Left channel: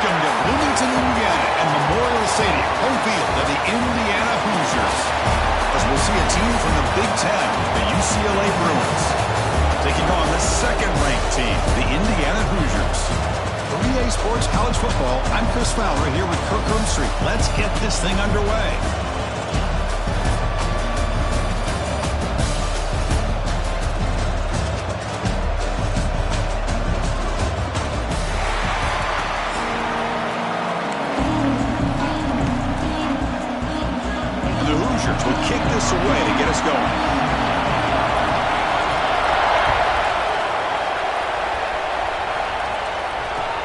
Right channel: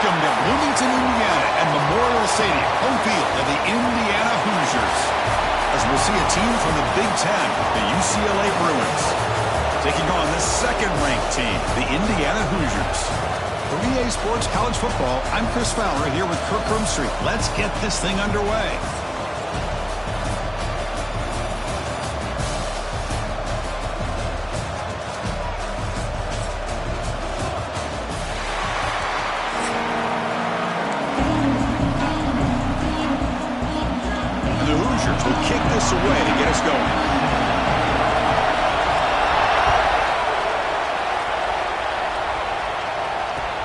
Welcome to Bloomington, Indiana, and Memorial Stadium, home field of the Indiana Hoosiers. As we'll see a team from the Big Ten, the UCLA Bruins, taking on the second-ranked team, the Indiana Hoosiers. For EA Sports College Football, I'm Chris Fowler here with Kirk Roomstreet. Let's get this thing underway. Will kick this away to get us going.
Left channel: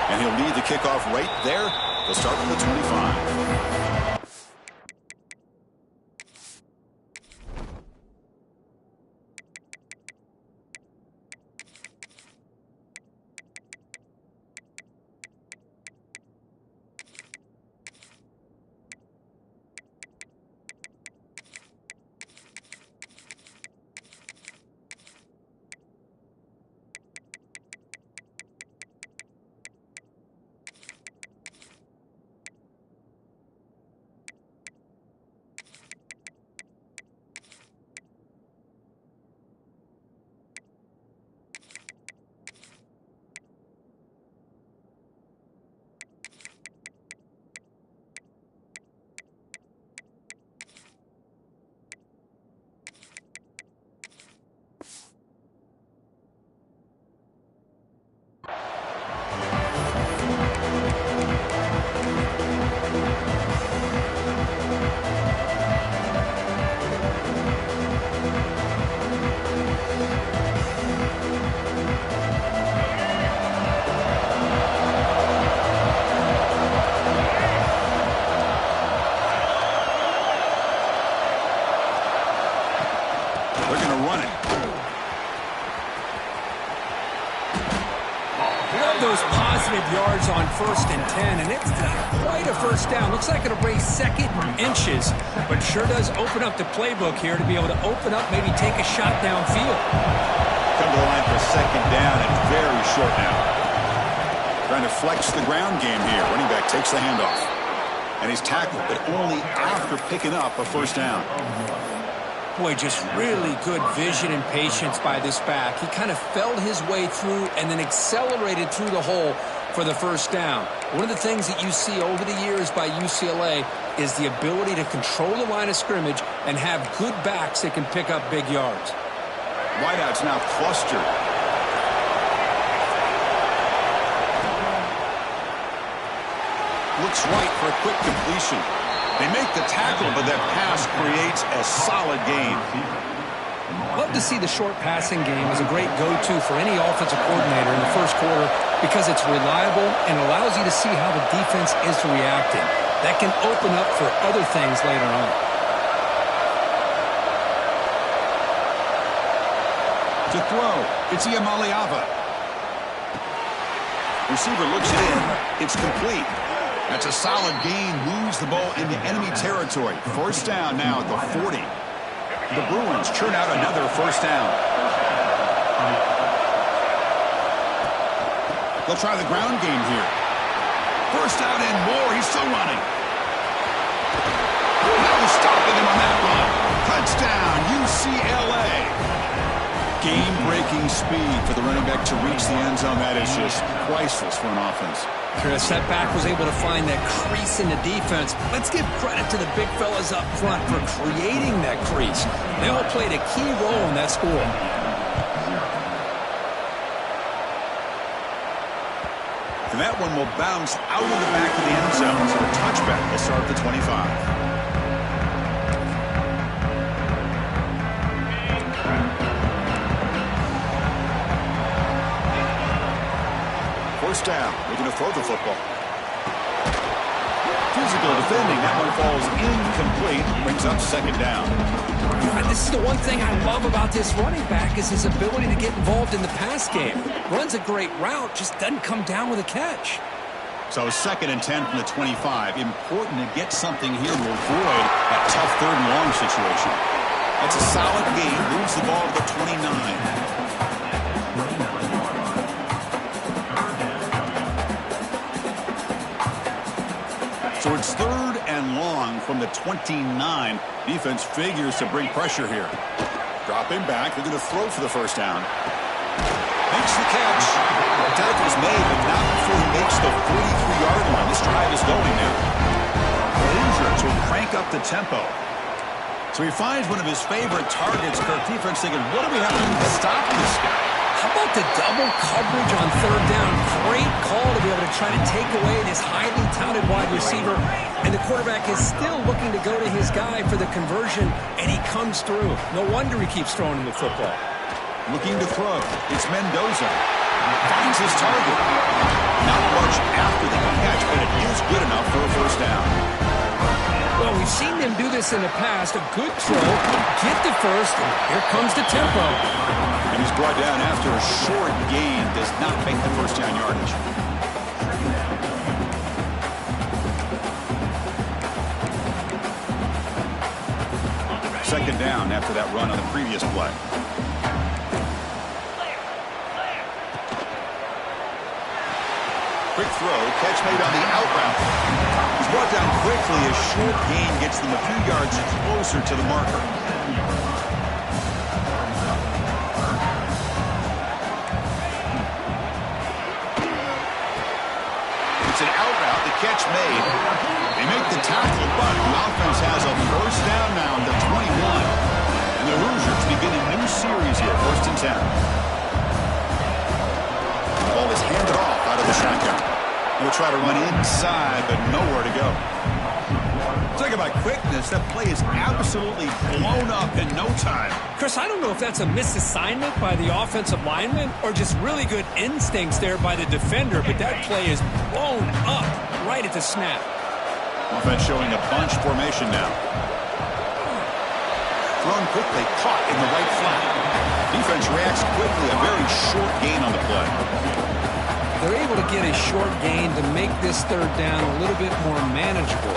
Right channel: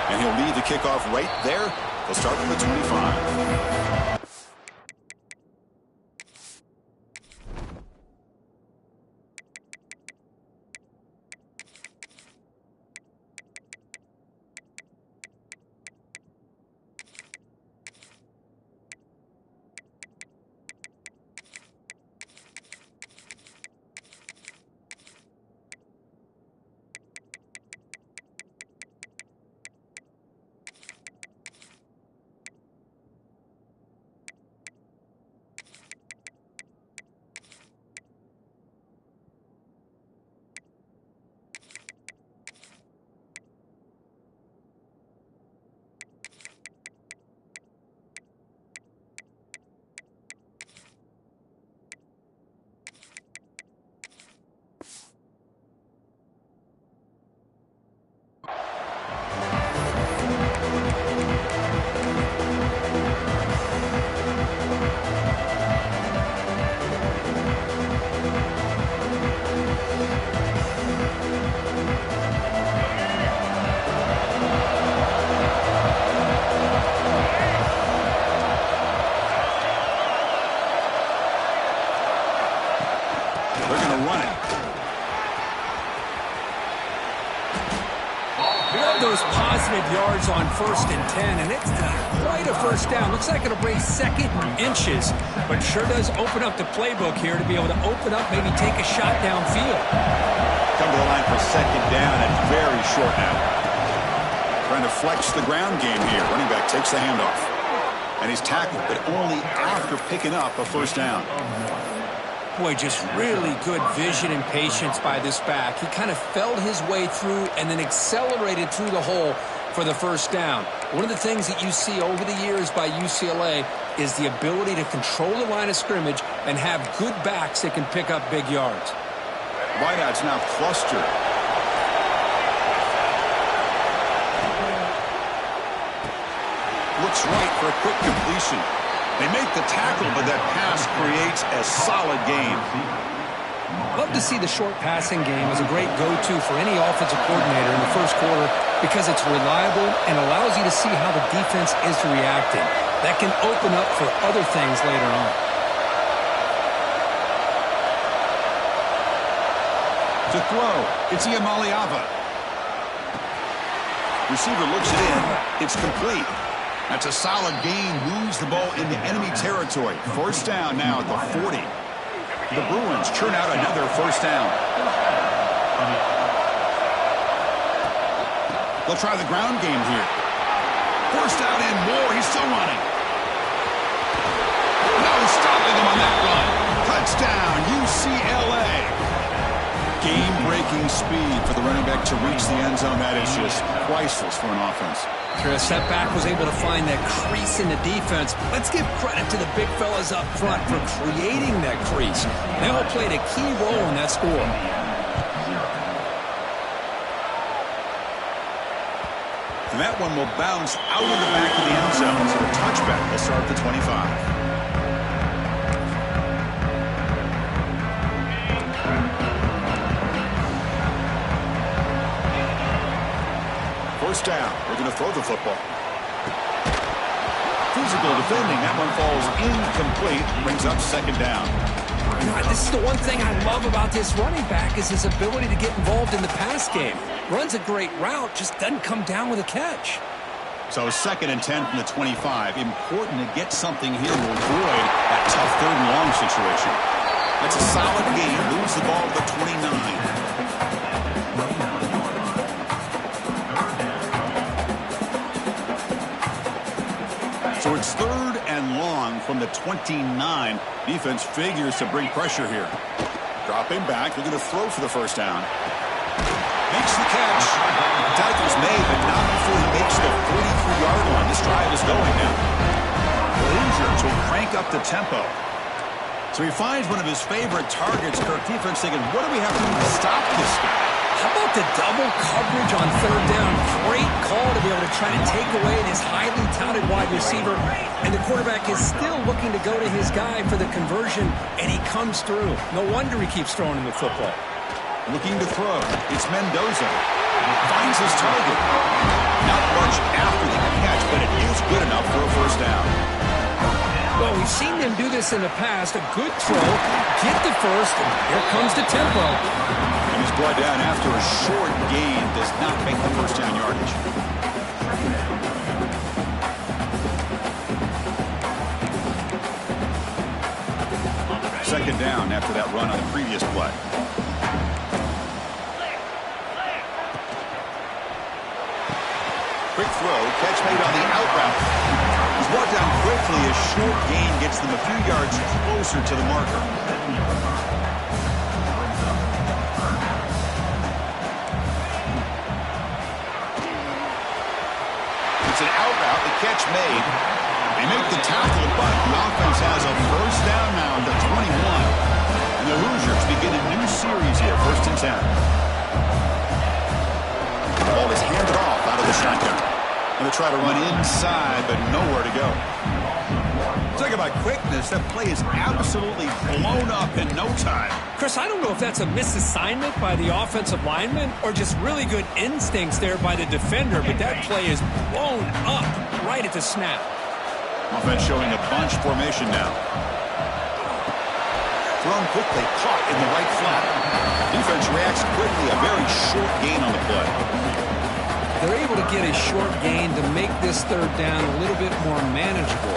And he'll lead the kickoff right there. They'll start from the 25. They're going to run it. Love those positive yards on 1st and 10, and it's quite a first down. Looks like it'll bring second inches, but sure does open up the playbook here to be able to open up, maybe take a shot downfield. Come to the line for second down and very short now. Trying to flex the ground game here. Running back takes the handoff. And he's tackled, but only after picking up a first down. Boy, just really good vision and patience by this back. He kind of felt his way through and then accelerated through the hole for the first down. One of the things that you see over the years by UCLA is the ability to control the line of scrimmage and have good backs that can pick up big yards. Wideouts now clustered. Looks right for a quick completion. They make the tackle, but that pass creates a solid gain. Love to see the short passing game as a great go-to for any offensive coordinator in the first quarter because it's reliable and allows you to see how the defense is reacting. That can open up for other things later on. To throw, it's Iamaleava. Receiver looks it in. It's complete. That's a solid gain, moves the ball into enemy territory. First down now at the 40. The Bruins churn out another first down. They'll try the ground game here. First down and more. He's still running. No stopping him on that run. Touchdown, UCLA. Game-breaking speed for the running back to reach the end zone. That is just priceless for an offense. Chris, that back was able to find that crease in the defense. Let's give credit to the big fellas up front for creating that crease. They all played a key role in that score. And that one will bounce out of the back of the end zone. So a touchback will start at the 25. First down. We're going to throw the football. Physical defending. That one falls incomplete. Brings up second down. You know, this is the one thing I love about this running back is his ability to get involved in the pass game. Runs a great route, just doesn't come down with a catch. So 2nd and 10 from the 25. Important to get something here to avoid that tough 3rd and long situation. That's a solid gain. Moves the ball to the 29. So it's 3rd and long from the 29. Defense figures to bring pressure here. Dropping back. They're going to throw for the first down. Makes the catch. The tackle's made, but not before he makes the 43-yard line. This drive is going now. The Hoosiers will crank up the tempo. So he finds one of his favorite targets. Kirk defense thinking, what do we have to do to stop this guy? How about the double coverage on 3rd down? Great call to be able to try to take away this highly touted wide receiver. And the quarterback is still looking to go to his guy for the conversion, and he comes through. No wonder he keeps throwing him the football. Looking to throw. It's Mendoza. Finds his target. Not much after the catch, but it is good enough for a first down. Well, we've seen them do this in the past. A good throw, get the first, and here comes the tempo. And he's brought down after a short gain. Does not make the first down yardage. Second down after that run on the previous play. Quick throw, catch made on the out route. He's brought down quickly. A short gain gets them a few yards closer to the marker. It's an out route, the catch made. They make the tackle, but the offense has a first down now at the 21. And the Hoosiers begin a new series here, 1st and 10. The ball is handed off out of the shotgun. Going to try to run inside, but nowhere to go. Talk about quickness. That play is absolutely blown up in no time. Chris, I don't know if that's a misassignment by the offensive lineman or just really good instincts there by the defender, but that play is blown up right at the snap. Offense showing a bunch formation now. Thrown quickly, caught in the right flat. Defense reacts quickly, a very short gain on the play. They're able to get a short gain to make this 3rd down a little bit more manageable.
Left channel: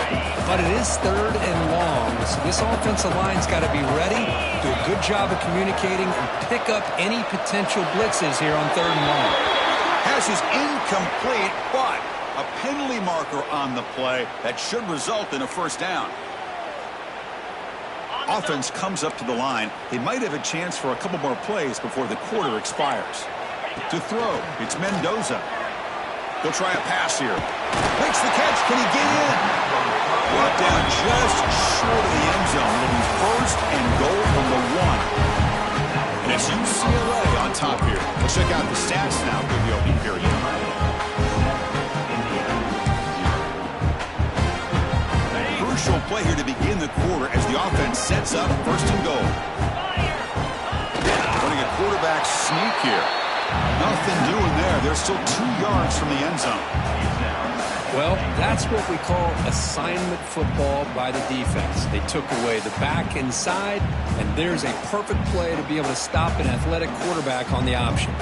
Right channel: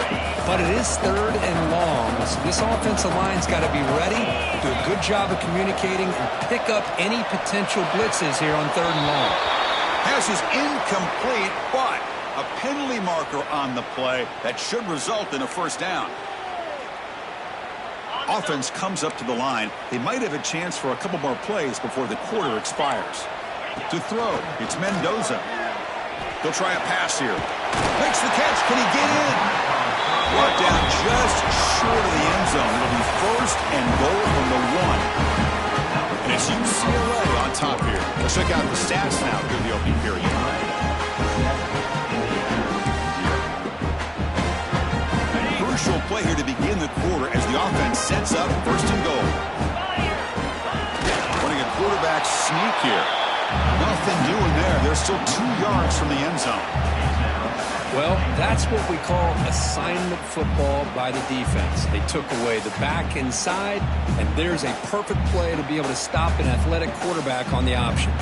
But it is 3rd and long, so this offensive line's got to be ready, do a good job of communicating, and pick up any potential blitzes here on 3rd and long. Pass is incomplete, but a penalty marker on the play that should result in a first down. Offense comes up to the line. They might have a chance for a couple more plays before the quarter expires. To throw, it's Mendoza. They'll try a pass here. Makes the catch. Can he get in? Brought down just short of the end zone. It'll be 1st and goal from the 1. And it's UCLA on top here. Let's check out the stats now through the opening period. Crucial play here to begin the quarter as the offense sets up 1st and goal. Running a quarterback sneak here. Nothing doing there. They're still 2 yards from the end zone. Well, that's what we call assignment football by the defense. They took away the back inside, and there's a perfect play to be able to stop an athletic quarterback on the option.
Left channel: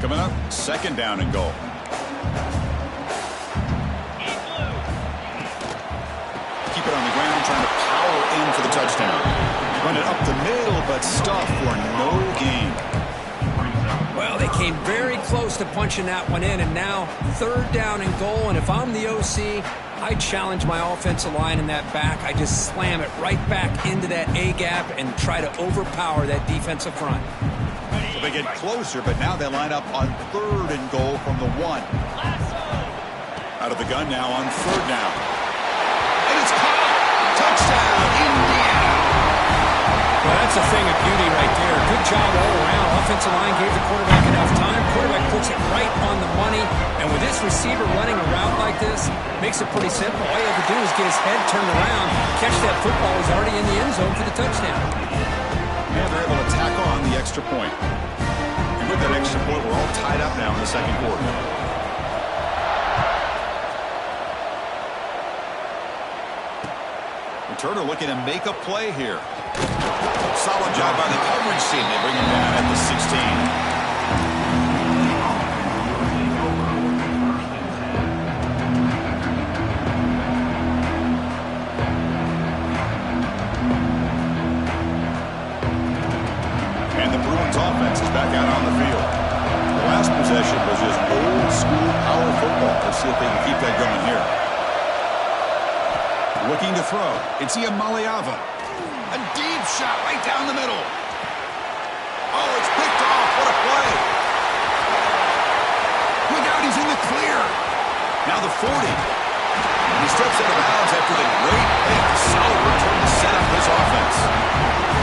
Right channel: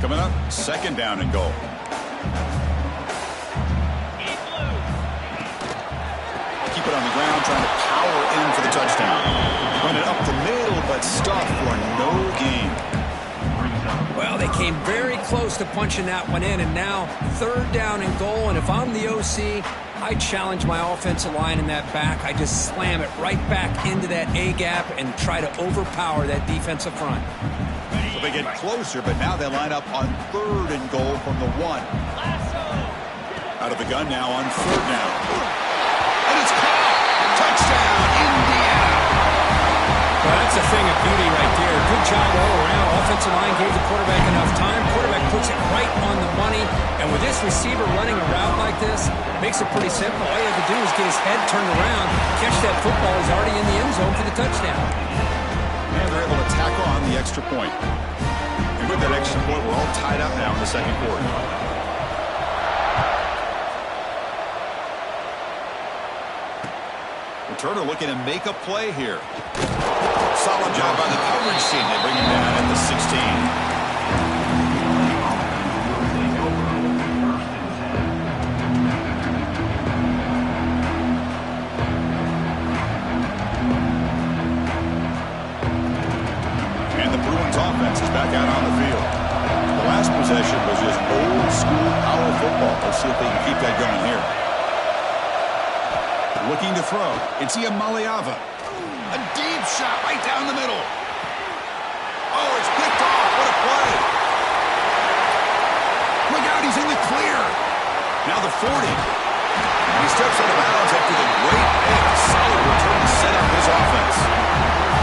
Coming up, 2nd down and goal. Keep it on the ground, trying to power in for the touchdown. Run it up the middle, but stuff for no gain. Well, they came very close to punching that one in, and now 3rd down and goal. And if I'm the OC, I challenge my offensive line in that back. I just slam it right back into that A-gap and try to overpower that defensive front. So they get closer, but now they line up on 3rd and goal from the 1. Out of the gun now on 3rd down. And it's caught! Touchdown, Indiana! Well, that's a thing of beauty right there. Good job all around. Offensive line gave the quarterback enough time. Quarterback puts it right on the money. And with this receiver running a route like this, makes it pretty simple. All you have to do is get his head turned around, catch that football. He's already in the end zone for the touchdown. And they're able to tack on the extra point. And with that extra point, we're all tied up now in the 2nd quarter. Turner looking to make a play here. Solid job by the coverage team. They bring him down at the 16. Bruins offense is back out on the field. The last possession was just old-school power football. Let's see if they can keep that going here. Looking to throw. It's Iamaleava. A deep shot right down the middle. Oh, it's picked off. What a play. Look out, he's in the clear. Now the 40. And he steps out of bounds after the great pick. Solid return to set up his offense.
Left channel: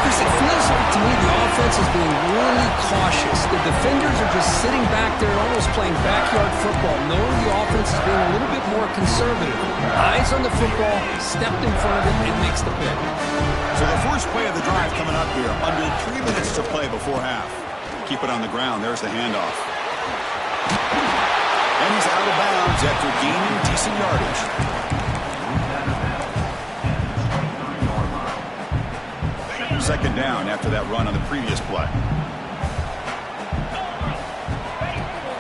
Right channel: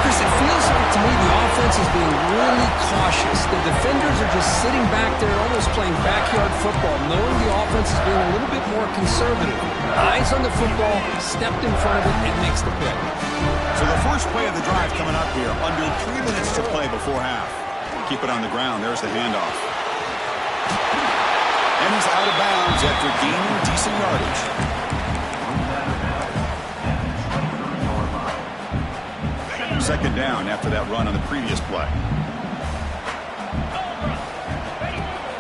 Chris, it feels like to me the offense is being really cautious. The defenders are just sitting back there almost playing backyard football, knowing the offense is being a little bit more conservative. Eyes on the football, stepped in front of it, and makes the pick. So the first play of the drive coming up here. Under 3 minutes to play before half. Keep it on the ground. There's the handoff. And he's out of bounds after gaining decent yardage. Second down after that run on the previous play.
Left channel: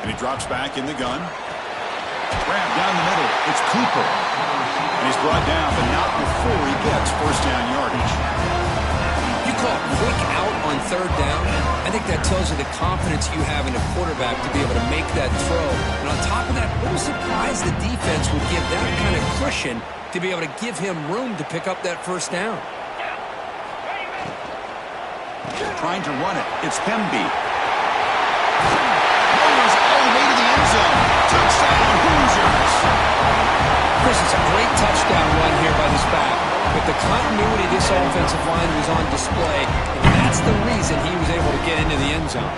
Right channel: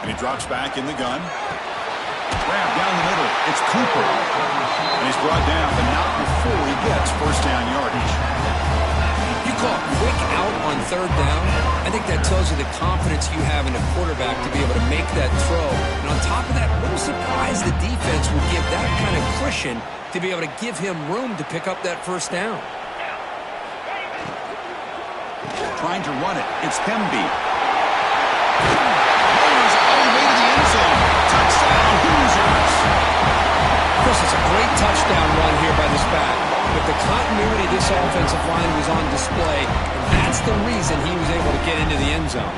And he drops back in the gun. Grab down the middle. It's Cooper. And he's brought down, but not before he gets first down yardage. You call quick out on third down. I think that tells you the confidence you have in a quarterback to be able to make that throw. And on top of that, a little surprised the defense would give that kind of cushion to be able to give him room to pick up that first down. Trying to run it. It's Hemby. Motors all the way to the end zone. Touchdown, Hoosiers. Chris, it's a great touchdown run here by this back. With the continuity this offensive line was on display, and that's the reason he was able to get into the end zone.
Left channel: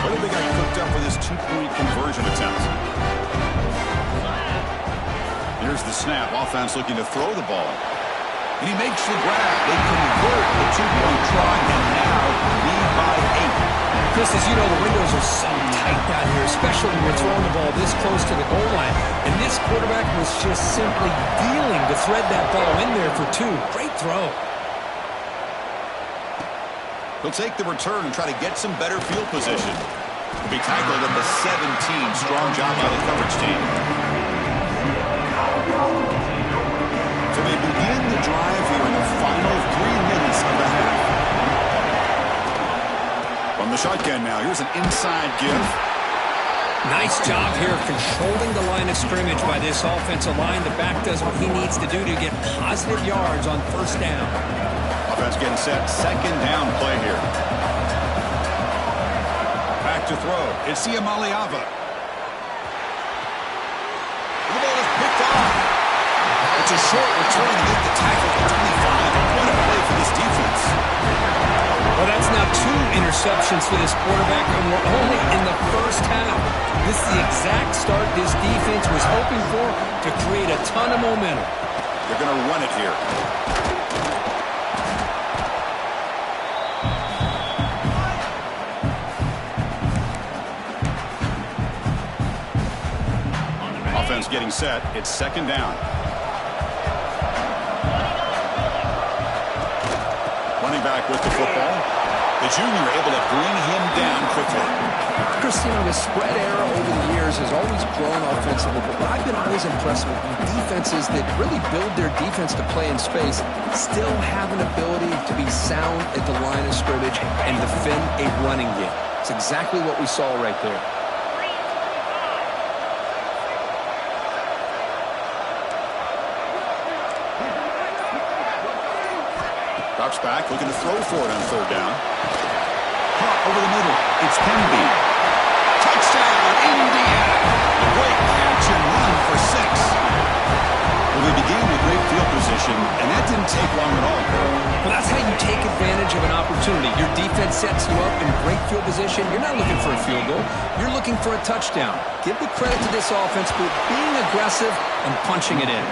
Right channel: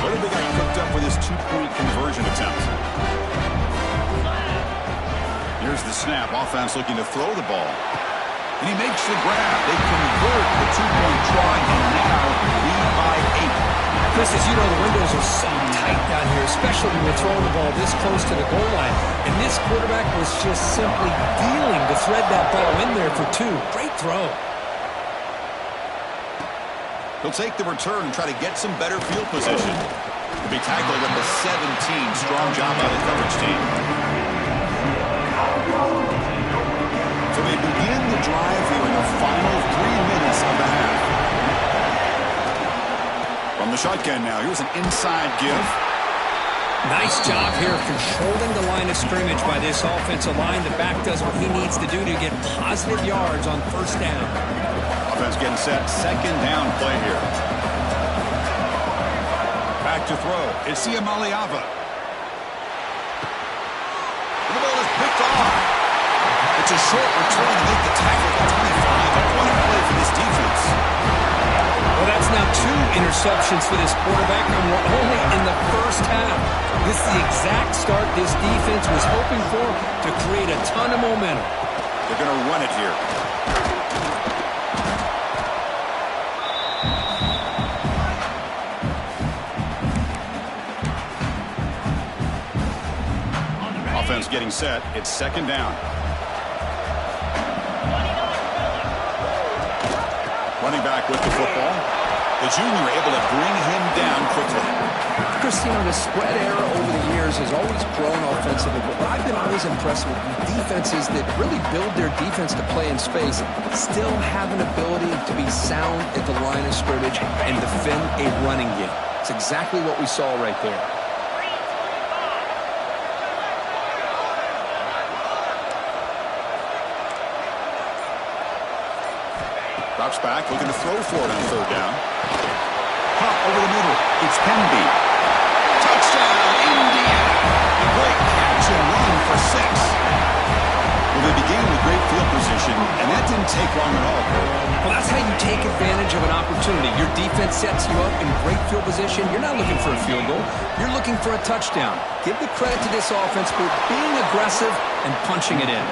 What have they got cooked up for this two-point conversion attempt? Here's the snap. Offense looking to throw the ball. And he makes the grab. They convert the two-point try and now lead by 8. Chris, as you know, the windows are so tight down here, especially when you're throwing the ball this close to the goal line. And this quarterback was just simply dealing to thread that ball in there for 2. Great throw. He'll take the return and try to get some better field position. He'll be tackled at the 17. Strong job by the coverage team. So they begin the drive here in the final 3 minutes of the half. From the shotgun now, here's an inside give. Nice job here of controlling the line of scrimmage by this offensive line. The back does what he needs to do to get positive yards on first down. Offense getting set. Second down play here. Back to throw. It's Iamaleava. The ball is picked off. It's a short return to make the tackle at 25. And what a play for this defense. Well, that's now 2 interceptions for this quarterback, and we're only in the first half. This is the exact start this defense was hoping for to create a ton of momentum. They're going to run it here. Offense getting set. It's second down. Running back with the football. The junior able to bring him down quickly. Chris, you know, the spread era over the years has always grown offensively, but what I've been always impressed with defenses that really build their defense to play in space still have an ability to be sound at the line of scrimmage and defend a running game. It's exactly what we saw right there. Drops back, looking to throw for it on third down. Pop over the middle. It's Hemby. Touchdown, Indiana. A great catch and run for 6. Well, they began with great field position, and that didn't take long at all, Kurt. Well, that's how you take advantage of an opportunity. Your defense sets you up in great field position. You're not looking for a field goal. You're looking for a touchdown. Give the credit to this offense for being aggressive and punching it in.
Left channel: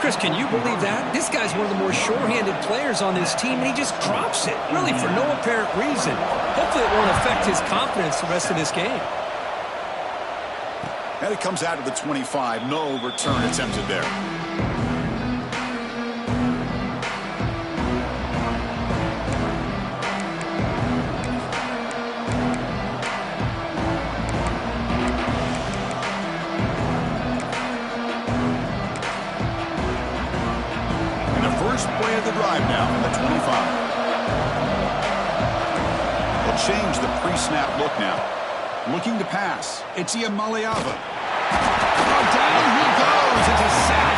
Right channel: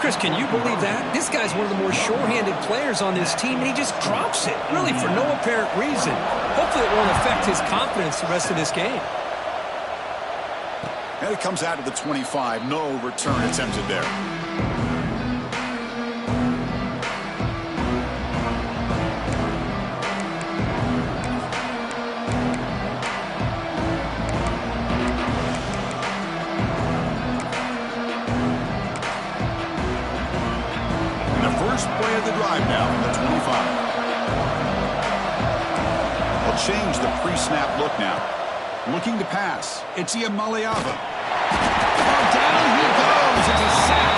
Chris, can you believe that? This guy's one of the more sure-handed players on this team, and he just drops it, really for no apparent reason. Hopefully it won't affect his confidence the rest of this game. And it comes out of the 25. No return attempted there. first play of the drive now from the 25. They'll change the pre-snap look now. Looking to pass. It's Iamaleava. Oh, down he goes. It's a sack.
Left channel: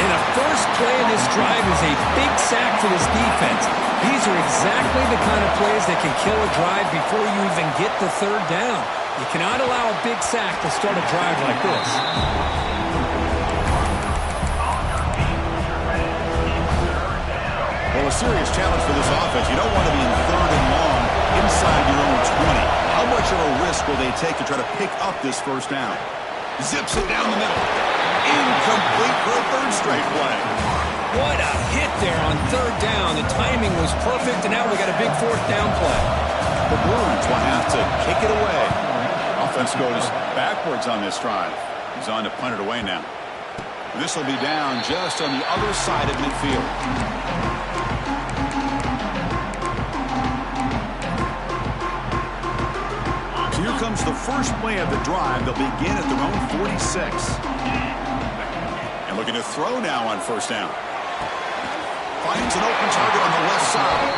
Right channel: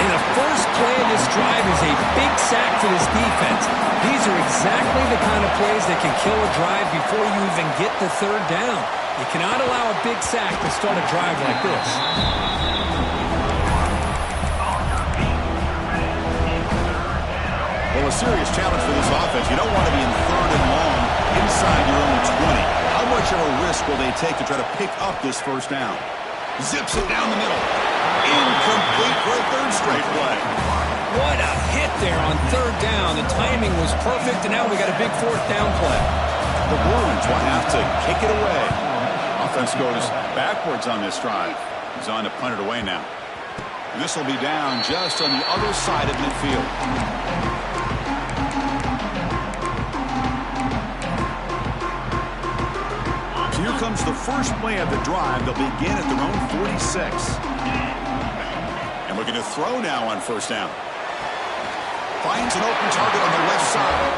And the first play of this drive is a big sack for this defense. These are exactly the kind of plays that can kill a drive before you even get the third down. You cannot allow a big sack to start a drive like this. Well, a serious challenge for this offense. You don't want to be in third and long inside your own 20. How much of a risk will they take to try to pick up this first down? Zips it down the middle. Incomplete for a third straight play. What a hit there on third down. The timing was perfect, and now we got a big fourth down play. The Bruins will have to kick it away. Offense goes backwards on this drive. He's on to punt it away now. This will be down just on the other side of midfield. So here comes the first play of the drive. They'll begin at their own 46. And looking to throw now on first down. Finds an open target on the left side.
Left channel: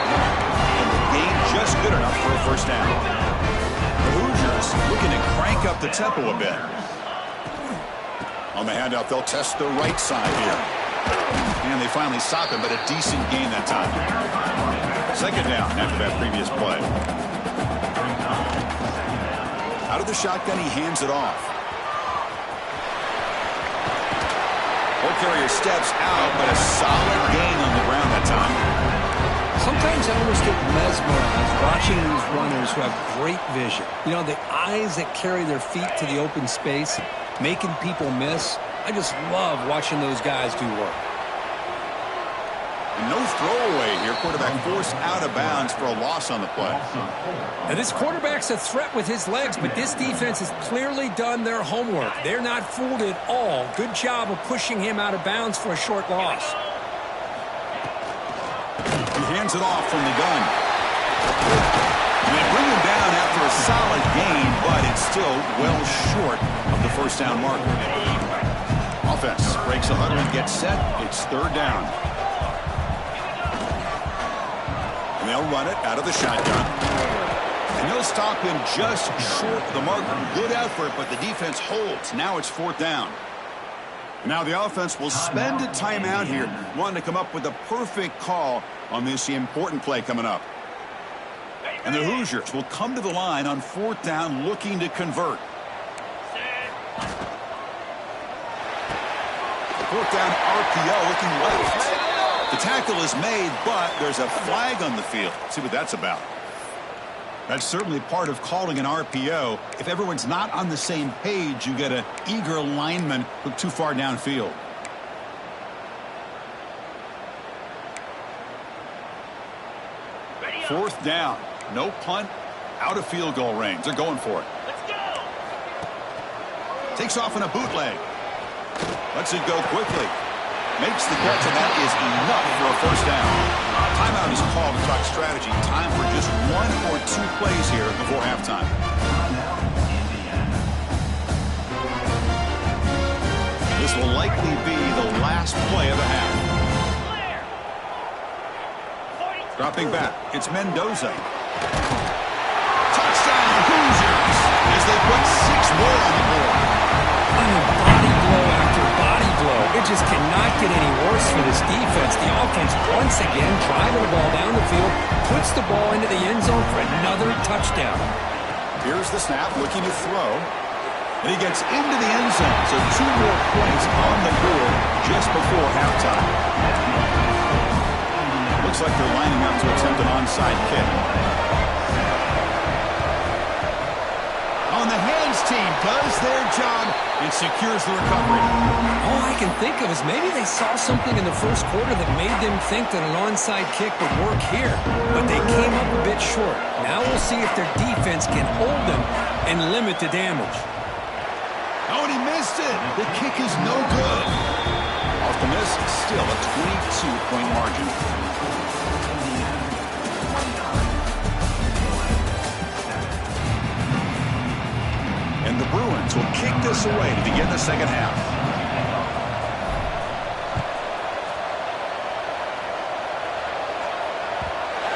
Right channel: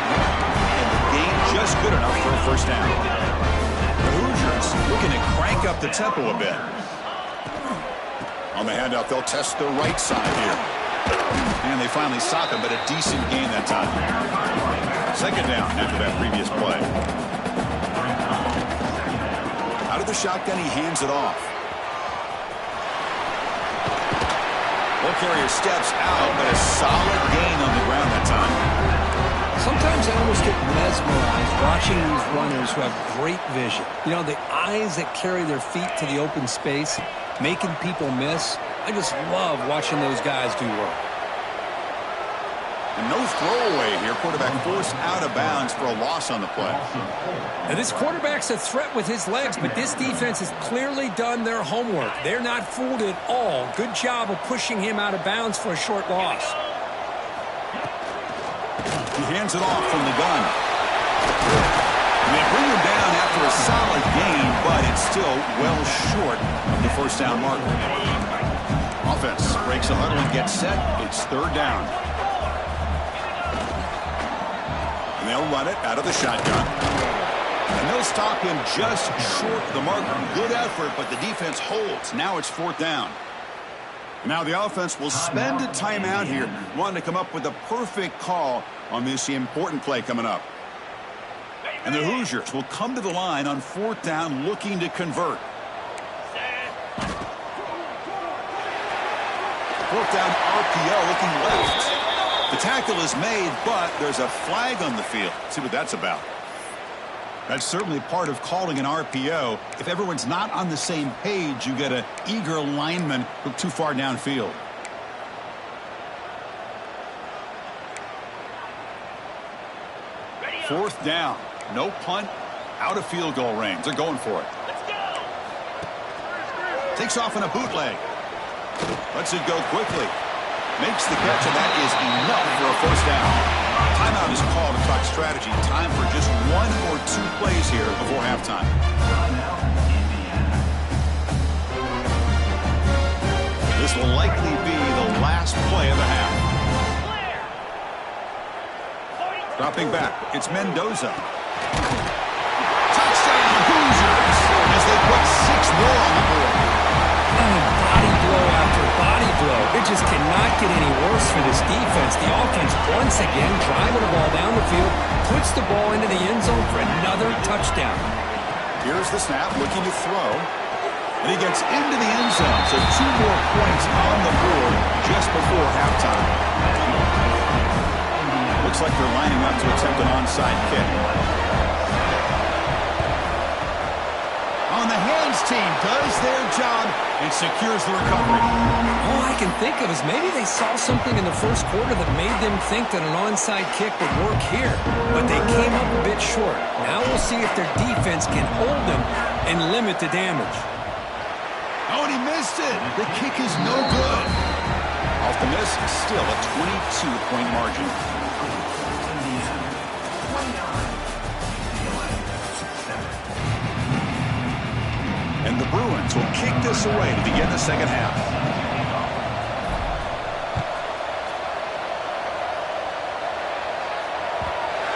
And the gain just good enough for a first down. The Hoosiers looking to crank up the tempo a bit. On the handout, they'll test the right side here. And they finally stop him, but a decent gain that time. Second down after that previous play. Out of the shotgun, he hands it off. Ball carrier steps out, but a solid gain on the ground that time. Sometimes I almost get mesmerized watching these runners who have great vision. You know, the eyes that carry their feet to the open space, making people miss. I just love watching those guys do work. And no throwaway here. Quarterback forced out of bounds for a loss on the play. Now this quarterback's a threat with his legs, but this defense has clearly done their homework. They're not fooled at all. Good job of pushing him out of bounds for a short loss. He hands it off from the gun. And they bring him down after a solid gain, but it's still well short of the first down marker. Offense breaks a huddle and gets set. It's third down. And they'll run it out of the shotgun. And they'll stop him just short of the marker. Good effort, but the defense holds. Now it's fourth down. Now the offense will spend a timeout here, wanting to come up with a perfect call on this important play coming up. And the Hoosiers will come to the line on fourth down looking to convert. Fourth down RPO looking left. The tackle is made, but there's a flag on the field. See what that's about. That's certainly part of calling an RPO. If everyone's not on the same page, you get an eager lineman look too far downfield. Fourth down. No punt. Out of field goal range. They're going for it. Let's go. Takes off in a bootleg. Lets it go quickly. Makes the catch, and that is enough for a first down. Timeout is called to talk strategy. Time for just one or two plays here before halftime. This will likely be the last play of the half. Dropping back, it's Mendoza. Touchdown, Hoosiers, as they put 6 more on the board. Body blow after body blow. It just cannot get any worse for this defense. The offense once again driving the ball down the field, puts the ball into the end zone for another touchdown. Here's the snap, looking to throw. And he gets into the end zone, so 2 more points on the board just before halftime. Looks like they're lining up to attempt an onside kick. On the hands team does their job and secures the recovery. All I can think of is maybe they saw something in the first quarter that made them think that an onside kick would work here. But they came up a bit short. Now we'll see if their defense can hold them and limit the damage. Oh, and he missed it. The kick is no good. Off the miss, still a 22-point margin. And the Bruins will kick this away to begin the second half.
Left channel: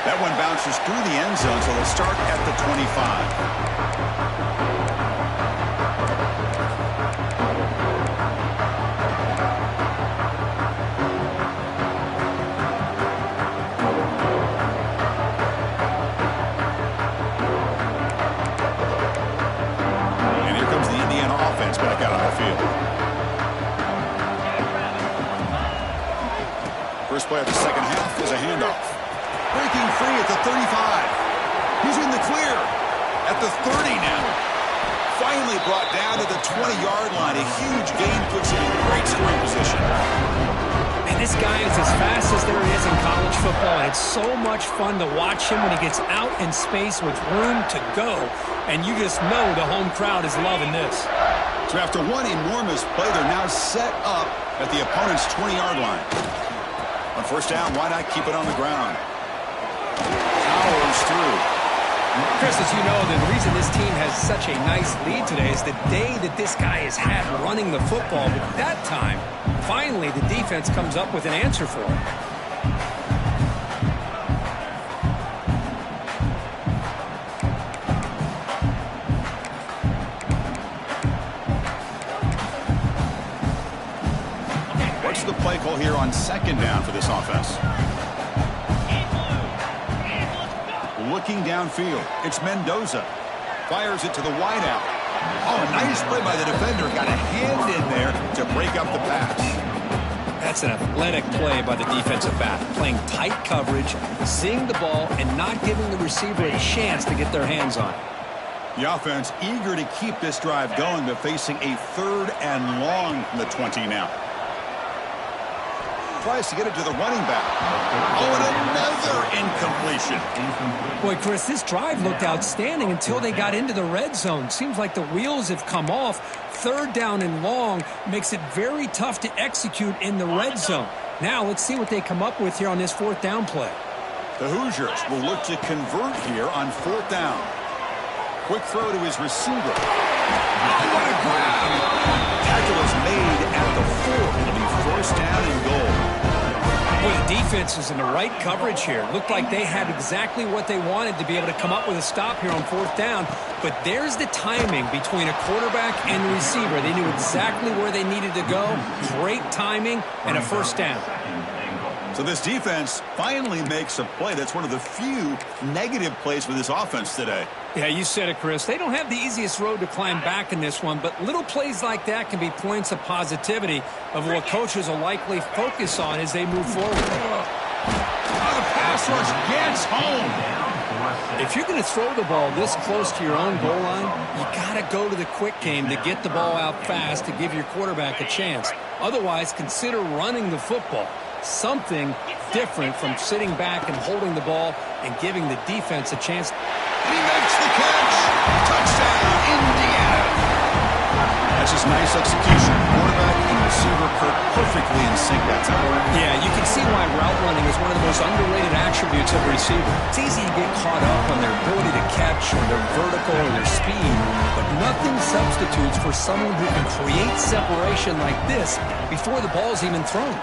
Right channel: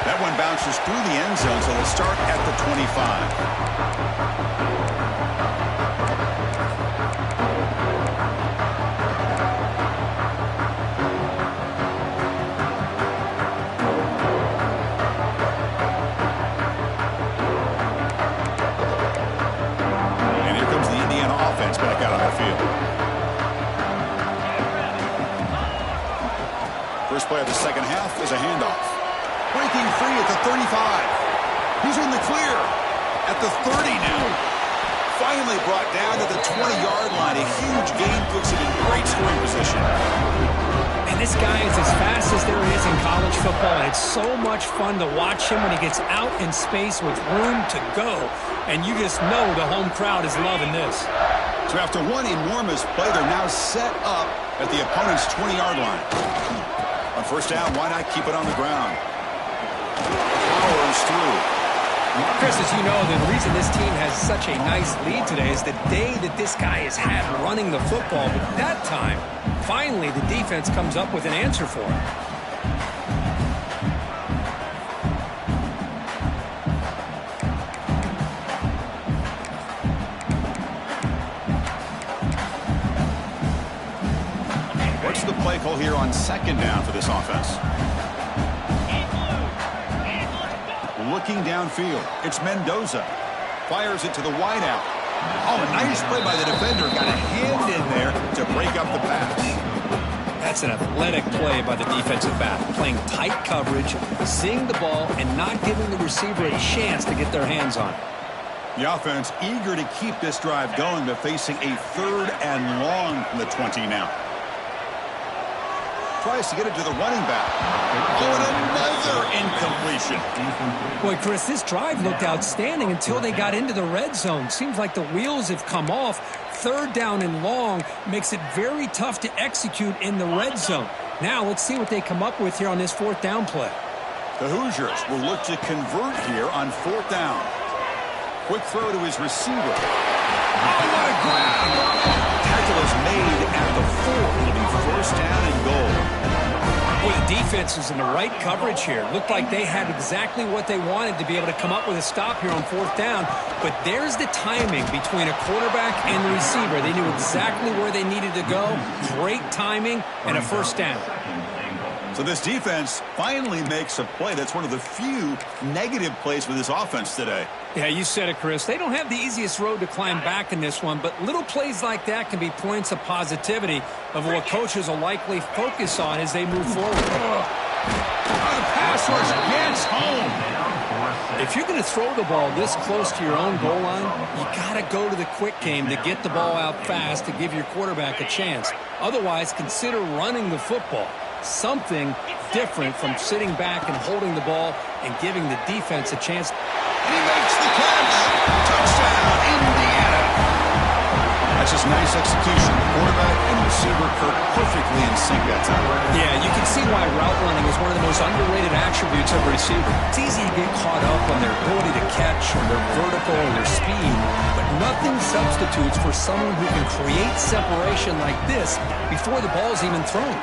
That one bounces through the end zone, so they'll start at the 25. And here comes the Indiana offense back out on the field. First play of the second half is a handoff. Breaking free at the 35. He's in the clear at the 30 now. Finally brought down to the 20-yard line. A huge gain puts him in great scoring position. And this guy is as fast as there is in college football, and it's so much fun to watch him when he gets out in space with room to go. And you just know the home crowd is loving this. So after one enormous play, they're now set up at the opponent's 20-yard line. On first down, why not keep it on the ground? Powers through. Chris, as you know, the reason this team has such a nice lead today is the day that this guy has had running the football. But that time, finally, the defense comes up with an answer for it. What's the play call here on second down for this offense? Looking downfield, it's Mendoza. Fires it to the wideout. Oh, a nice play by the defender. Got a hand in there to break up the pass. That's an athletic play by the defensive back. Playing tight coverage, seeing the ball, and not giving the receiver a chance to get their hands on it. The offense eager to keep this drive going, but facing a 3rd and long from the 20 now. Tries to get it to the running back. Oh, and another incompletion. Boy, Chris, this drive looked outstanding until they got into the red zone. Seems like the wheels have come off. 3rd down and long makes it very tough to execute in the red zone. Now let's see what they come up with here on this 4th down play. The Hoosiers will look to convert here on 4th down. Quick throw to his receiver. Oh, what a grab! Tackle is made at the 4. It'll be 1st down and goal. Boy, the defense is in the right coverage here. Looked like they had exactly what they wanted to be able to come up with a stop here on 4th down. But there's the timing between a quarterback and the receiver. They knew exactly where they needed to go. Great timing and a 1st down. So this defense finally makes a play. That's one of the few negative plays for this offense today. Yeah, you said it, Chris. They don't have the easiest road to climb back in this one, but little plays like that can be points of positivity of what coaches will likely focus on as they move forward. Oh, the pass rush gets home. If you're going to throw the ball this close to your own goal line, you got to go to the quick game to get the ball out fast to give your quarterback a chance. Otherwise, consider running the football. Something different from sitting back and holding the ball and giving the defense a chance. And he makes the catch. Touchdown, Indiana. That's just nice execution. Quarterback and receiver Kirk perfectly in sync that time. Yeah, you can see why route running is one of the most underrated attributes of a receiver. It's easy to get caught up on their ability to catch or their vertical or their speed, but nothing substitutes for someone who can create separation like this before the ball's even thrown.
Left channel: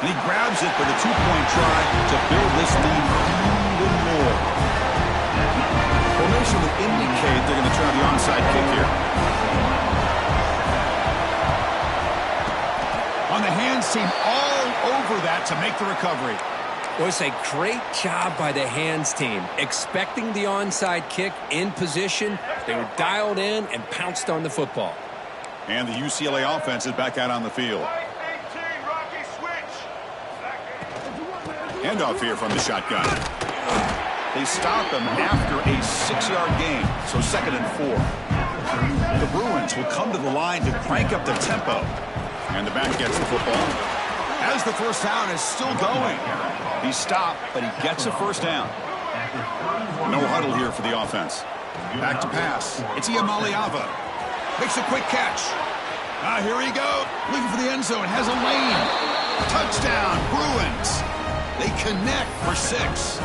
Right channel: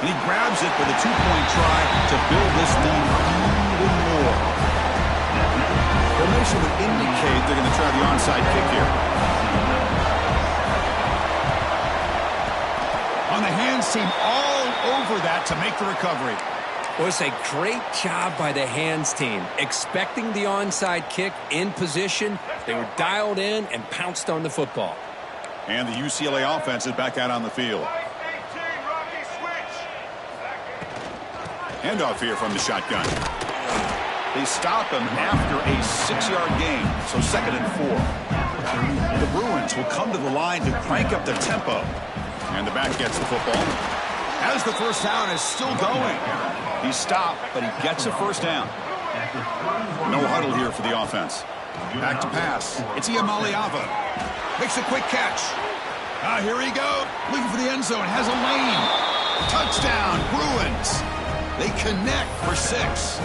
And he grabs it for the 2-point try to build this lead even more. Formation would indicate they're going to try the onside kick here. On the hands team, all over that to make the recovery. Well, it's a great job by the hands team. Expecting the onside kick in position, they were dialed in and pounced on the football. And the UCLA offense is back out on the field. Handoff here from the shotgun. They stop him after a 6-yard gain, so 2nd and 4. The Bruins will come to the line to crank up the tempo. And the back gets the football. As the 1st down is still going. He stopped, but he gets a 1st down. No huddle here for the offense. Back to pass. It's Iamaleava. Makes a quick catch. Here he goes. Looking for the end zone. Has a lane. Touchdown, Bruins. They connect for 6.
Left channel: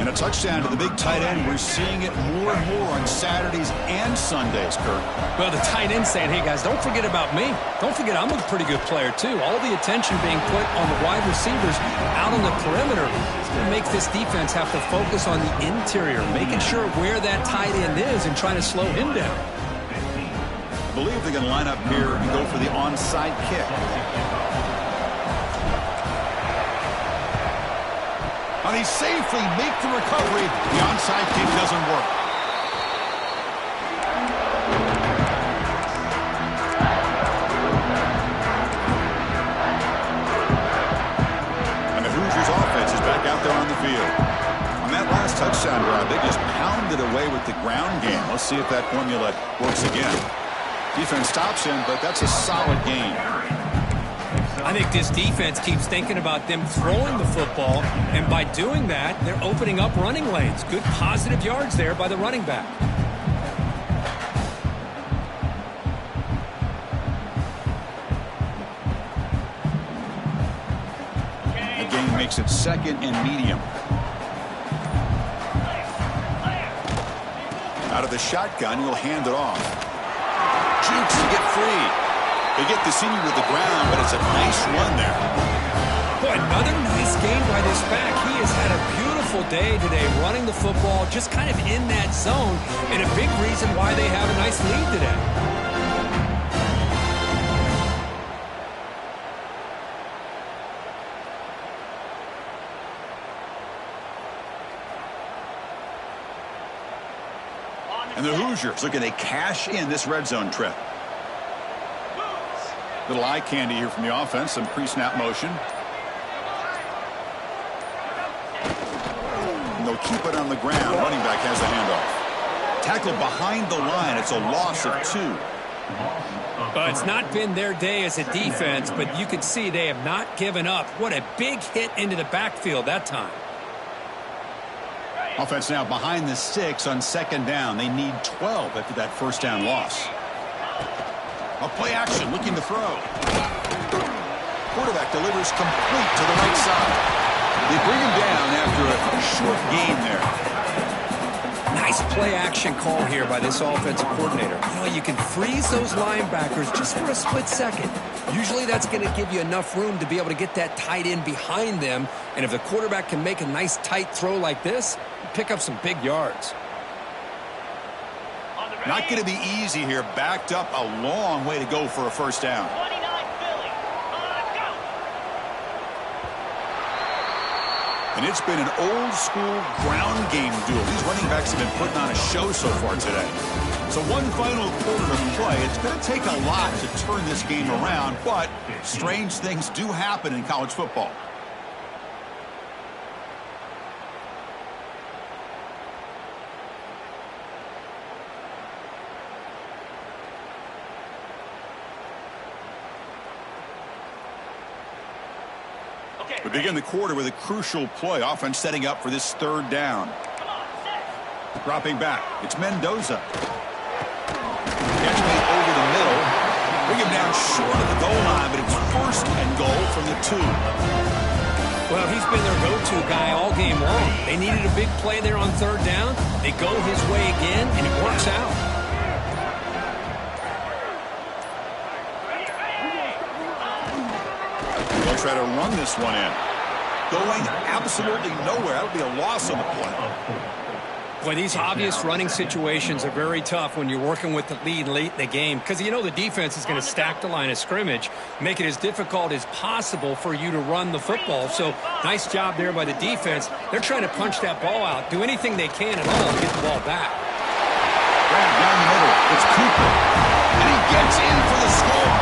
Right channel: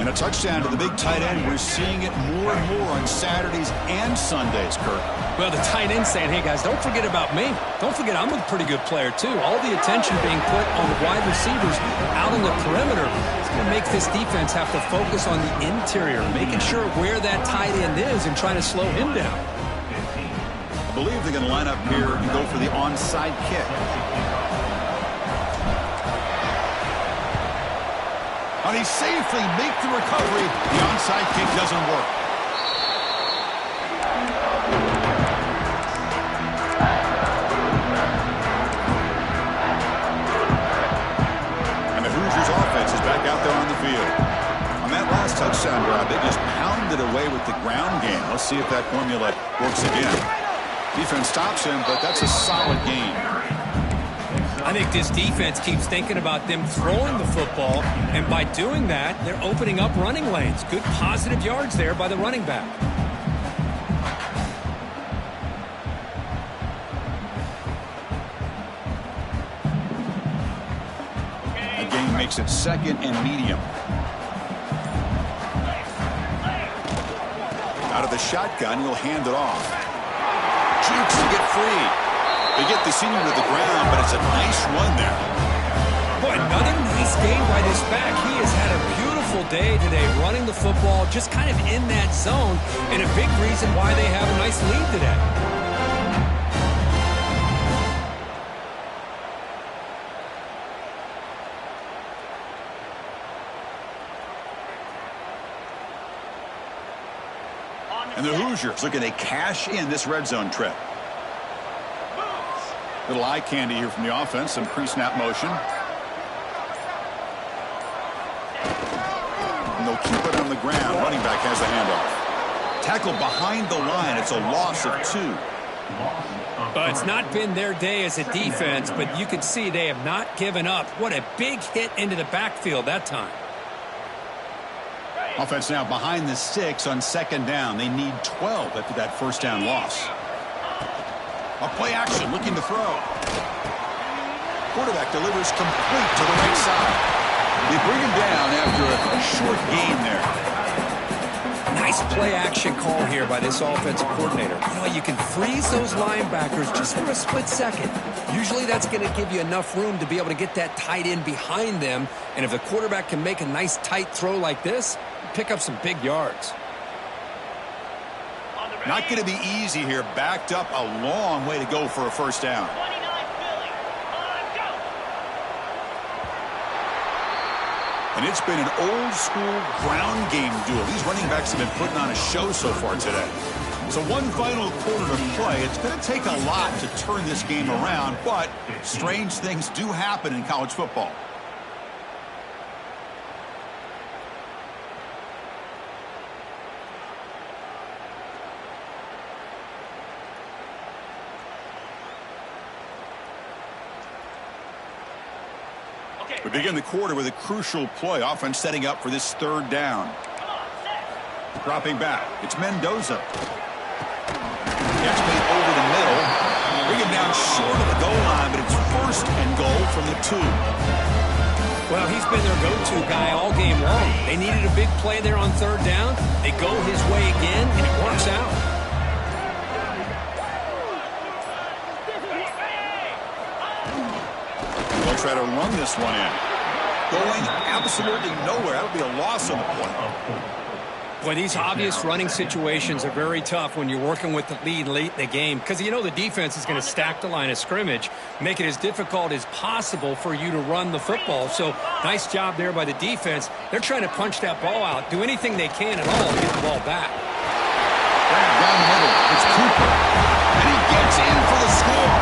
And a touchdown to the big tight end. We're seeing it more and more on Saturdays and Sundays, Kurt. Well, the tight end saying, hey, guys, don't forget about me. Don't forget I'm a pretty good player, too. All the attention being put on the wide receivers out on the perimeter. It's going to make this defense have to focus on the interior, making sure where that tight end is and trying to slow him down. I believe they're going to line up here and go for the onside kick. And he safely make the recovery. The onside kick doesn't work. And the Hoosiers offense is back out there on the field. On that last touchdown drive, they just pounded away with the ground game. Let's see if that formula works again. Defense stops him, but that's a solid game. I think this defense keeps thinking about them throwing the football, and by doing that, they're opening up running lanes. Good positive yards there by the running back. The game makes it 2nd and medium. Out of the shotgun, he'll hand it off. Jukes to get free. They get the senior to the ground, but it's a nice run there. Boy, another nice game by this back. He has had a beautiful day today running the football, just kind of in that zone, and a big reason why they have a nice lead today. And the Hoosiers looking to cash in this red zone trip. Little eye candy here from the offense, some pre-snap motion. And they'll keep it on the ground. Running back has the handoff. Tackled behind the line. It's a loss of 2. Well, it's not been their day as a defense, but you can see they have not given up. What a big hit into the backfield that time. Offense now behind the 6 on 2nd down. They need 12 after that first down loss. A play action, looking to throw. Quarterback delivers complete to the right side. They bring him down after a short gain there. Nice play action call here by this offensive coordinator. You know, you can freeze those linebackers just for a split second. Usually that's going to give you enough room to be able to get that tight end behind them. And if the quarterback can make a nice tight throw like this, pick up some big yards. Not going to be easy here. Backed up a long way to go for a first down. 29 Philly. Go. And it's been an old school ground game duel. These running backs have been putting on a show so far today. So one final quarter to play. It's going to take a lot to turn this game around, but strange things do happen in college football. We begin the quarter with a crucial play. Offense setting up for this 3rd down. Dropping back. It's Mendoza. Catch made over the middle. Bring him down short of the goal line, but it's 1st and goal from the 2. Well, he's been their go-to guy all game long. They needed a big play there on 3rd down. They go his way again, and it works out. They'll try to run this one in. Going absolutely nowhere. That'll be a loss on the play. Boy, these obvious running situations are very tough when you're working with the lead late in the game, because you know the defense is going to stack the line of scrimmage, make it as difficult as possible for you to run the football. So nice job there by the defense. They're trying to punch that ball out, do anything they can at all to get the ball back. Grab down the middle. It's Cooper. And he gets in for the score.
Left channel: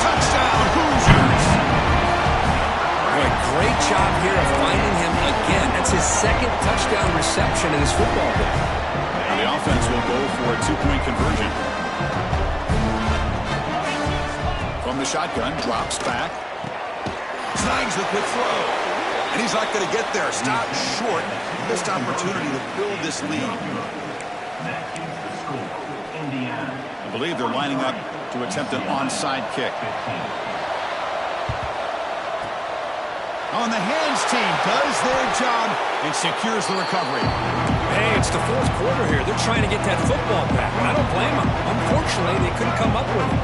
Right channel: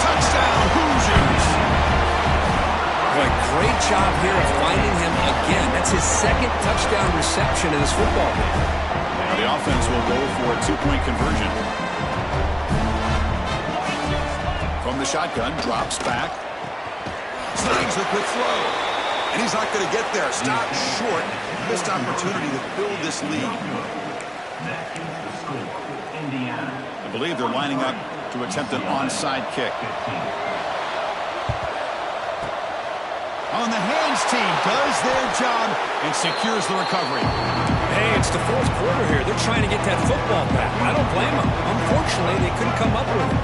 Touchdown, Hoosiers. Boy, great job here of finding him again. That's his 2nd touchdown reception in this football game. Now the offense will go for a 2-point conversion. From the shotgun, drops back. Snags the quick throw. And he's not going to get there. Stopped short. Missed opportunity to build this lead. I believe they're lining up to attempt an onside kick. On the hands team does their job and secures the recovery. Hey, it's the fourth quarter here. They're trying to get that football back. I don't blame them. Unfortunately, they couldn't come up with it.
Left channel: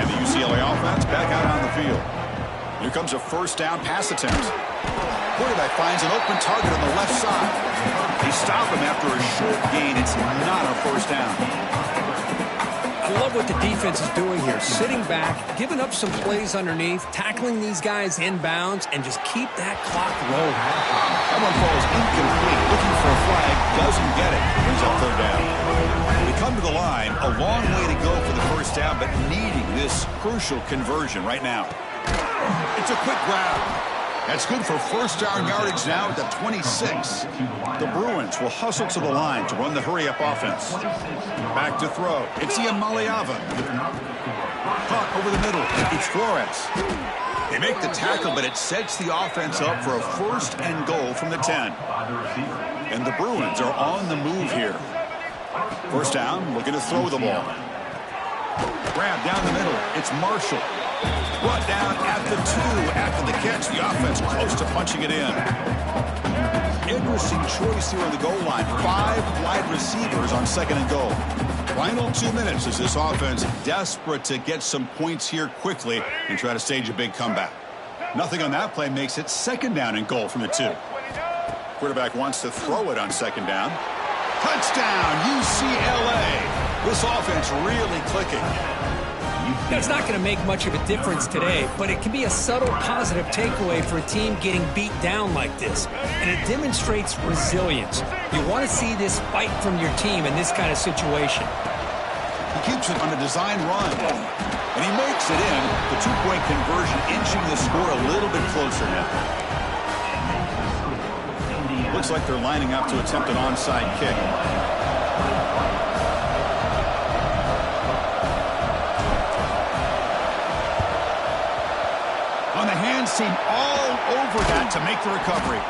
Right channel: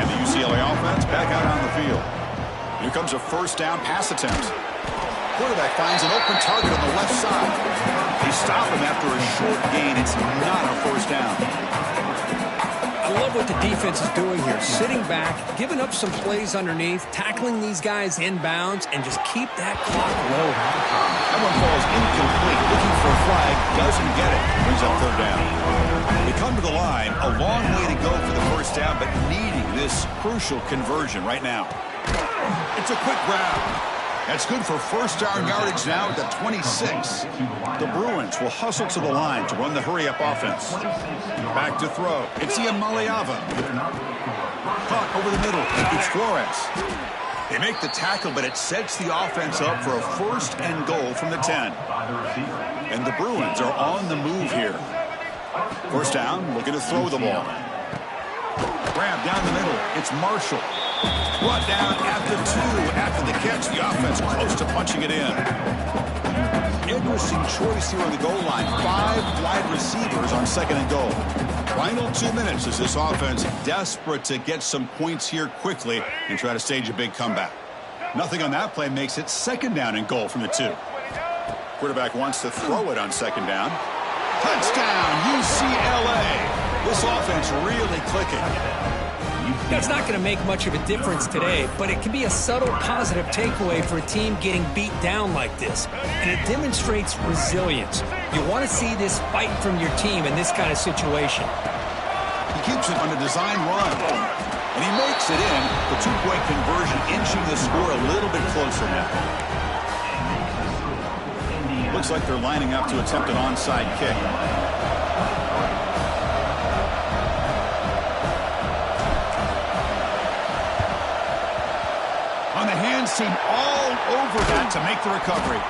And the UCLA offense back out on the field. Here comes a first down pass attempt. Quarterback finds an open target on the left side. They stop him after a short gain. It's not a first down. I love what the defense is doing here. Sitting back, giving up some plays underneath, tackling these guys inbounds, and just keep that clock rolling. That one falls incomplete. Looking for a flag. Doesn't get it. Brings up third down. They come to the line. A long way to go for the first down, but needing this crucial conversion right now. It's a quick grab. That's good for first down yardage now at the 26. The Bruins will hustle to the line to run the hurry-up offense. Back to throw. It's Iamaleava. Caught over the middle. It's Flores. They make the tackle, but it sets the offense up for a first and goal from the 10. And the Bruins are on the move here. First down, looking to throw the ball. Grab down the middle. It's Marshall. Brought down at the 2 after the catch. The offense close to punching it in. Interesting choice here on the goal line. 5 wide receivers on second and goal. Final 2 minutes as this offense desperate to get some points here quickly and try to stage a big comeback. Nothing on that play makes it second down and goal from the 2. Quarterback wants to throw it on second down. Touchdown, UCLA. This offense really clicking. That's not going to make much of a difference today, but it can be a subtle positive takeaway for a team getting beat down like this. And it demonstrates resilience. You want to see this fight from your team in this kind of situation. He keeps it on a design run. And he makes it in. The 2-point conversion inching the score a little bit closer now. Looks like they're lining up to attempt an onside kick. On the hands team, all over that to make the recovery.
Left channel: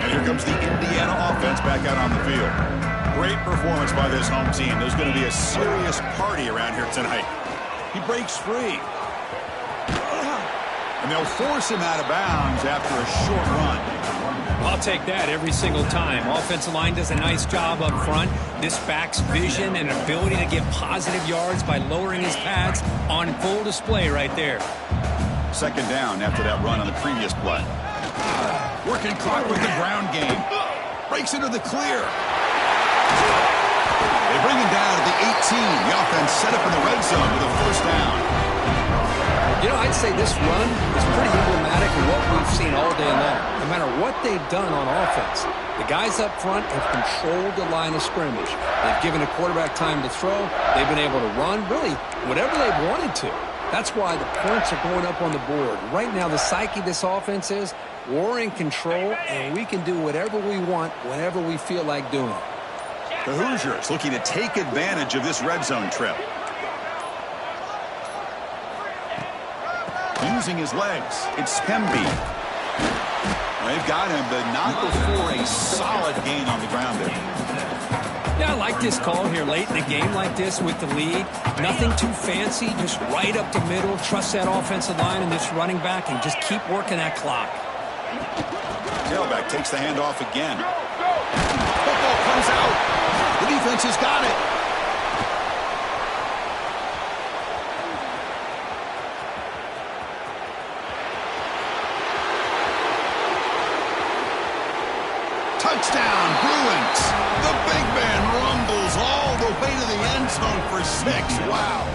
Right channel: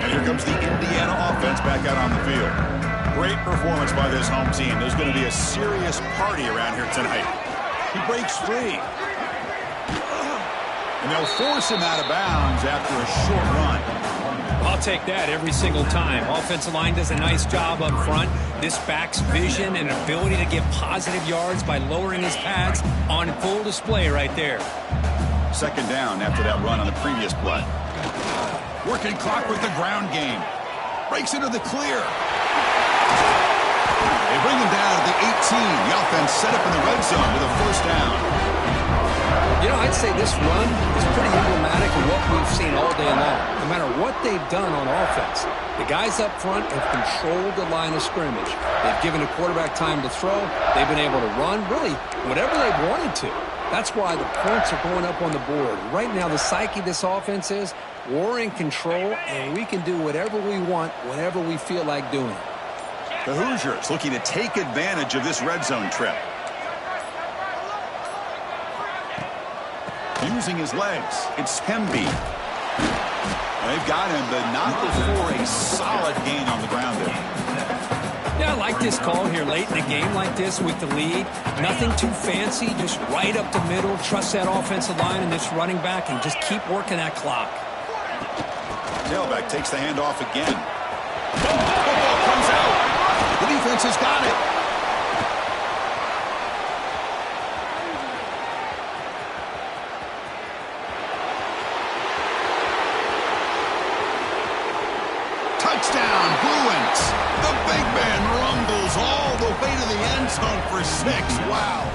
And here comes the Indiana offense back out on the field. Great performance by this home team. There's going to be a serious party around here tonight. He breaks free. And they'll force him out of bounds after a short run. I'll take that every single time. Offensive line does a nice job up front. This back's vision and ability to get positive yards by lowering his pads on full display right there. Second down after that run on the previous play. Working clock with the ground game. Breaks into the clear. They bring him down to the 18. The offense set up in the red zone with a first down. You know, I'd say this run is pretty emblematic of what we've seen all day long. No matter what they've done on offense, the guys up front have controlled the line of scrimmage. They've given the quarterback time to throw. They've been able to run, really, whatever they've wanted to. That's why the points are going up on the board. Right now, the psyche of this offense is we're in control, and we can do whatever we want whenever we feel like doing it. The Hoosiers looking to take advantage of this red zone trip. Using his legs, it's Hemby. They've got him, but not before a solid gain on the ground there. Yeah, I like this call here late in a game like this with the lead. Nothing too fancy, just right up the middle. Trust that offensive line and this running back and just keep working that clock. Tailback takes the handoff again. Football comes out. The defense has got it. Touchdown, Bruins. The big man rumbles all the way to the end zone for 6. Wow.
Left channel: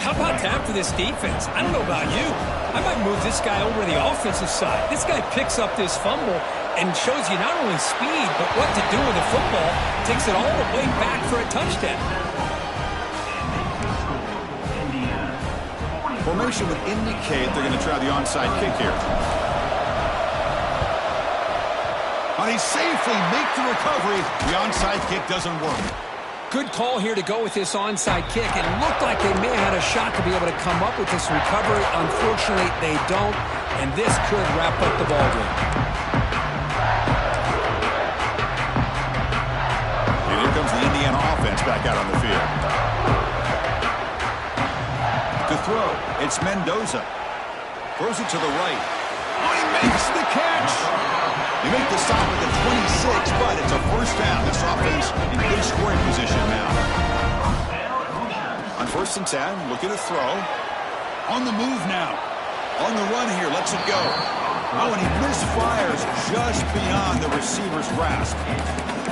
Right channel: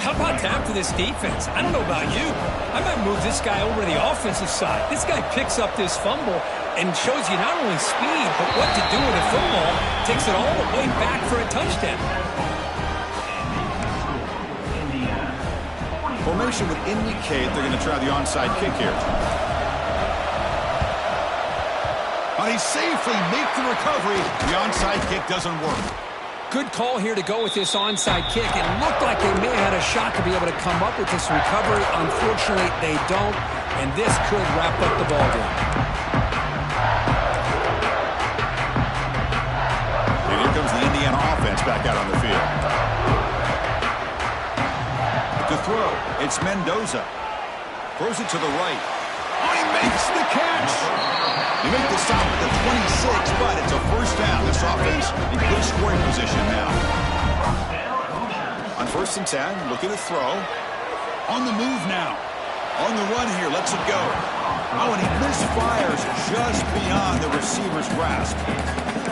How about that for this defense? I don't know about you. I might move this guy over to the offensive side. This guy picks up this fumble and shows you not only speed, but what to do with the football. Takes it all the way back for a touchdown. Formation would indicate they're going to try the onside kick here. They safely make the recovery. The onside kick doesn't work. Good call here to go with this onside kick. It looked like they may have had a shot to be able to come up with this recovery. Unfortunately, they don't, and this could wrap up the ballgame. And here comes the Indiana offense back out on the field. To throw, it's Mendoza. Throws it to the right. Oh, he makes the catch. They make the stop at the 26, but it's a first down. This offense in good scoring position now. On 1st and 10, looking to throw. On the move now. On the run here, lets it go. Oh, and he misfires just beyond the receiver's grasp.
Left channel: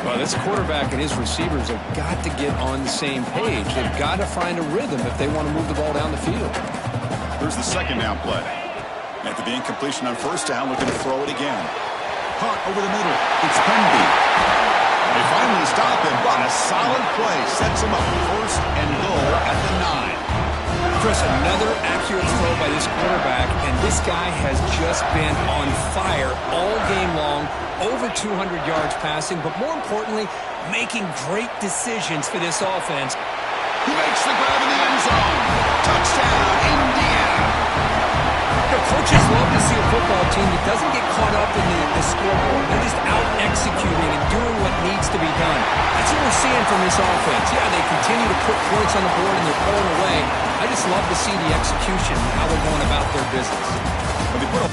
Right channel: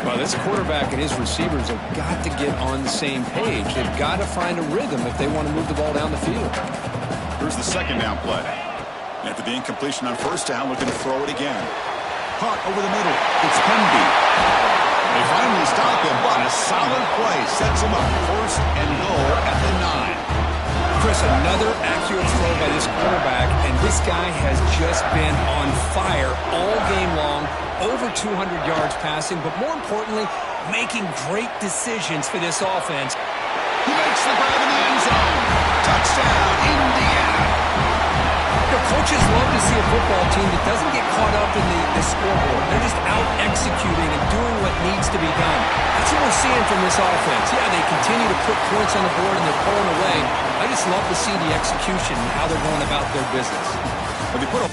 Well, this quarterback and his receivers have got to get on the same page. They've got to find a rhythm if they want to move the ball down the field. Here's the second down play. After the incompletion on 1st down, looking to throw it again. Caught over the middle. It's Penby. They finally stop him, but a solid play sets him up. 1st and goal at the 9. Chris, another accurate throw by this quarterback, and this guy has just been on fire all game long. Over 200 yards passing, but more importantly, making great decisions for this offense. He makes the grab in the end zone. Touchdown, Indiana. You know, coaches love to see a football team that doesn't get caught up in the scoreboard. They're just out executing and doing what needs to be done. That's what we're seeing from this offense. Yeah, they continue to put points on the board and they're pulling away. I just love to see the execution and how they're going about their business. When they put a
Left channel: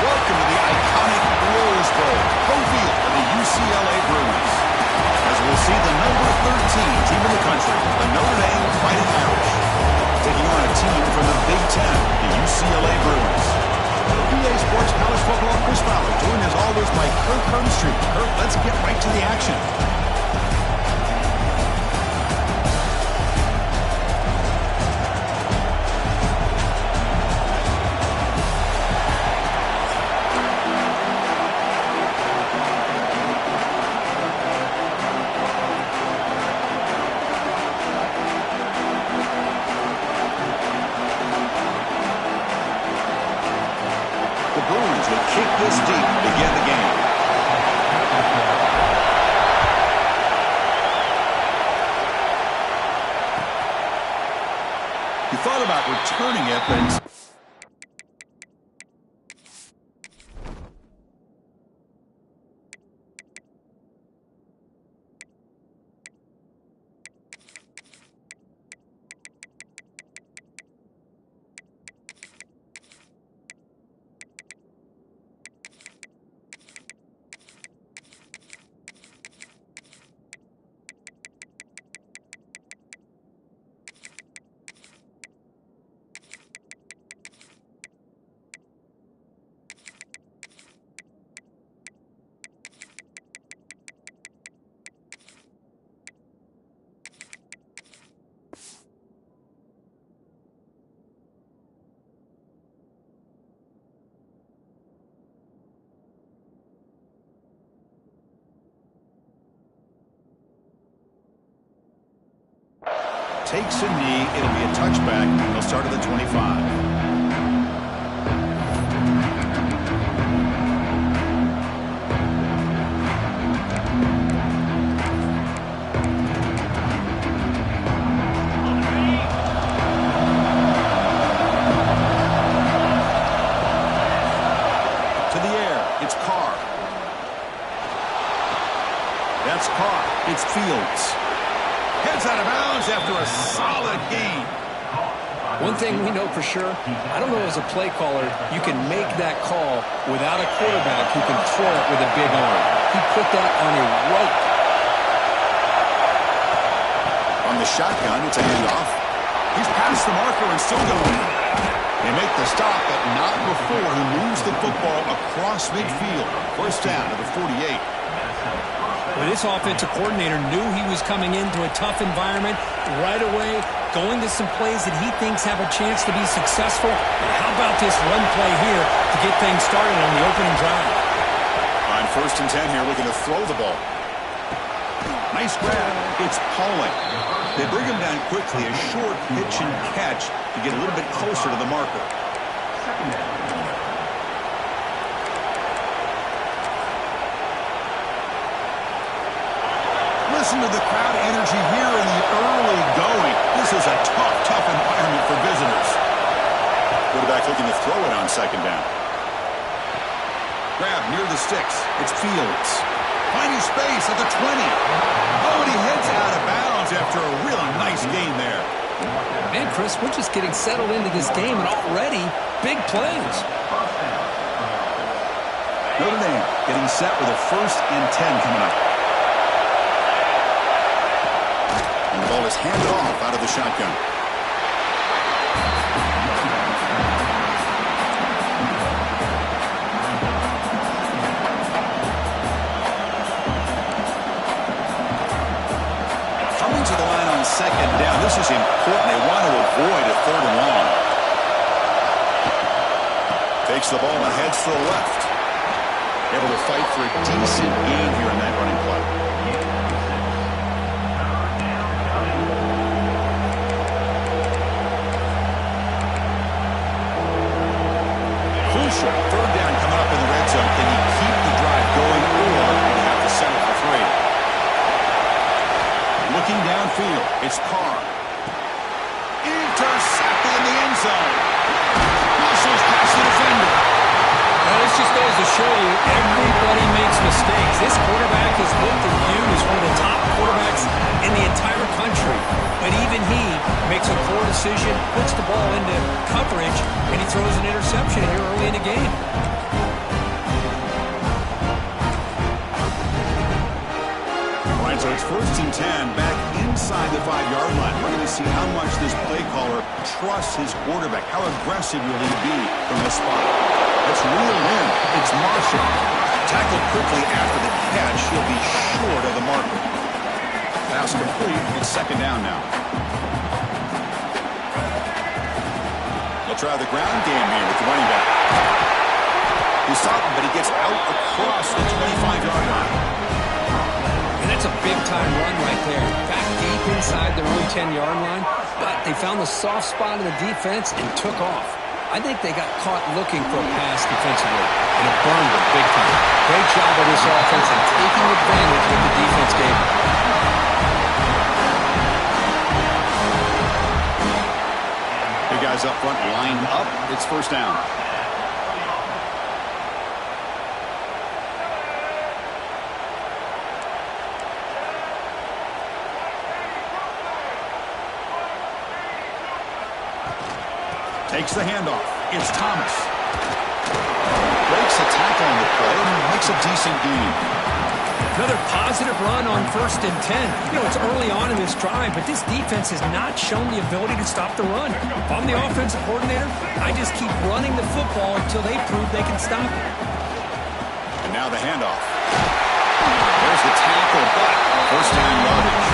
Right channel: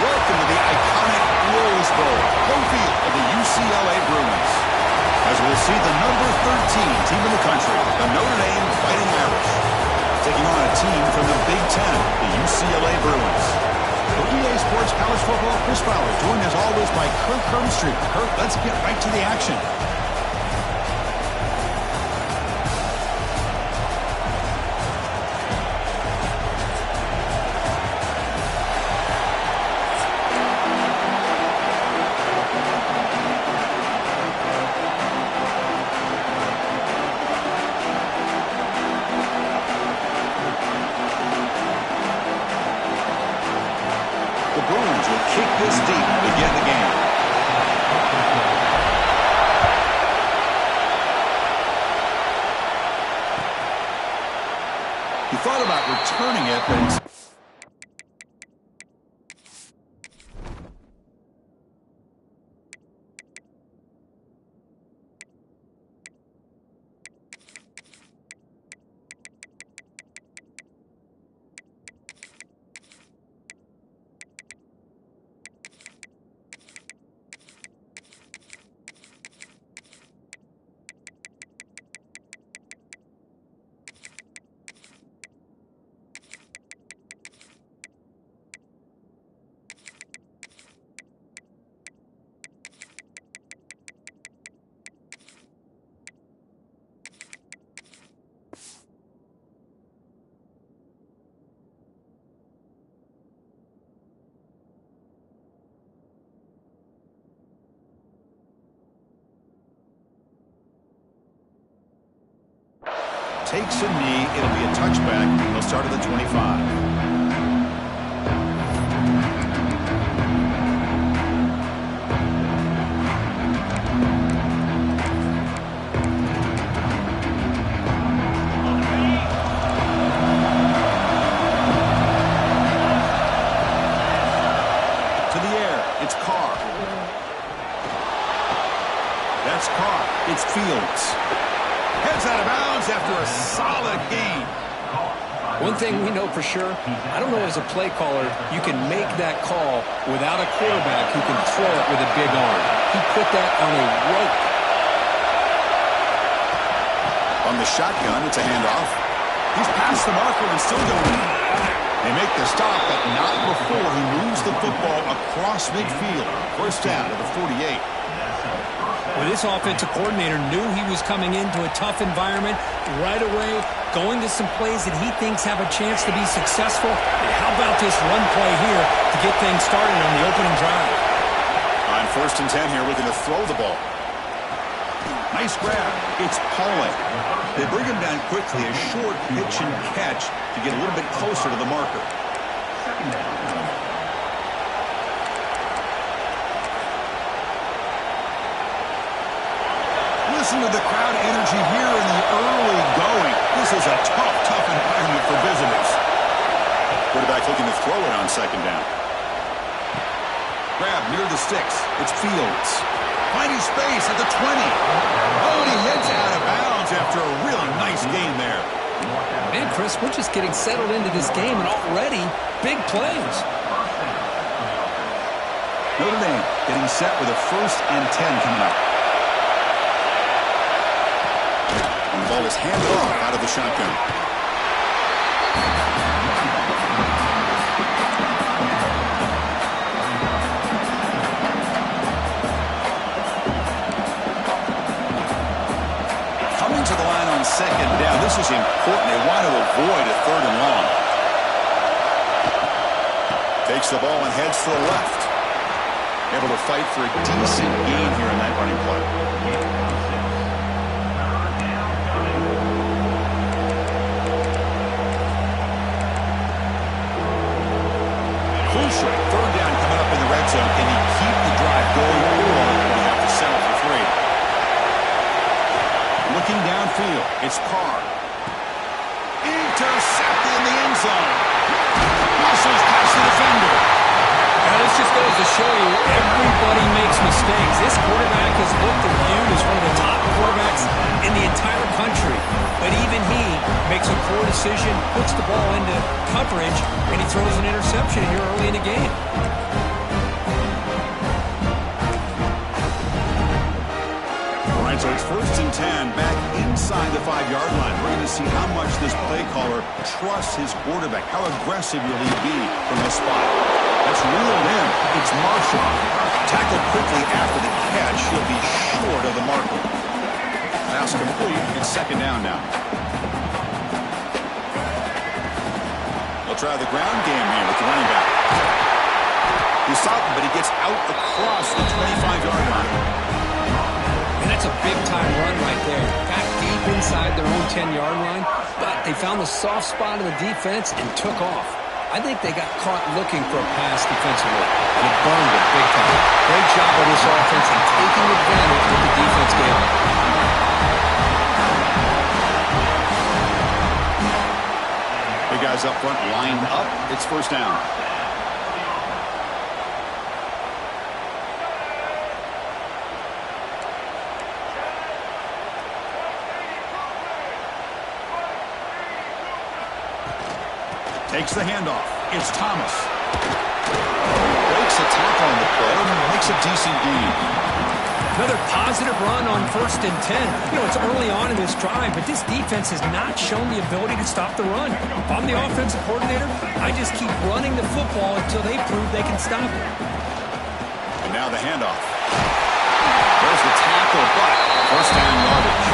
Welcome to the iconic Rose Bowl, home field of the UCLA Bruins. As we'll see the number 13 team in the country, the Notre Dame Fighting Irish, taking on a team from the Big Ten, the UCLA Bruins. For EA Sports College Football, Chris Fowler, joined as always by Kirk Herbstreit. Kirk, let's get right to the action. The Bruins will kick this deep to begin the game. He thought about returning it, but it's... takes a knee. It'll be a touchback. He'll start at the 25. To the air. It's Carr. That's Carr. It's Fields. Heads out of bounds after a solid gain. One thing we know for sure, I don't know as a play caller, you can make that call without a quarterback who can throw it with a big arm. He put that on a rope. On the shotgun, it's a handoff. He's past the marker and still going. They make the stop, but not before he moves the football across midfield. First down to the 48. Well, this offensive coordinator knew he was coming into a tough environment right away, going to some plays that he thinks have a chance to be successful. And how about this run play here to get things started on the opening drive? On 1st and 10 here, looking to throw the ball. Nice grab. It's Pauling. They bring him down quickly, a short pitch and catch to get a little bit closer to the marker. Listen to the crowd energy here in the early going. This is a tough environment for visitors. Quarterback looking to throw it on 2nd down. Grab near the sticks. It's Fields. Finding space at the 20. Oh, and he heads out of bounds after a really nice gain there. Man, Chris, we're just getting settled into this game, and already big plays. Notre Dame getting set with a 1st and 10 coming up. And the ball is handed off out of the shotgun. second down. This is important. They want to avoid a 3rd and long. Takes the ball and heads to the left. Able to fight for a decent gain here in that running play. Crucial 3rd down coming up in the red zone. Can he keep the drive going, or will he have to settle for 3? Looking downfield, it's Carr. Intercepted in the end zone. Muscles past the defender. Now, this just goes to show you everybody makes mistakes. This quarterback is looked and viewed as one of the top quarterbacks in the entire country. But even he makes a poor decision, puts the ball into coverage, and he throws an interception here early in the game. All right, so it's 1st and 10 back inside the 5-yard line. We're going to see how much this play caller trusts his quarterback. How aggressive will he be from this spot? That's reeled in. It's Marshall. Tackled quickly after the catch. He'll be short of the marker. Pass complete. It's 2nd down now. They'll try the ground game here with the running back. He's stopping, but he gets out across the 25-yard line. And that's a big-time run right there. Back deep inside their own 10-yard line, but they found the soft spot in the defense and took off. I think they got caught looking for a pass defensively, and it burned them big time. Great job by this offense and taking advantage of what the defense gave them. Big guys up front lined up. It's 1st down. Takes the handoff. It's Thomas. Breaks a tackle on the play and makes a decent gain. Another positive run on 1st and 10. You know, it's early on in this drive, but this defense has not shown the ability to stop the run. If I'm the offensive coordinator, I just keep running the football until they prove they can stop it. And now the handoff. There's the tackle, but 1st down yardage.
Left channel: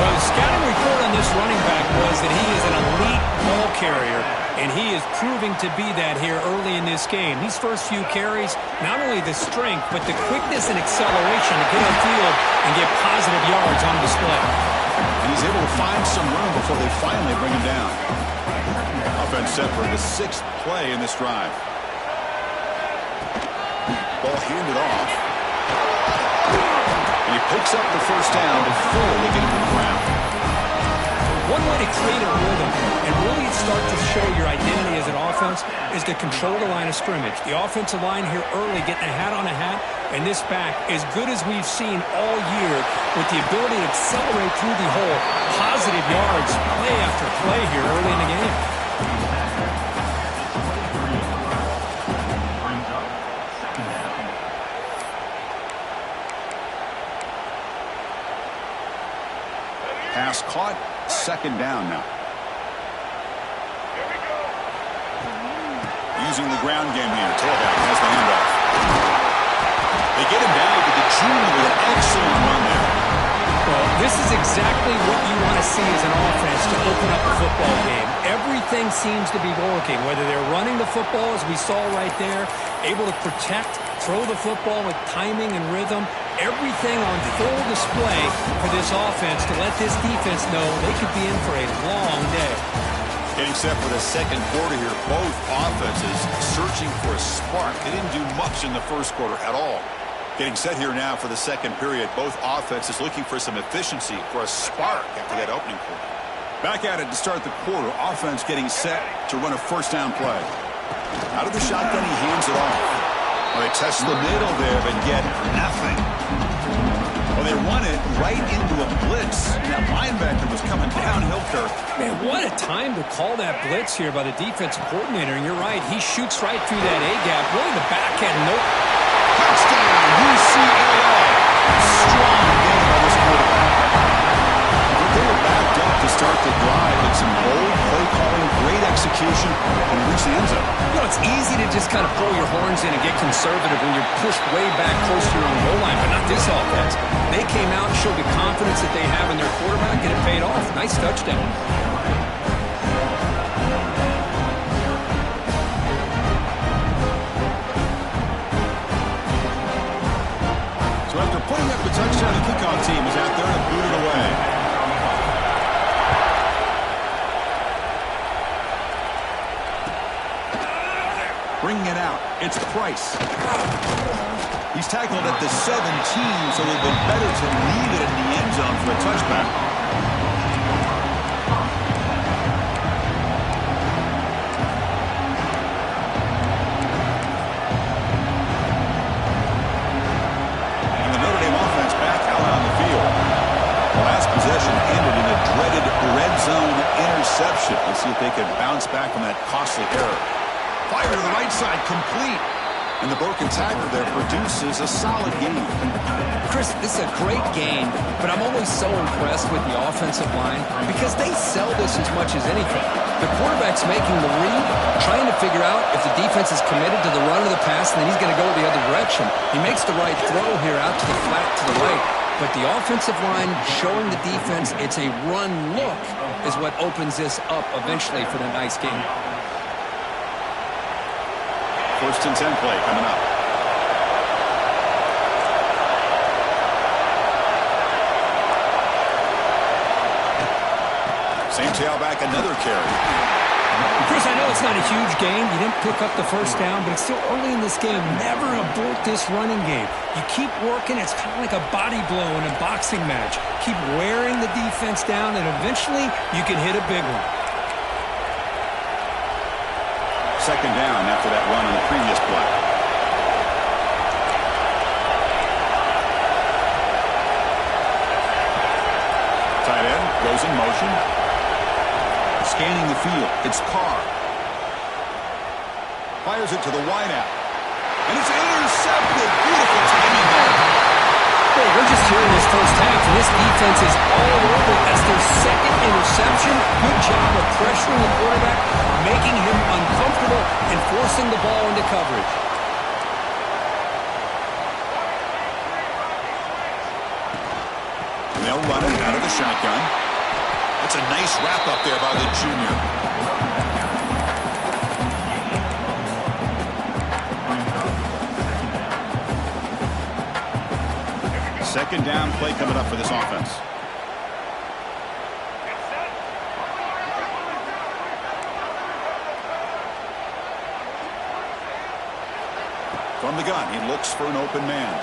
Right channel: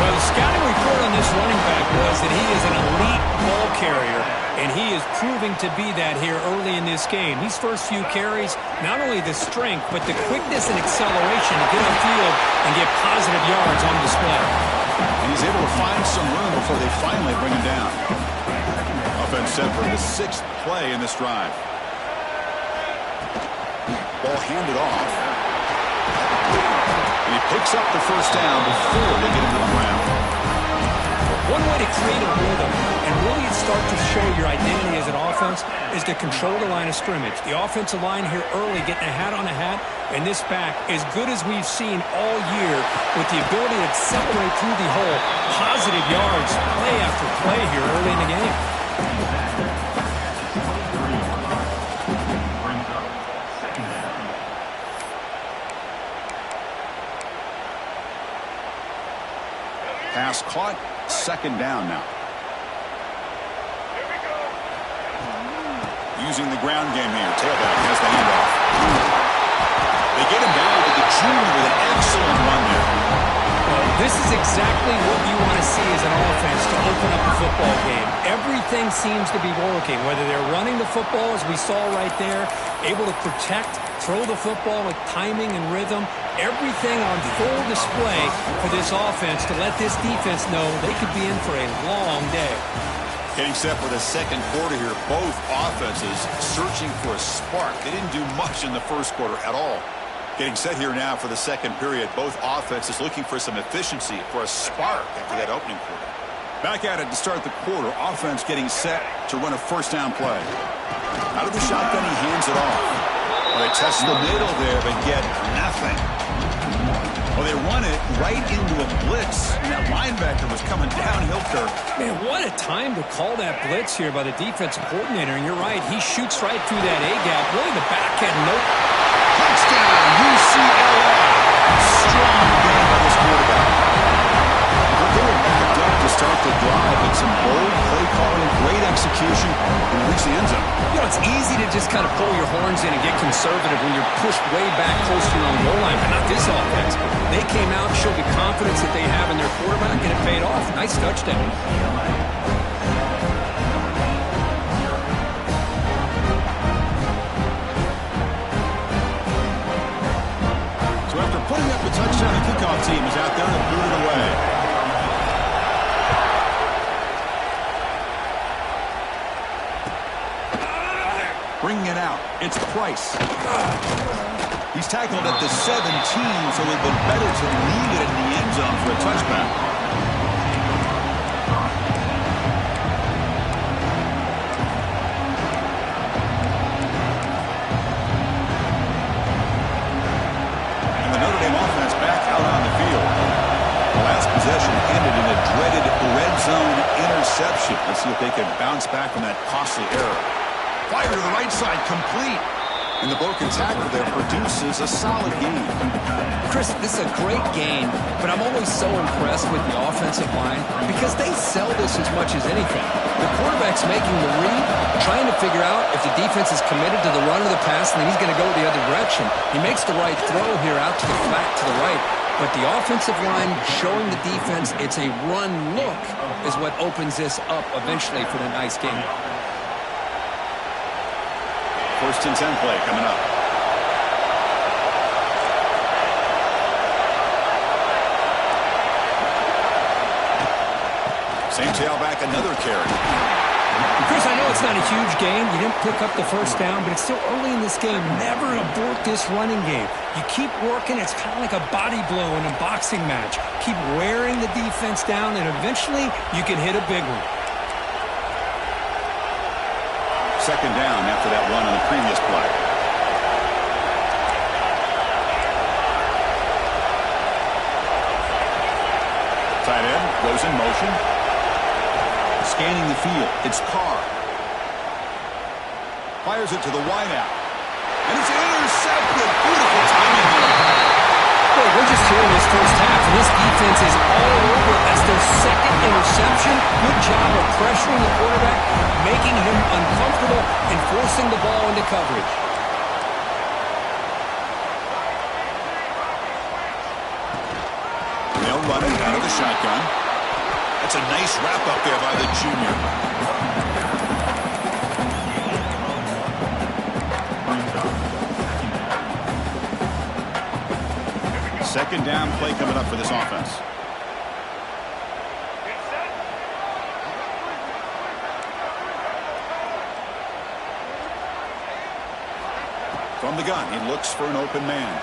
Well, the scouting report on this running back was that he is an elite ball carrier, and he is proving to be that here early in this game. These first few carries, not only the strength, but the quickness and acceleration to get upfield and get positive yards on display. And he's able to find some room before they finally bring him down. Offense set for the 6th play in this drive. Ball handed off. And he picks up the 1st down before they get him to the ground. One way to create a rhythm and really start to show your identity as an offense is to control the line of scrimmage. The offensive line here early getting a hat on a hat, and this back, as good as we've seen all year, with the ability to accelerate through the hole, positive yards, play after play here early in the game. Pass caught, 2nd down now. Using the ground game here. Tailback has the handoff. They get him down to the junior with an excellent run there. Well, this is exactly what you want to see as an offense to open up a football game. Everything seems to be working, whether they're running the football, as we saw right there, able to protect, throw the football with timing and rhythm. Everything on full display for this offense to let this defense know they could be in for a long day. Getting set for the 2nd quarter here. Both offenses searching for a spark. They didn't do much in the 1st quarter at all. Getting set here now for the 2nd period. Both offenses looking for some efficiency, for a spark after that opening quarter. Back at it to start the quarter. Offense getting set to run a 1st down play. Out of the shotgun, he hands it off. Well, they test the middle there, but get nothing. Well, they run it right into a blitz, and that linebacker was coming downhill, Kirk. Man, what a time to call that blitz here by the defensive coordinator. And you're right, he shoots right through that A-gap. Really the back end, nope. Touchdown, UCLA. Strong game by this quarterback. But they were backed up to start the drive, but some bold play calling, great execution, and reach the end zone. You know, it's easy to just kind of pull your horns in and get conservative when you're pushed way back close to your own goal line, but not this offense. They came out and showed the confidence that they have in their quarterback, and it paid off. Nice touchdown. So after putting up a touchdown, the kickoff team is out there to boot it away. Bringing it out, it's Price. He's tackled at the 17, so it would have been better to leave it in the end zone for a touchback. And the Notre Dame offense back out on the field. The last possession ended in a dreaded red zone interception. Let's see if they can bounce back from that costly error. Fire to the right side, complete. And the broken tackle there produces a solid game. Chris, this is a great game, but I'm always so impressed with the offensive line because they sell this as much as anything. The quarterback's making the read, trying to figure out if the defense is committed to the run or the pass, and then he's going to go the other direction. He makes the right throw here out to the flat to the right, but the offensive line showing the defense it's a run look is what opens this up eventually for the nice game. First and 10 play coming up. Same tailback, another carry. Chris, I know it's not a huge gain. You didn't pick up the first down, but it's still early in this game. Never abort this running game. You keep working. It's kind of like a body blow in a boxing match. Keep wearing the defense down, and eventually you can hit a big one. Second down after that run on the previous play. Tight end goes in motion. Scanning the field. It's Carr. Fires it to the wideout. And it's intercepted. Beautiful timing there. Boy, we're just here in this first half, and this defense is all over. That's their second interception. Good job of pressuring the quarterback, making him uncomfortable, and forcing the ball into coverage. And they'll run it out of the shotgun. That's a nice wrap up there by the junior. Second down play coming up for this offense. From the gun, he looks for an open man.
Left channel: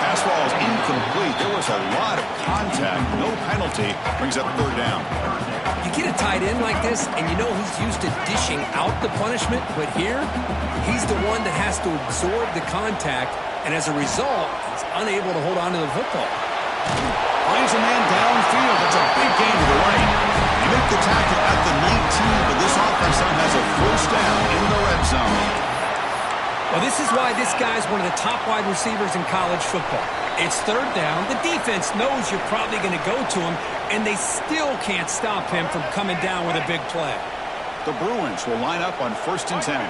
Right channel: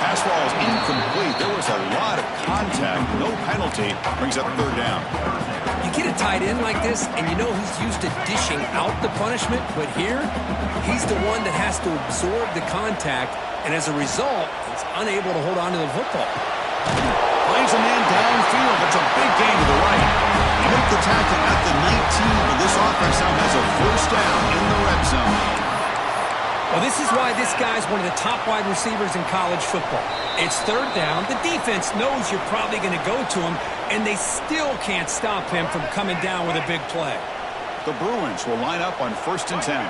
Pass ball is incomplete. There was a lot of contact. No penalty. Brings up third down. You get a tight end like this, and you know he's used to dishing out the punishment, but here, he's the one that has to absorb the contact, and as a result, he's unable to hold on to the football. Finds a man downfield. That's a big gain to the right. You make the tackle at the 19, but this offense now has a first down in the red zone. Well, this is why this guy's one of the top wide receivers in college football. It's third down. The defense knows you're probably going to go to him, and they still can't stop him from coming down with a big play. The Bruins will line up on first and 10.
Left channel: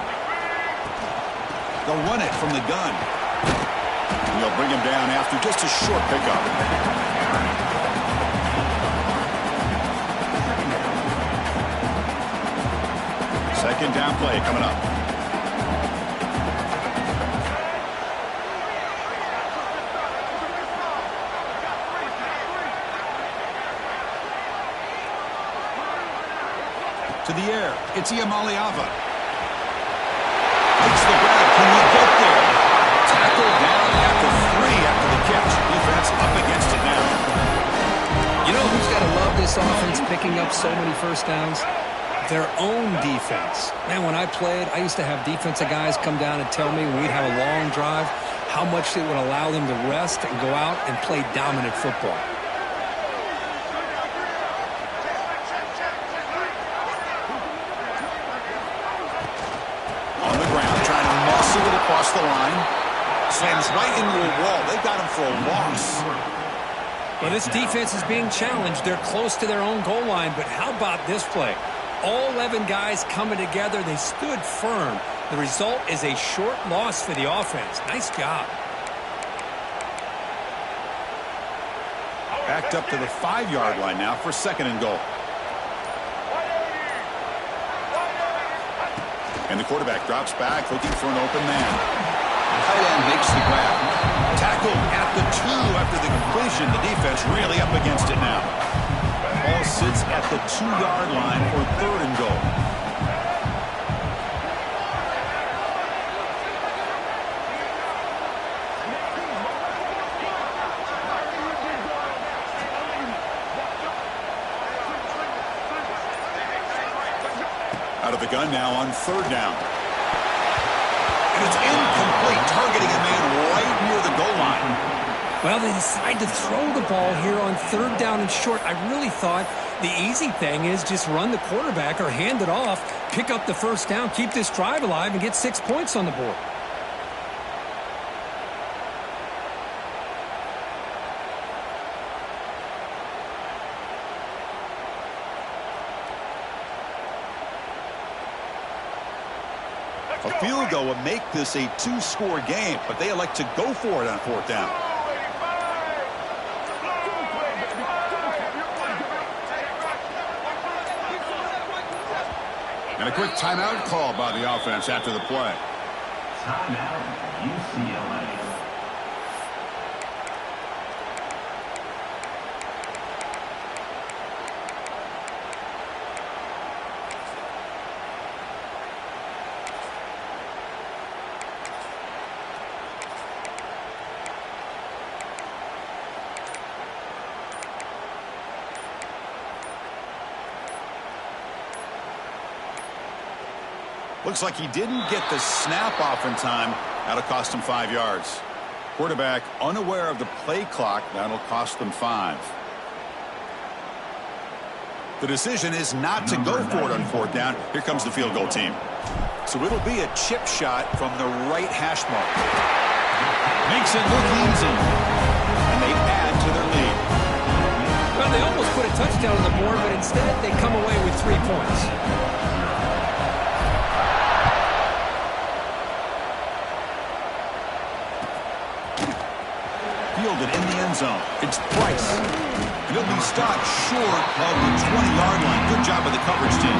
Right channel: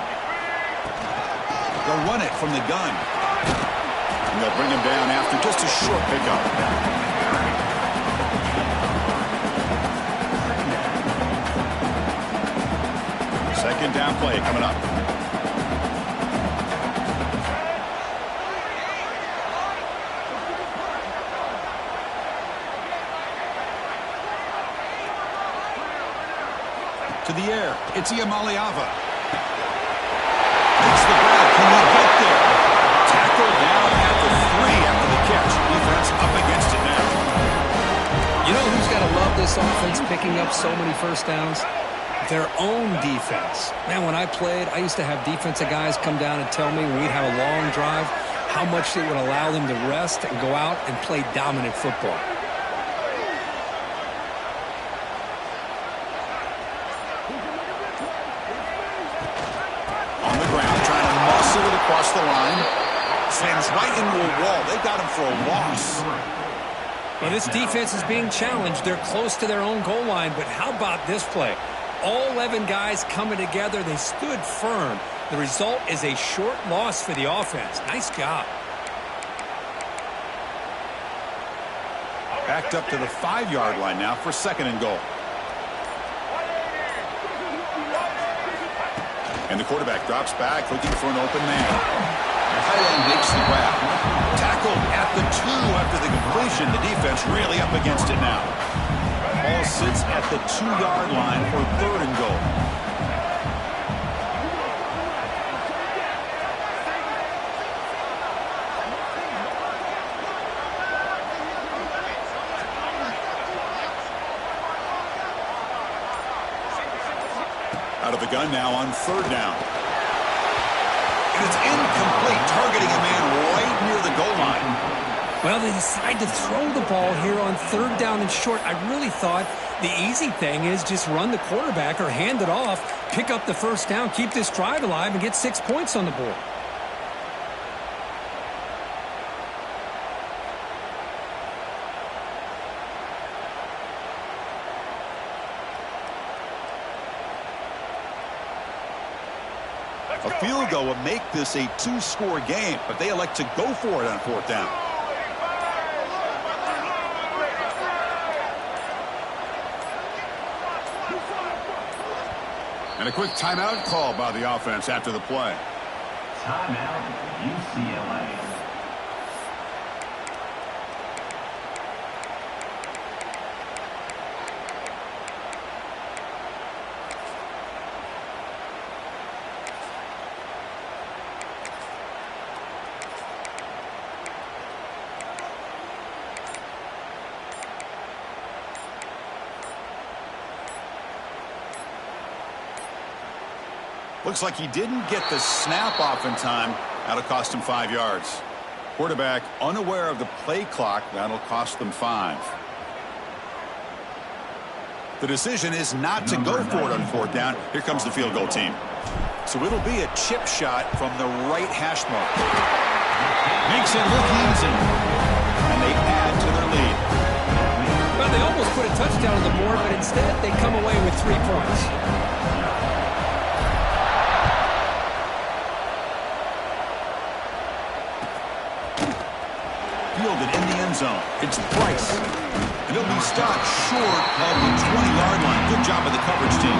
They'll run it from the gun. And they'll bring him down after just a short pickup. Second down play coming up. To the air, it's Iamaleava. Makes the grab, can he get there? Tackle down at the 3 after the catch. Defense up against it now. You know who's got to love this offense picking up so many first downs? Their own defense. Man, when I played, I used to have defensive guys come down and tell me when we'd have a long drive how much it would allow them to rest and go out and play dominant football. Across the line. Slams right into a wall. They got him for a loss. Well, this defense is being challenged. They're close to their own goal line, but how about this play? All 11 guys coming together. They stood firm. The result is a short loss for the offense. Nice job. Backed up to the 5-yard line now for 2nd and goal. And the quarterback drops back looking for an open man. The tight end makes the grab. Tackled at the 2 after the completion. The defense really up against it now. Ball sits at the 2-yard line for 3rd and goal. Out of the gun now on 3rd down. And it's incomplete, targeting a man right near the goal line. Well, they decide to throw the ball here on 3rd down and short. I really thought the easy thing is just run the quarterback or hand it off, pick up the 1st down, keep this drive alive, and get 6 points on the board. A field goal would make this a 2-score game, but they elect to go for it on 4th down. And a quick timeout call by the offense after the play. Timeout, UCLA. Looks like he didn't get the snap off in time. That'll cost him 5 yards. Quarterback unaware of the play clock. That'll cost them 5. The decision is not to go for it on 4th down. Here comes the field goal team. So it'll be a chip shot from the right hash mark. Makes it look easy. And they add to their lead. Well, they almost put a touchdown on the board, but instead they come away with 3 points. Fielded in the end zone. It's Bryce. And he'll be stopped short of the 20-yard line. Good job of the coverage team.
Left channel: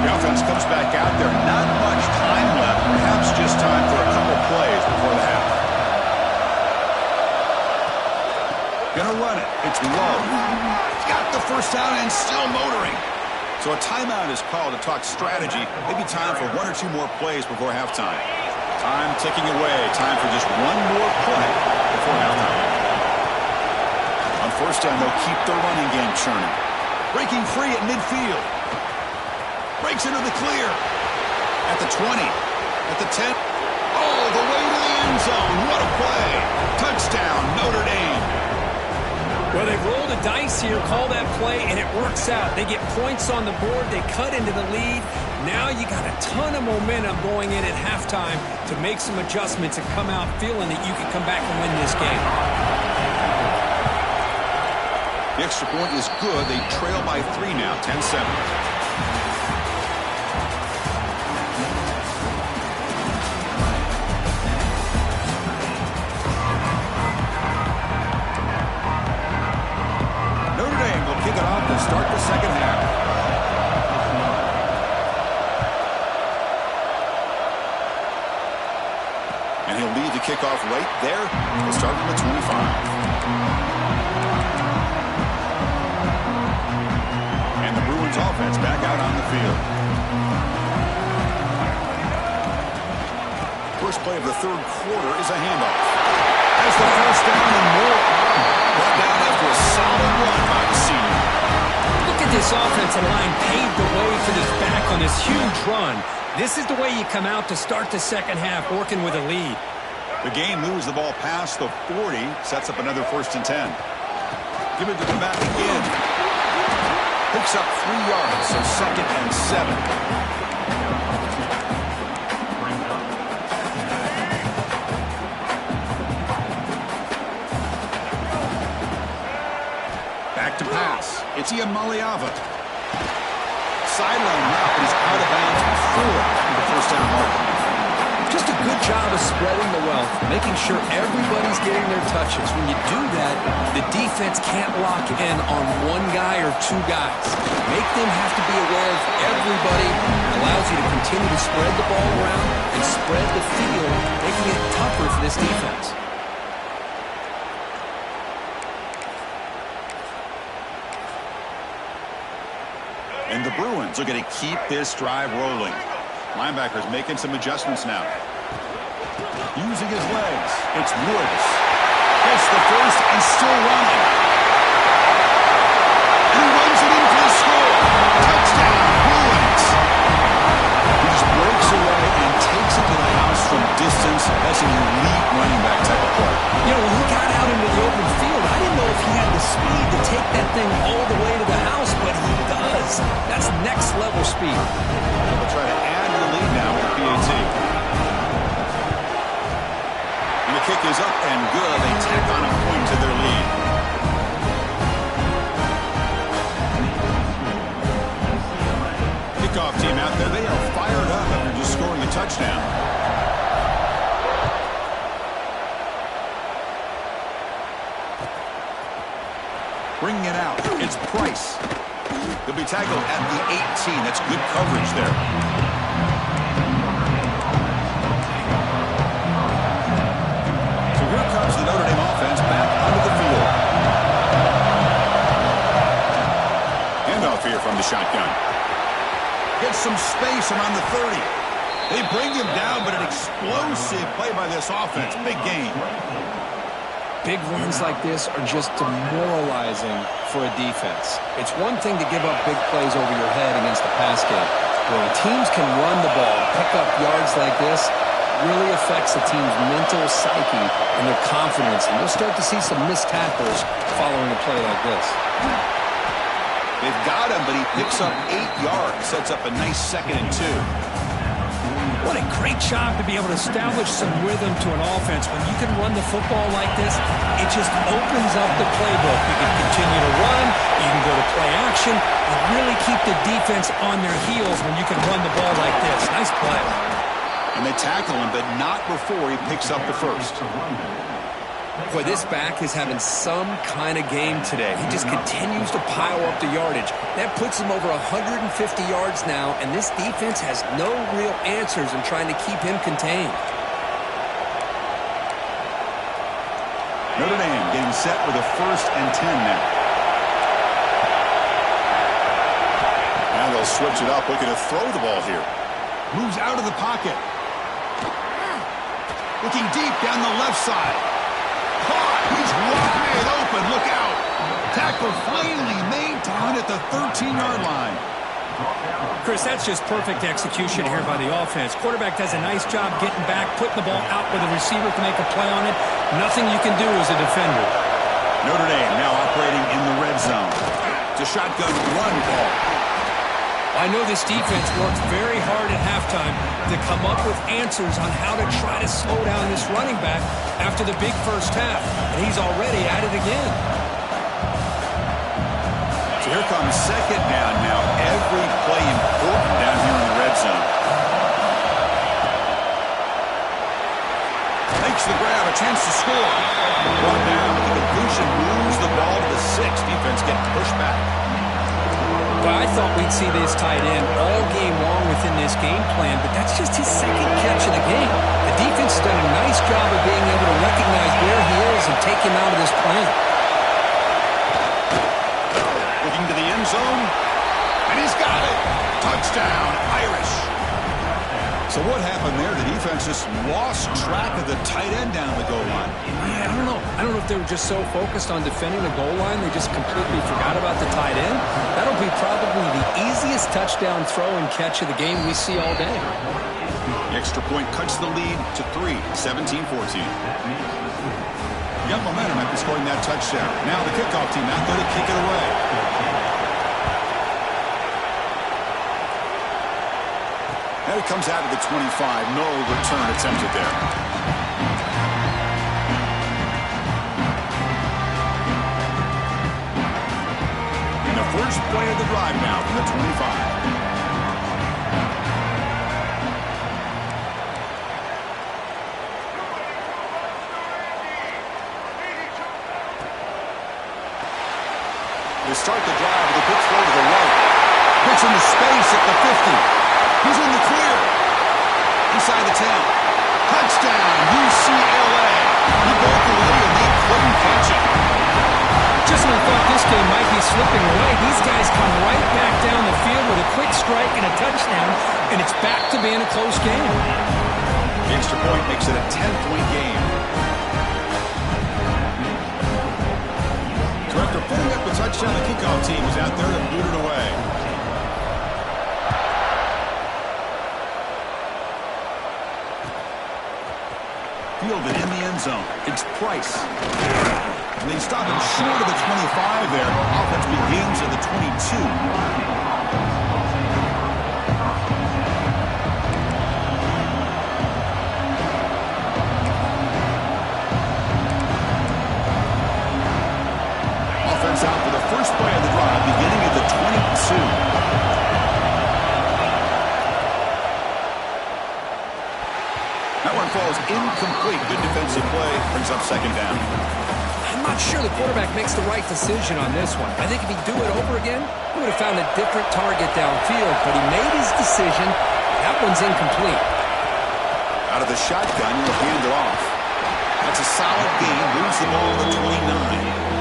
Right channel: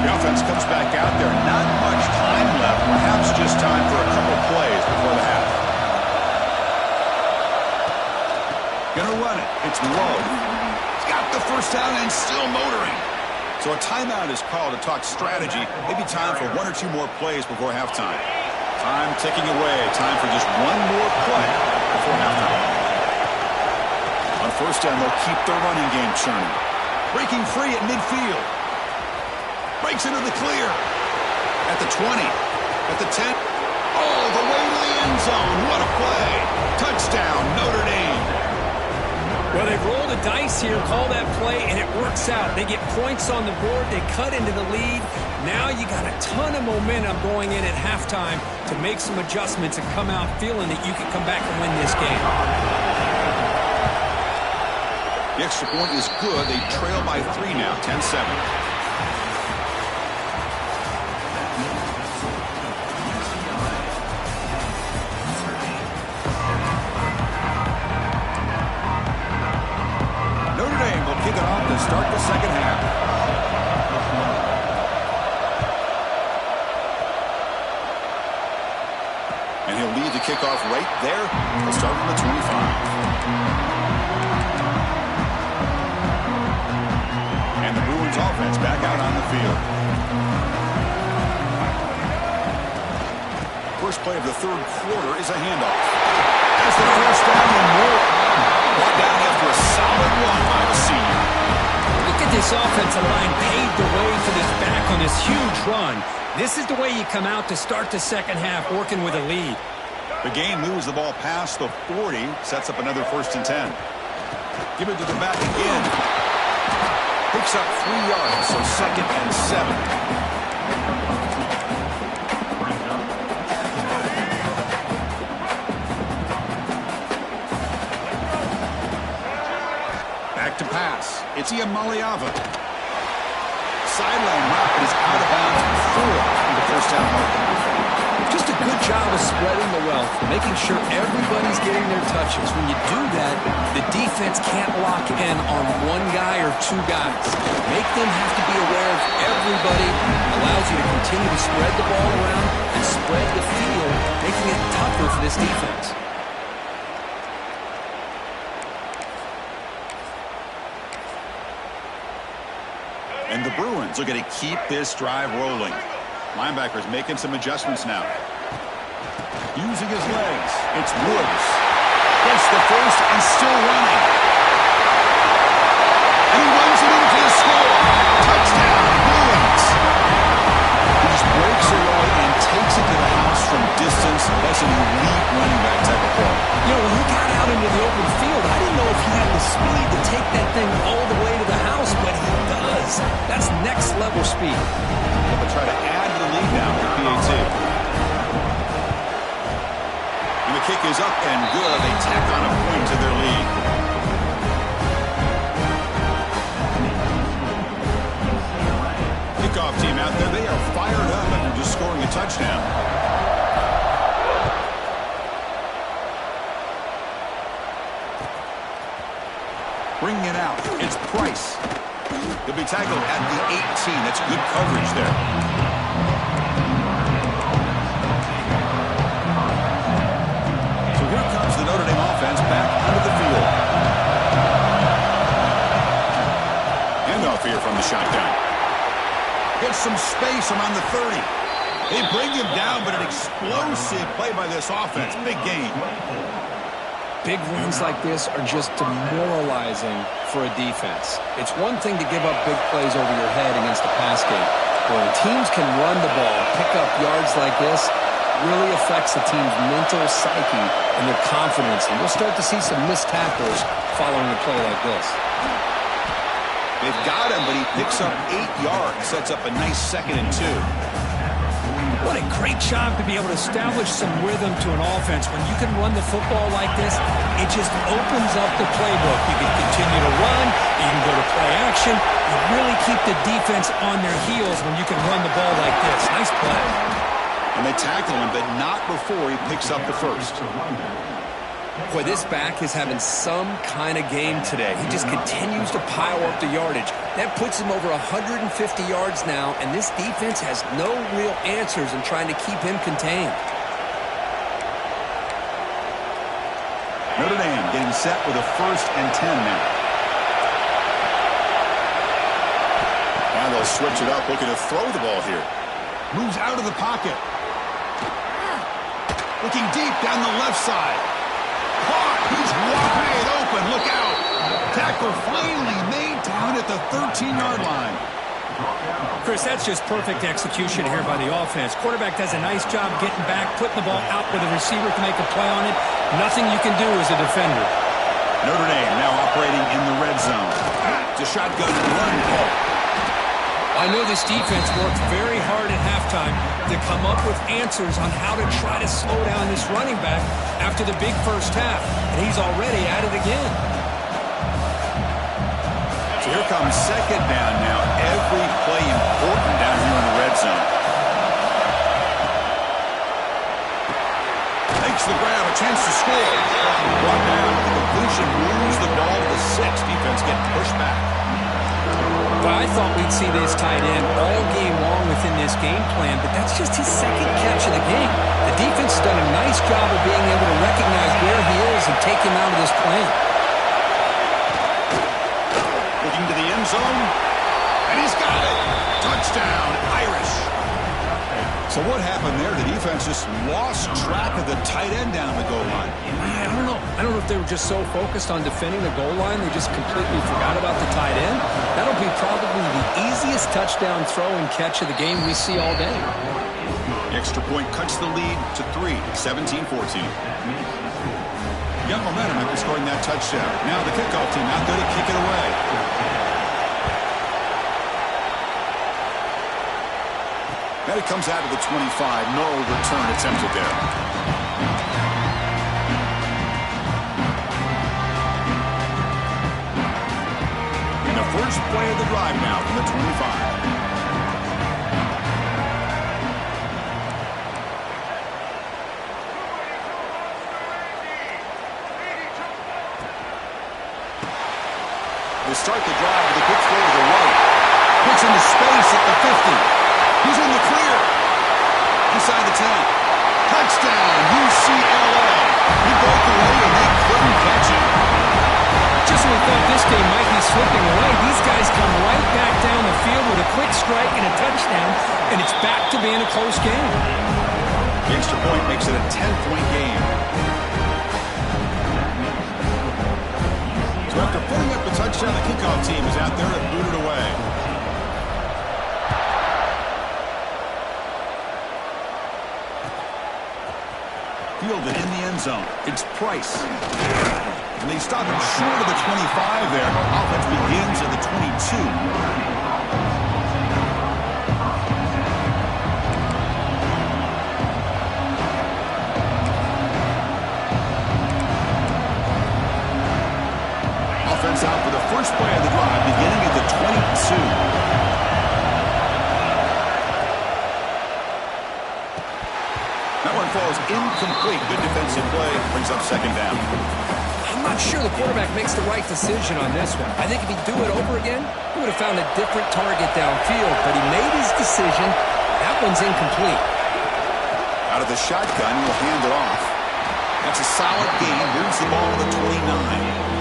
The offense comes back out there. Not much time left. Perhaps just time for a couple plays before the half. Gonna run it. It's low. He's got the 1st down and still motoring. So a timeout is called to talk strategy. Maybe time for 1 or 2 more plays before halftime. Time ticking away. Time for just 1 more play before halftime. On 1st down, they'll keep their running game churning. Breaking free at midfield. Breaks into the clear. At the 20. At the 10. All the way to the end zone. What a play. Touchdown, Notre Dame. Well, they've rolled a dice here, call that play, and it works out. They get points on the board. They cut into the lead. Now you got a ton of momentum going in at halftime to make some adjustments and come out feeling that you can come back and win this game. The extra point is good. They trail by 3 now, 10-7. Kick it off to start the 2nd half. And he'll lead the kickoff right there. He'll start from the 25. And the Bruins offense back out on the field. First play of the 3rd quarter is a handoff. As the 1st down and more. Brought down after a solid run by the senior. Look at this offensive line paved the way for this back on this huge run. This is the way you come out to start the 2nd half, working with a lead. The game moves the ball past the 40, sets up another 1st and 10. Give it to the back again. Picks up 3 yards, so 2nd and 7. back to pass. It's Iamaleava. Sideline route, but he's out of bounds before the first down marker. Just a good job of spreading the wealth, making sure everybody's getting their touches. When you do that, the defense can't lock in on one guy or two guys. Make them have to be aware of everybody. It allows you to continue to spread the ball around and spread the field, making it tougher for this defense. And the Bruins are going to keep this drive rolling. Linebackers making some adjustments now. Using his legs. It's Woods. Gets the first and still running. And he runs it in for the score. Touchdown, Bruins. He just breaks away and takes it to the house from distance. That's an elite running back type of play. You know, when he got out into the open field, I didn't know if he had the speed to take that thing all the way to the house, but he does. That's next level speed. They'll try to add to the lead now with PAT. And the kick is up and good. They tack on a point to their lead. Kickoff team out there. They are fired up after just scoring a touchdown. Bringing it out. It's Price. He'll be tackled at the 18. That's good coverage there. So here comes the Notre Dame offense back onto the field. Handoff here from the shotgun. Gets some space around the 30. They bring him down, but an explosive play by this offense. Big gain. Big runs like this are just demoralizing for a defense. It's one thing to give up big plays over your head against the pass game. But when teams can run the ball, pick up yards like this, really affects the team's mental psyche and their confidence. And you'll start to see some missed tackles following a play like this. They've got him, but he picks up 8 yards, sets up a nice 2nd and 2. What a great job to be able to establish some rhythm to an offense. When you can run the football like this, it just opens up the playbook. You can continue to run. You can go to play action. You really keep the defense on their heels when you can run the ball like this. Nice play. And they tackle him, but not before he picks up the first. Boy, this back is having some kind of game today. He just continues to pile up the yardage. That puts him over 150 yards now, and this defense has no real answers in trying to keep him contained. Notre Dame getting set with a 1st and 10 now. Now they'll switch it up, looking to throw the ball here. Moves out of the pocket. Looking deep down the left side. Caught. He's wide open. Look out. Tackle finally made down at the 13-yard line. Chris, that's just perfect execution here by the offense. Quarterback does a nice job getting back, putting the ball out where the receiver can make a play on it. Nothing you can do as a defender. Notre Dame now operating in the red zone. It's a shotgun run call. I know this defense worked very hard at halftime to come up with answers on how to try to slow down this running back after the big first half, and he's already at it again. So here comes 2nd down now. Every play important down here in the red zone. Makes the grab, a chance to score. Brought down with the completion, moves the ball to the 6. Defense getting pushed back. But I thought we'd see this tight end all game long within this game plan, but that's just his 2nd catch of the game. The defense has done a nice job of being able to recognize where he is and take him out of this plan. Looking to the end zone, and he's got it. Touchdown, Irish. So what happened there? The defense just lost track of the tight end down the goal line. Yeah, I don't know. I don't know if they were just so focused on defending the goal line they just completely forgot about the tight end. That'll be probably the easiest touchdown throw and catch of the game we see all day. The extra point cuts the lead to 3, 17-14. Got momentum after scoring that touchdown. Now the kickoff team out there to kick it away. And it comes out of the 25. No return attempted there. first play of the drive now from the 25. They start the drive with a quick throw to the right. Puts into space at the 50. He's in the clear. Inside the 10. Touchdown, UCLA. He broke away and they couldn't catch him. Just when we thought this game might be slipping away, these guys come right back down the field with a quick strike and a touchdown, and it's back to being a close game. The extra point makes it a 10-point game. So after putting up the touchdown, the kickoff team is out there to boot it away. Fielded in the end zone. It's Price. And they stop him short of the 25 there. Offense begins at the 22. Out for the first play of the drive, beginning at the 22. That one falls incomplete. Good defensive play. Brings up second down. I'm not sure the quarterback makes the right decision on this one. I think if he'd do it over again, he would have found a different target downfield. But he made his decision. That one's incomplete. Out of the shotgun, he'll hand it off. That's a solid gain. Moves the ball to the 29.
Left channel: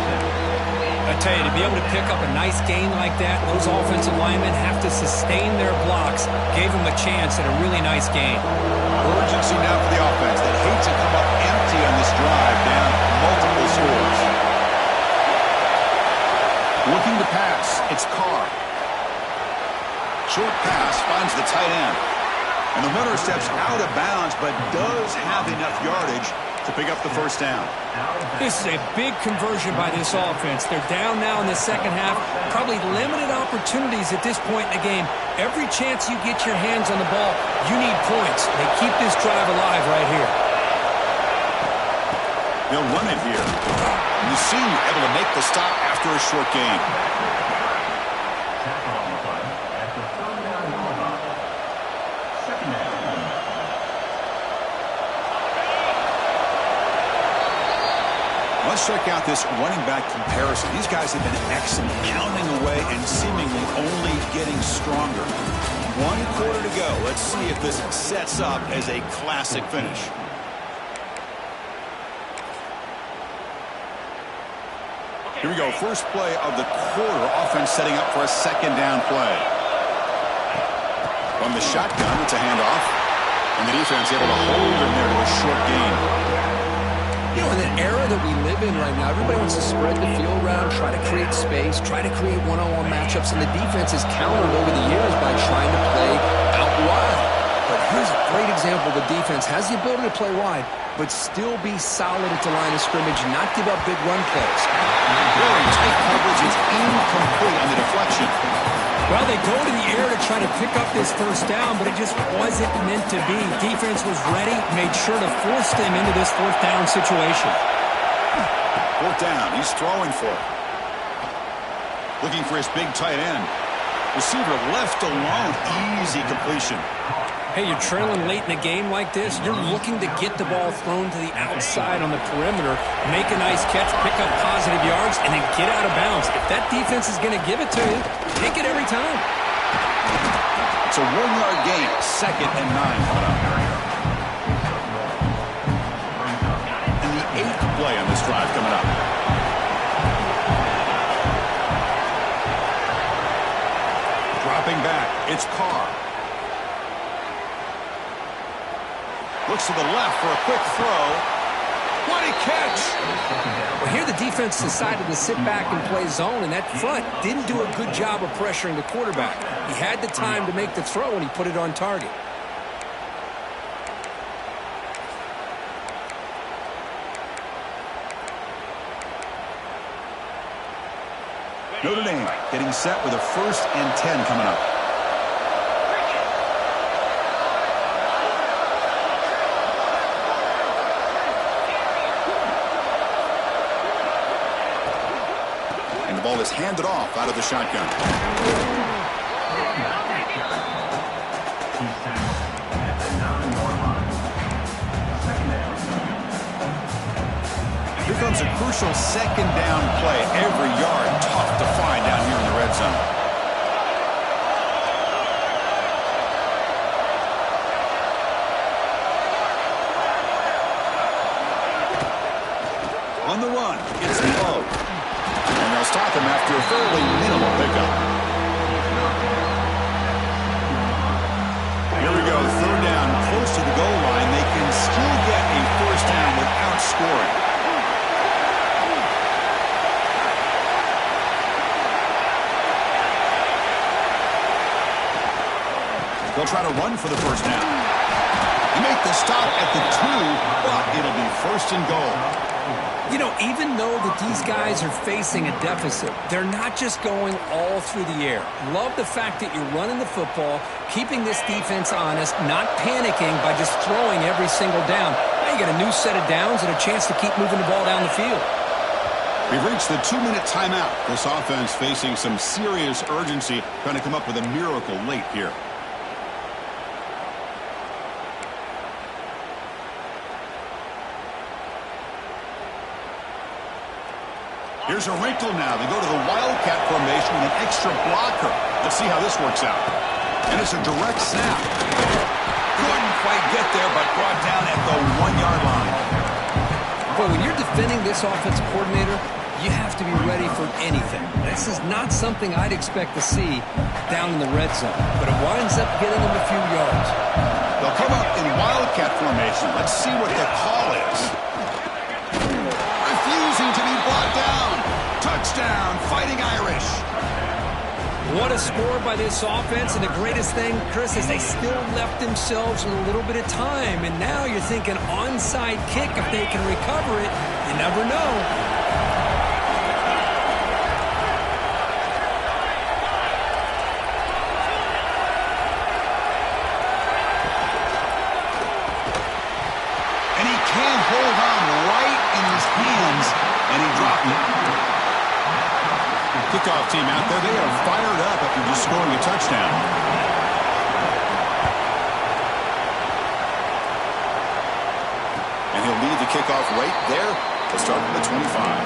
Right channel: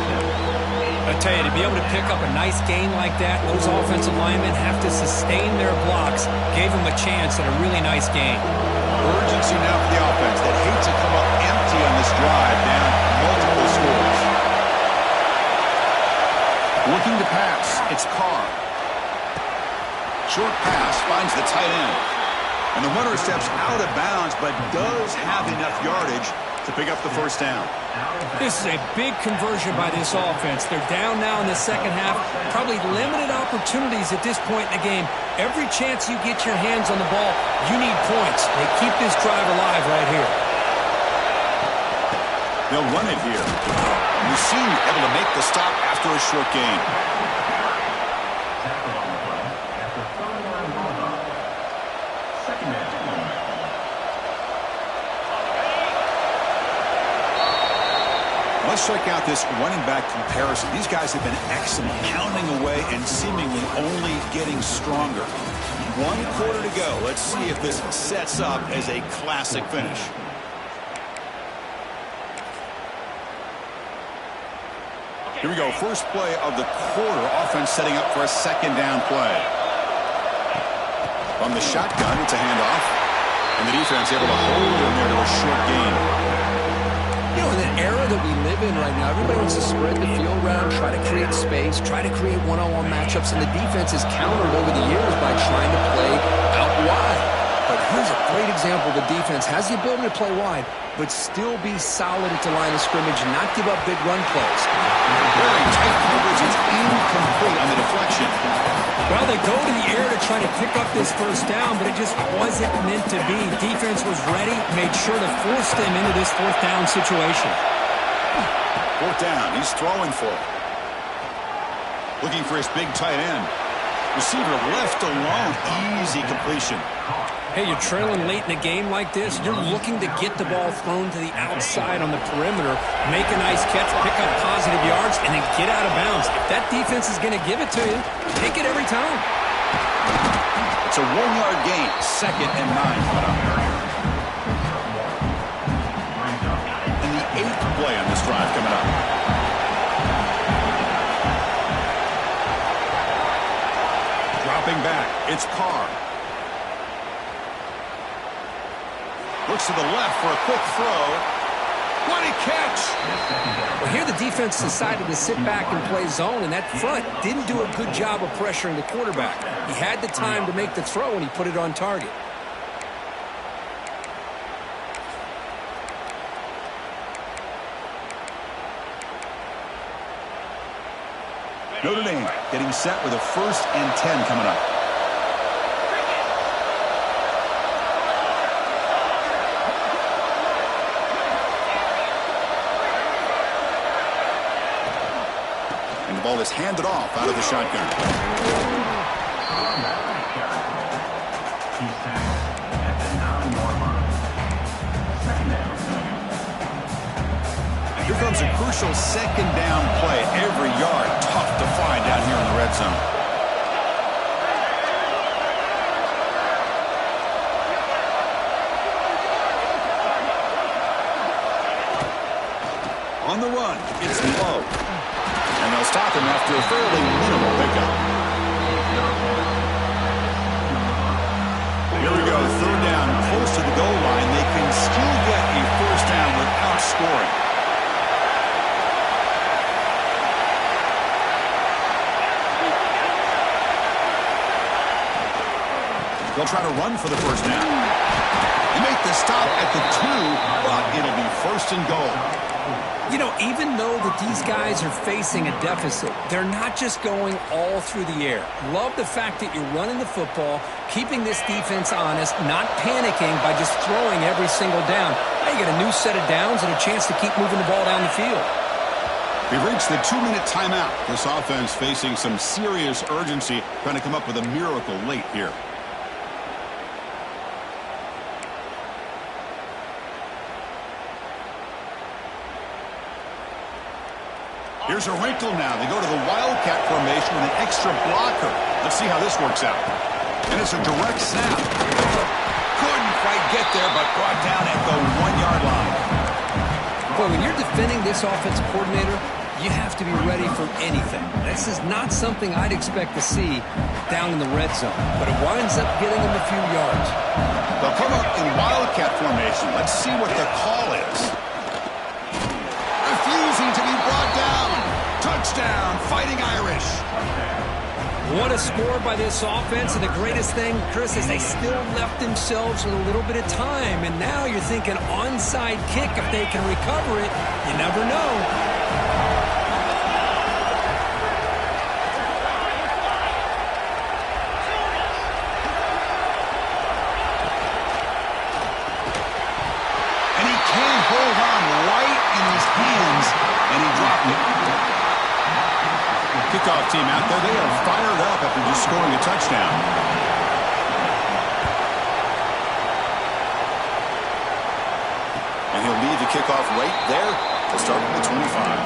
I tell you, to be able to pick up a nice gain like that, those offensive linemen have to sustain their blocks. Gave them a chance at a really nice game. Urgency now for the offense that hates to come up empty on this drive, down multiple scores. Looking to pass, it's Carr. Short pass finds the tight end. And the runner steps out of bounds, but does have enough yardage to pick up the first down. This is a big conversion by this offense. They're down now in the second half. Probably limited opportunities at this point in the game. Every chance you get your hands on the ball, you need points. They keep this drive alive right here. They'll run it here. And the senior able to make the stop after a short gain. Tackle on the play at the 39-yard line. Second down. Let's check out this running back comparison. These guys have been excellent, pounding away and seemingly only getting stronger. 1 quarter to go. Let's see if this sets up as a classic finish. Here we go. First play of the quarter. Offense setting up for a second down play. From the shotgun, it's a handoff. And the defense able to hold him there to a short gain. You know, in the era that we live in right now, everybody wants to spread the field around, try to create space, try to create one-on-one matchups, and the defense is countered over the years by trying to play out wide. But here's a great example. The defense has the ability to play wide, but still be solid at the line of scrimmage and not give up big run plays. Very tight coverage. It's incomplete on the deflection. Well, they go to the air to try to pick up this first down, but it just wasn't meant to be. Defense was ready, made sure to force them into this fourth down situation. Fourth down. He's throwing for it. Looking for his big tight end. Receiver left alone. Easy completion. Hey, you're trailing late in a game like this. You're looking to get the ball thrown to the outside on the perimeter, make a nice catch, pick up positive yards, and then get out of bounds. If that defense is going to give it to you, take it every time. It's a 1-yard gain. 2nd and 9 coming up. And the 8th play on this drive coming up. Dropping back. It's Carr. Looks to the left for a quick throw. What a catch! Well, here the defense decided to sit back and play zone, and that front didn't do a good job of pressuring the quarterback. He had the time to make the throw, and he put it on target. Notre Dame getting set with a 1st and 10 coming up. And the ball is handed off out of the shotgun. He's tackled at the 9-yard line. Second down. Here comes a crucial second down play. Every yard tough to find down here in the red zone. On the run, it's low. And they'll stop him after a fairly minimal pickup. Here we go, third down, close to the goal line. They can still get a first down without scoring. They'll try to run for the first down. They make the stop at the 2, but it'll be first and goal. You know, even though that these guys are facing a deficit, they're not just going all through the air. Love the fact that you're running the football, keeping this defense honest, not panicking by just throwing every single down. Now you get a new set of downs and a chance to keep moving the ball down the field. We've reached the 2-minute timeout. This offense facing some serious urgency, trying to come up with a miracle late here. Here's a wrinkle now. They go to the Wildcat formation with an extra blocker. Let's see how this works out. And it's a direct snap. Couldn't quite get there, but brought down at the 1-yard line. Boy, when you're defending this offensive coordinator, you have to be ready for anything. This is not something I'd expect to see down in the red zone, but it winds up getting them a few yards. They'll come up in Wildcat formation. Let's see what the call is. Refusing to be brought down. Touchdown, Fighting Irish. What a score by this offense, and the greatest thing, Chris, is they still left themselves with a little bit of time, and now you're thinking onside kick if they can recover it. You never know. Hold on right in his hands, and he dropped it. Kickoff team out there, they are fired up after just scoring a touchdown. And he'll lead the kickoff right there. He'll start from the 25.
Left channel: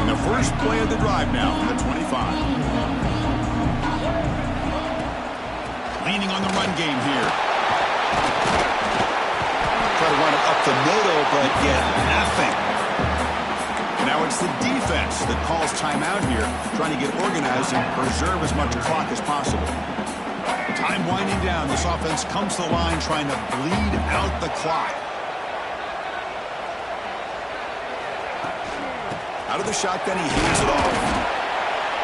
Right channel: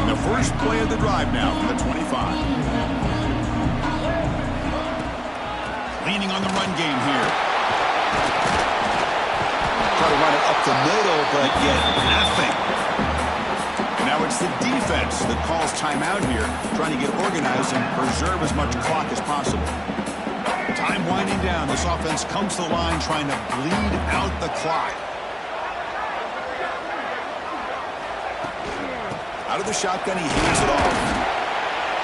And the first play of the drive now from the 25. Leaning on the run game here. Try to run it up the middle, but get nothing. And now it's the defense that calls timeout here, trying to get organized and preserve as much clock as possible. Time winding down. This offense comes to the line trying to bleed out the clock. Out of the shotgun, he hands it off.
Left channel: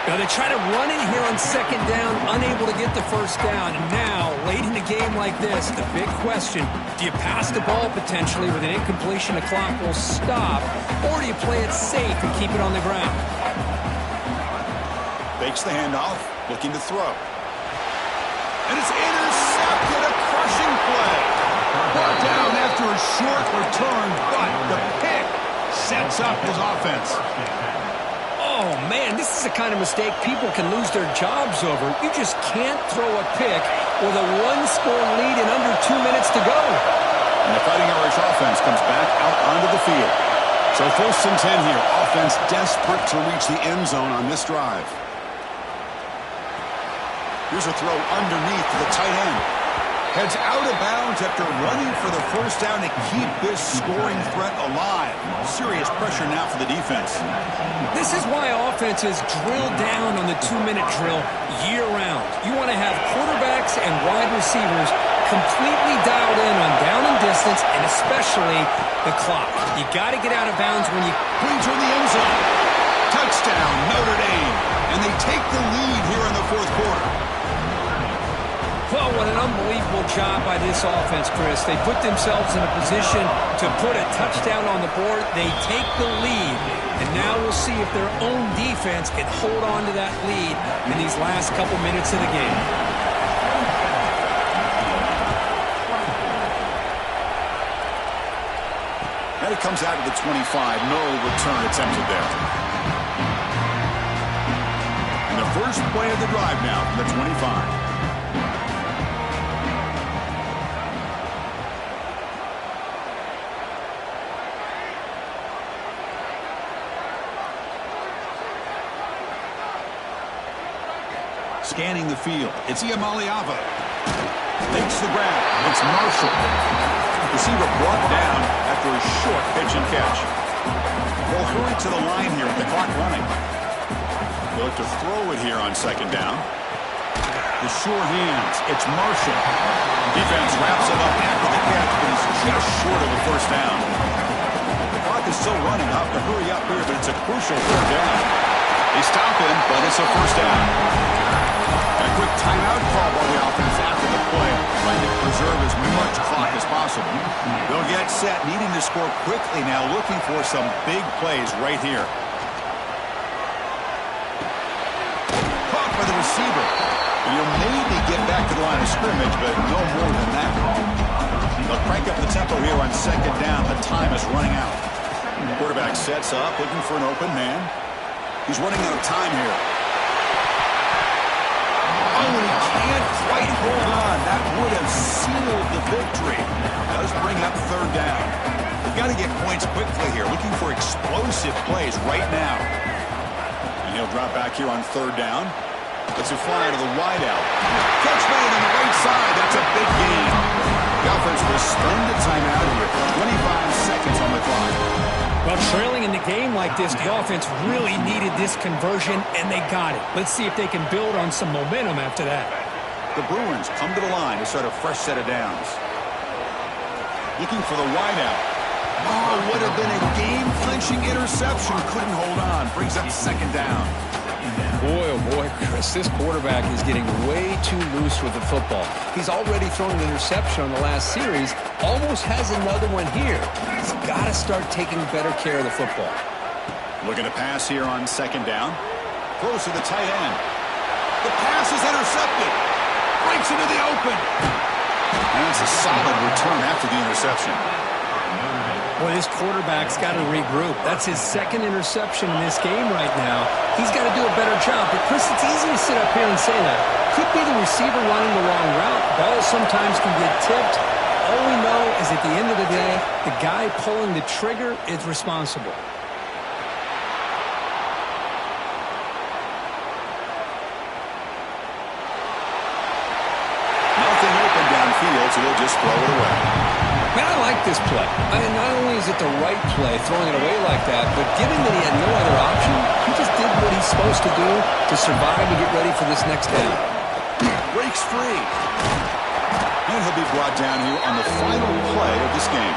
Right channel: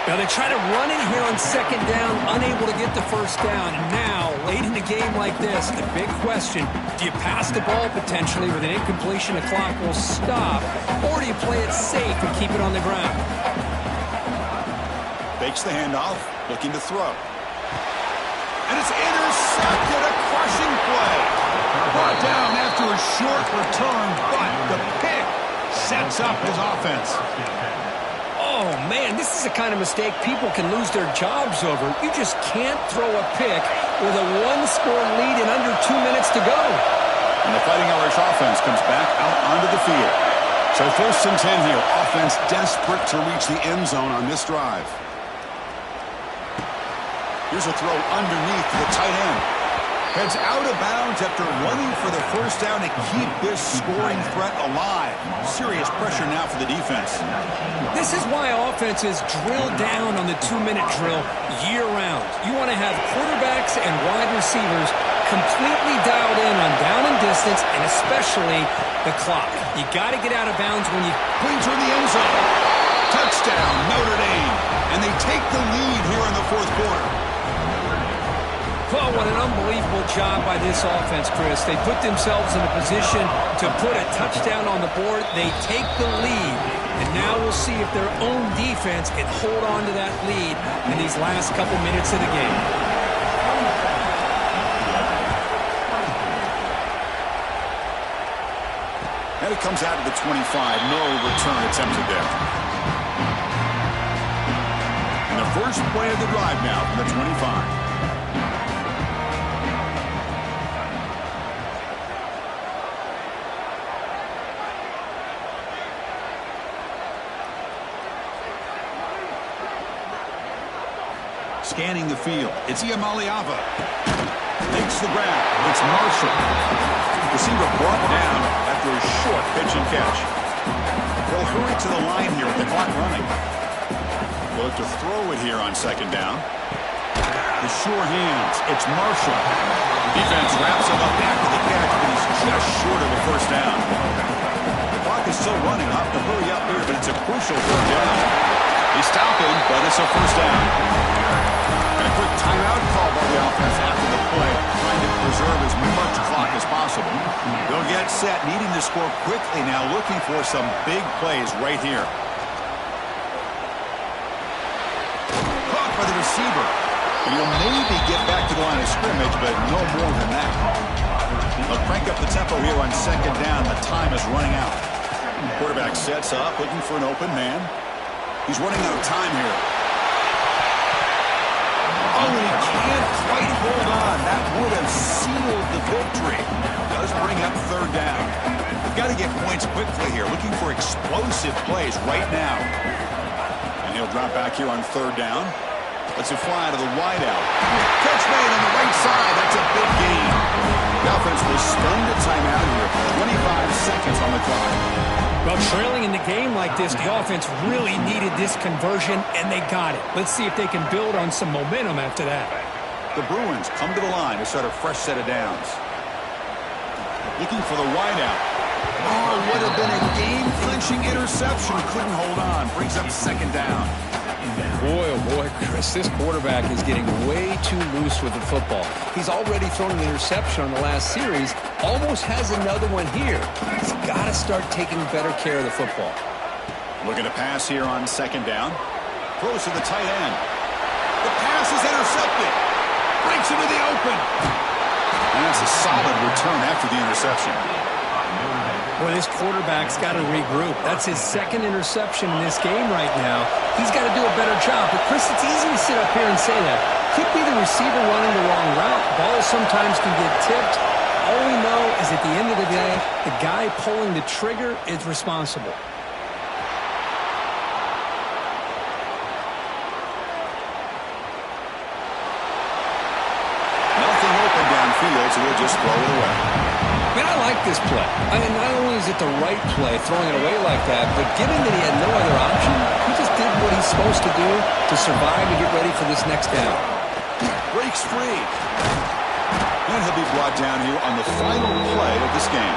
Now they try to run in here on second down, unable to get the first down. And now, late in a game like this, the big question, do you pass the ball potentially with an incompletion? The clock will stop, or do you play it safe and keep it on the ground? Fakes the handoff, looking to throw. And it's intercepted, a crushing play. Brought down after a short return, but the pick sets up his offense. Oh, man, this is the kind of mistake people can lose their jobs over. You just can't throw a pick with a one-score lead in under 2 minutes to go. And the Fighting Irish offense comes back out onto the field. So 1st and 10 here. Offense desperate to reach the end zone on this drive. Here's a throw underneath to the tight end. Heads out of bounds after running for the first down to keep this scoring threat alive. Serious pressure now for the defense. This is why offenses drill down on the 2-minute drill year-round. You want to have quarterbacks and wide receivers completely dialed in on down and distance, and especially the clock. You got to get out of bounds when you bring toward the end zone. Touchdown, Notre Dame. And they take the lead here in the 4th quarter. Well, what an unbelievable job by this offense, Chris. They put themselves in a position to put a touchdown on the board. They take the lead, and now we'll see if their own defense can hold on to that lead in these last couple minutes of the game. it comes out of the 25. No return attempted there. And the first play of the drive now from the 25. Scanning the field. It's Iamaliava. Makes the grab. It's Marshall. Receiver brought down after a short pitch and catch. They'll hurry to the line here with the clock running. They'll look to throw it here on second down. The sure hands. It's Marshall. Defense wraps him up after the catch, but he's just short of a first down. The clock is still running. I'll have to hurry up here, but it's a crucial third down. They stop him, but it's a first down. And a quick timeout call by the offense after the play, trying to preserve as much clock as possible. They'll get set, needing to score quickly now, looking for some big plays right here. Caught by the receiver. And he'll maybe get back to the line of scrimmage, but no more than that. They'll crank up the tempo here on second down. The time is running out. Quarterback sets up, looking for an open man. He's running out of time here. Oh, and he can't quite hold on. That would have sealed the victory. Does bring up third down. We've got to get points quickly here. Looking for explosive plays right now. And he'll drop back here on third down. Lets it fly out of the wideout. Catch made on the right side. That's a big gain. The offense will spend a timeout here. 25 seconds on the clock. Well, trailing in the game like this, the offense really needed this conversion, and they got it. Let's see if they can build on some momentum after that. The Bruins come to the line to start a fresh set of downs. Looking for the wideout. Oh, would have been a game-clinching interception. Couldn't hold on. Brings up second down. Boy, oh boy, Chris, this quarterback is getting way too loose with the football. He's already thrown an interception on the last series, almost has another one here. He's got to start taking better care of the football. Looking to pass here on second down. Throws to the tight end. The pass is intercepted. Breaks into the open. And that's a solid return after the interception. Boy, this quarterback's got to regroup. That's his second interception in this game right now. He's got to do a better job. But, Chris, it's easy to sit up here and say that. Could be the receiver running the wrong route. Balls sometimes can get tipped. All we know is at the end of the day, the guy pulling the trigger is responsible. Nothing open downfield, so he'll just throw it away. Man, I like this play. I mean, not only is it the right play, throwing it away like that, but given that he had no other option, he just did what he's supposed to do to survive and get ready for this next down. Breaks free. And he'll be brought down here on the final play of this game.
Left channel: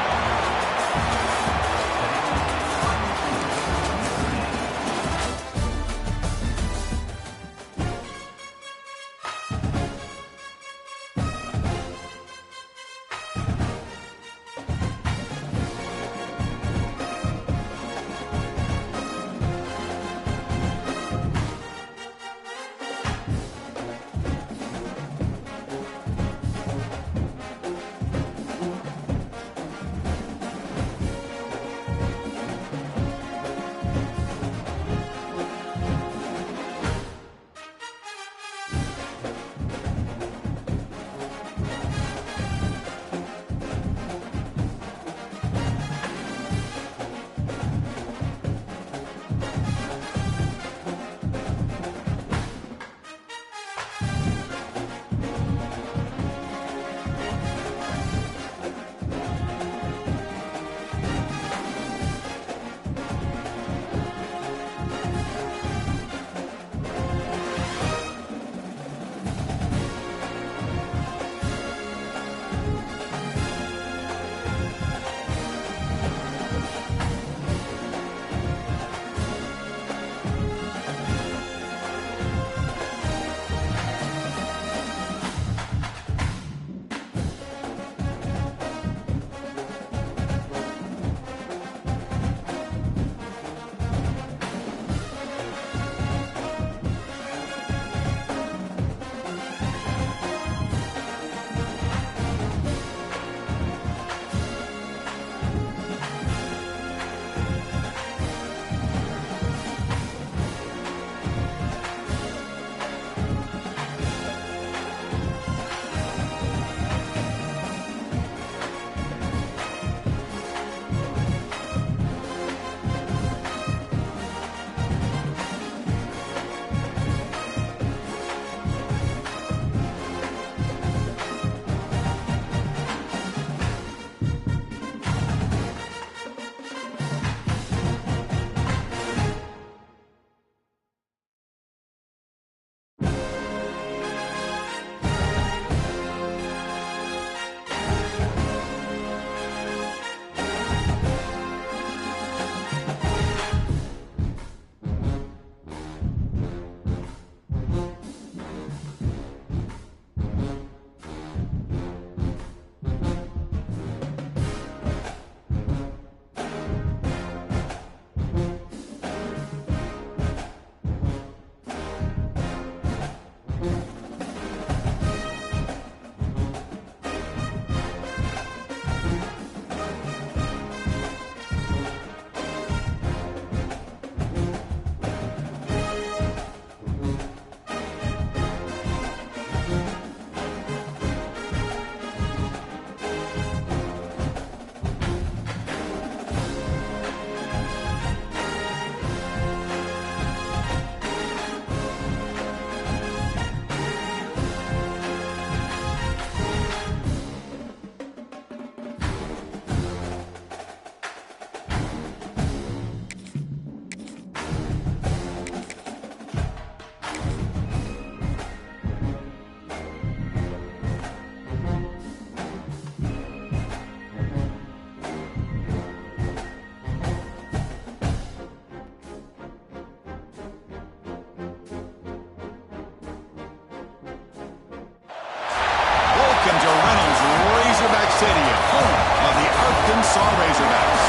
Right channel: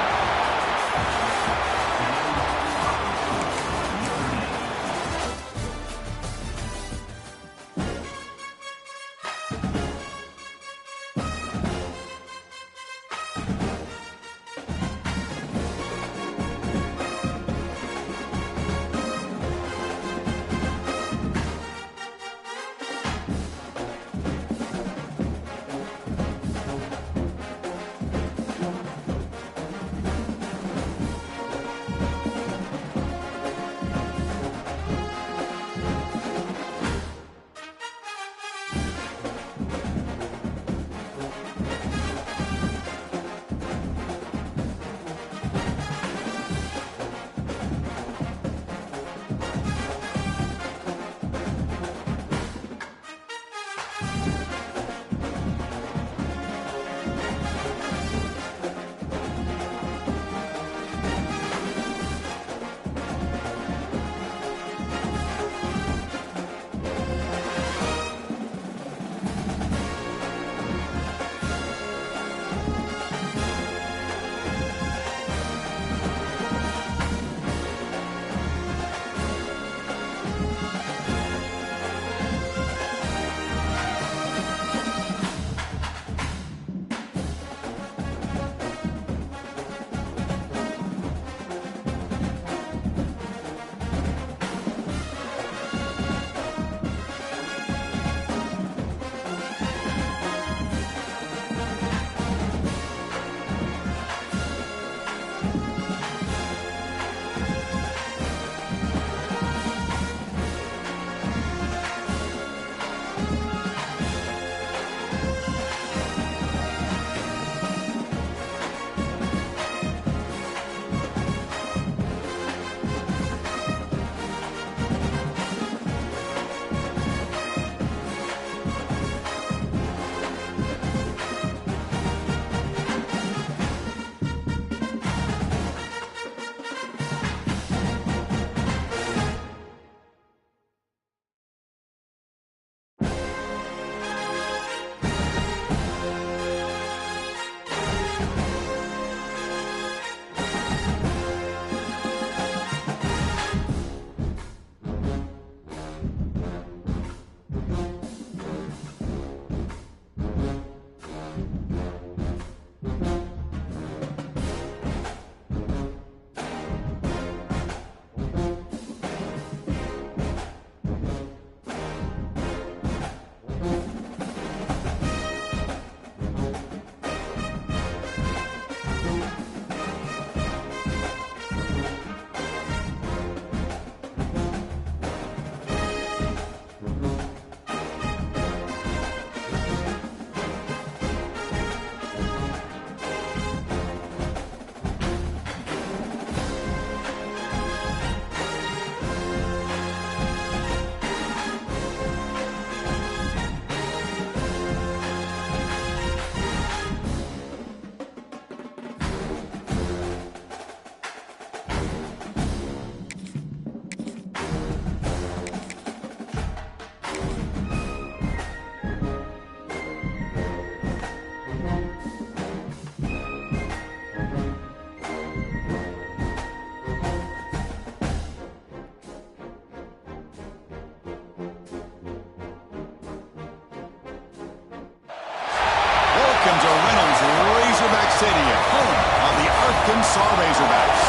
Razorback Stadium, home of the Arkansas Razorbacks.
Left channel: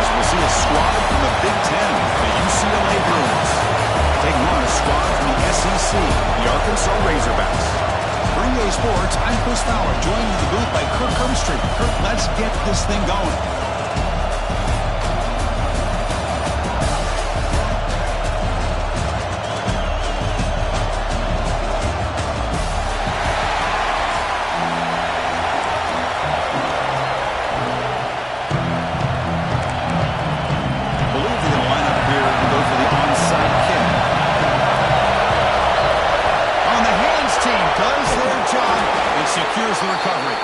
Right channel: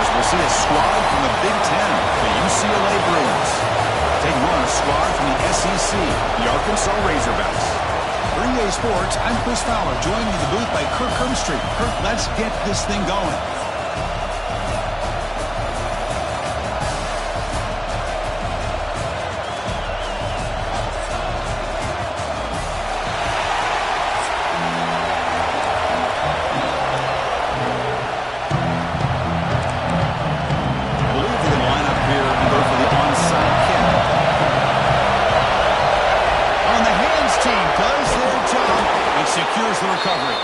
As we'll see a squad from the Big Ten, the UCLA Bruins, taking on a squad from the SEC, the Arkansas Razorbacks. For EA Sports, I'm Chris Fowler, joined in the booth by Kirk Herbstreit. Kirk, let's get this thing going. Secures the recovery.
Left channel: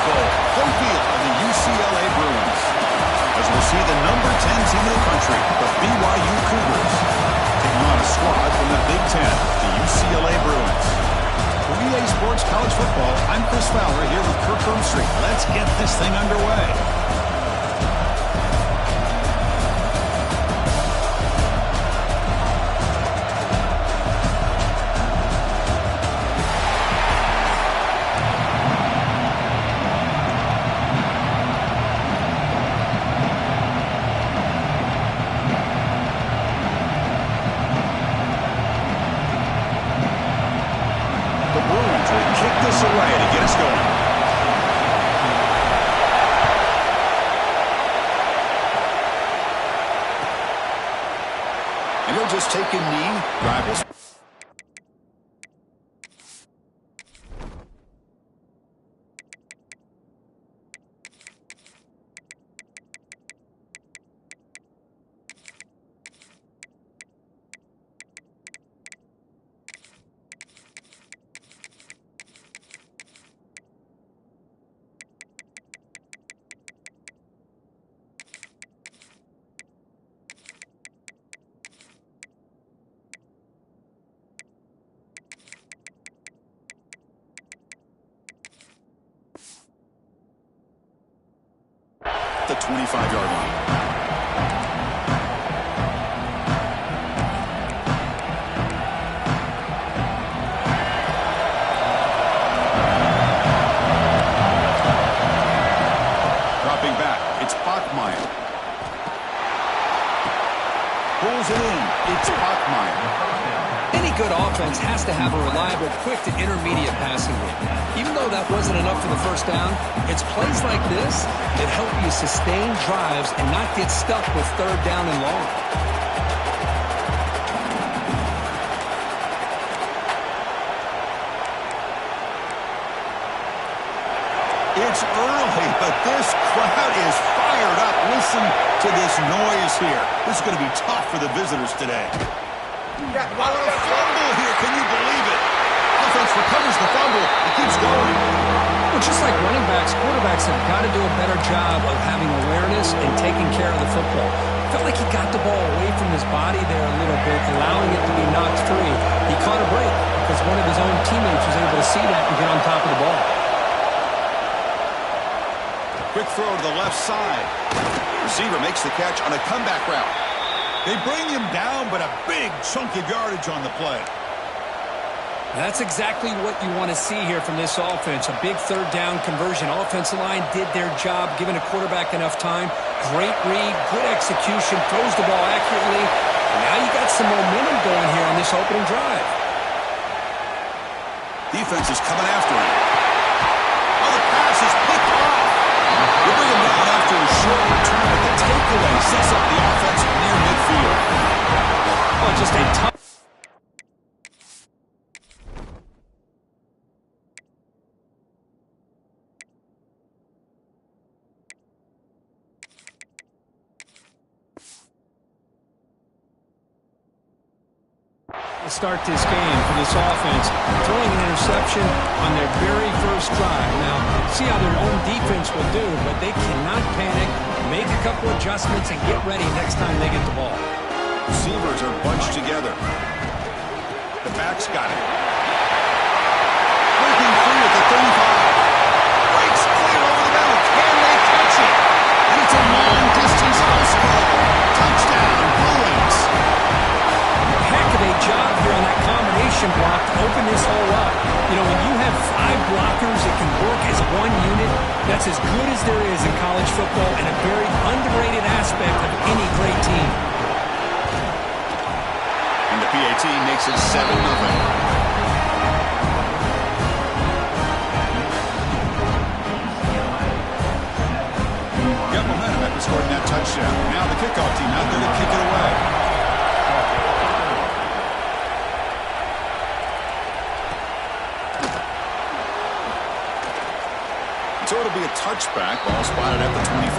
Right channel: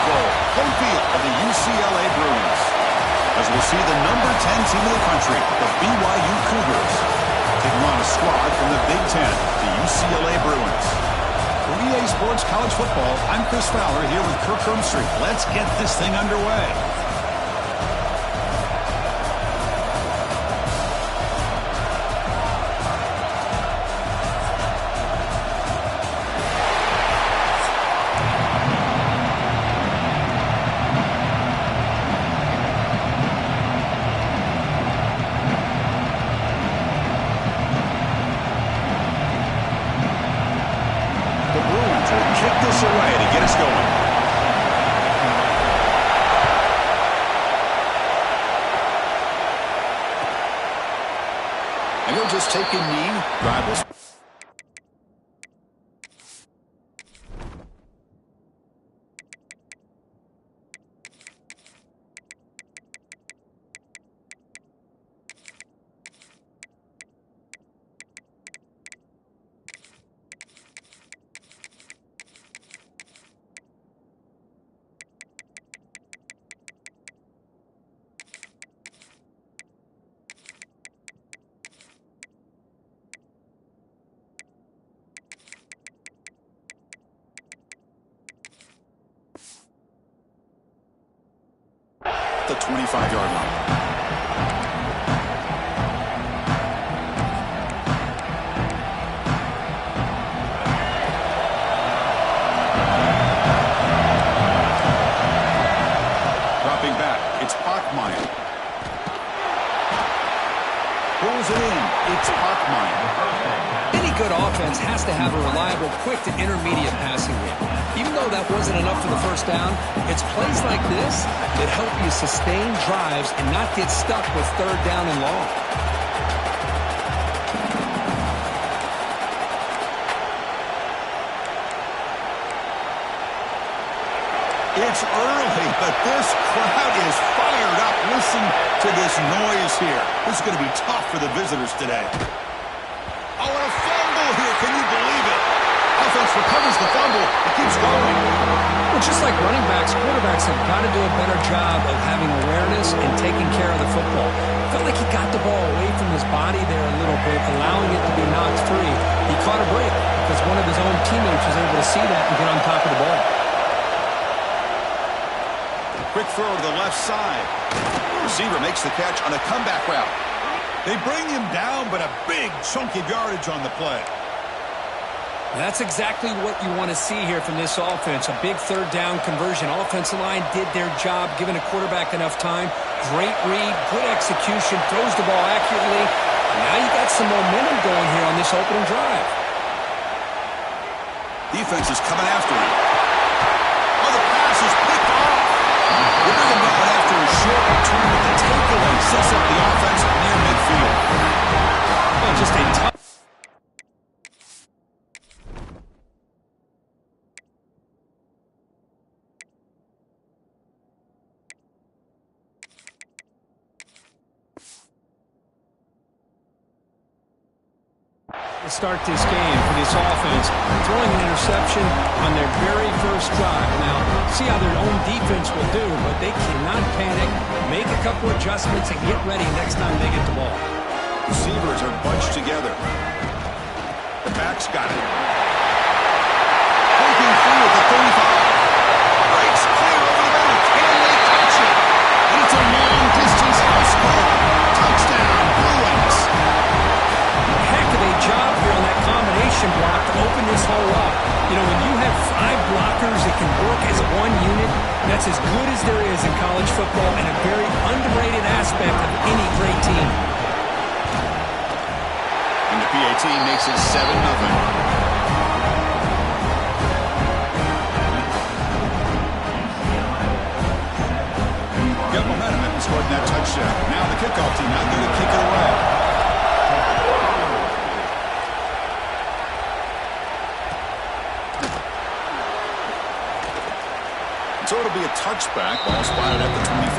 Home field of the UCLA Bruins. As we'll see the number 10 team in the country, the BYU Cougars, taking on a squad from the Big Ten, the UCLA Bruins. For EA Sports College Football, I'm Chris Fowler here with Kirk Herbstreit. Let's get this thing underway. Away to get us going. And he'll just take a knee. Rivals. The 25-yard line. Dropping back, it's Bachmeier. Pulls it in, it's Bachmeier. Any good offense has to have a reliable, quick to intermediate passing game. Even though that wasn't enough for the first down, it's plays like this that help you sustain drives and not get stuck with third down and long. It's early, but this crowd is fired up. Listen to this noise here. This is going to be tough for the visitors today. Oh, and a fumble here. Can you believe it? Offense recovers the fumble. It keeps going. Well, just like running backs, quarterbacks have got to do a better job of having awareness and taking care of the football. Felt like he got the ball away from his body there a little bit, allowing it to be knocked free. He caught a break because one of his own teammates was able to see that and get on top of the ball. Quick throw to the left side. Receiver makes the catch on a comeback route. They bring him down, but a big chunk of yardage on the play. That's exactly what you want to see here from this offense. A big third down conversion. Offensive line did their job, giving a quarterback enough time. Great read, good execution, throws the ball accurately. And now you got some momentum going here on this opening drive. Defense is coming after him. Oh, the pass is picked off. They bring him down after a short return, but the takeaway sets up the offense near midfield. Oh, just a tough. To start this game for this offense, throwing an interception on their very first drive. Now, see how their own defense will do, but they cannot panic, make a couple adjustments, and get ready next time they get the ball. Receivers are bunched together. The back's got it. Breaking free at the 35. Breaks clear over the middle. Can they catch it? And it's a long-distance house call. Touchdown, Bruins. Heck of a job here on that combination block to open this hole up. You know, when you have 5 blockers that can work as one unit, that's as good as there is in college football and a very underrated aspect of any great team. And the PAT makes it 7-0. Got momentum after scoring that touchdown. Now the kickoff team out there to kick it away. So it'll be a touchback. Ball spotted at the 25.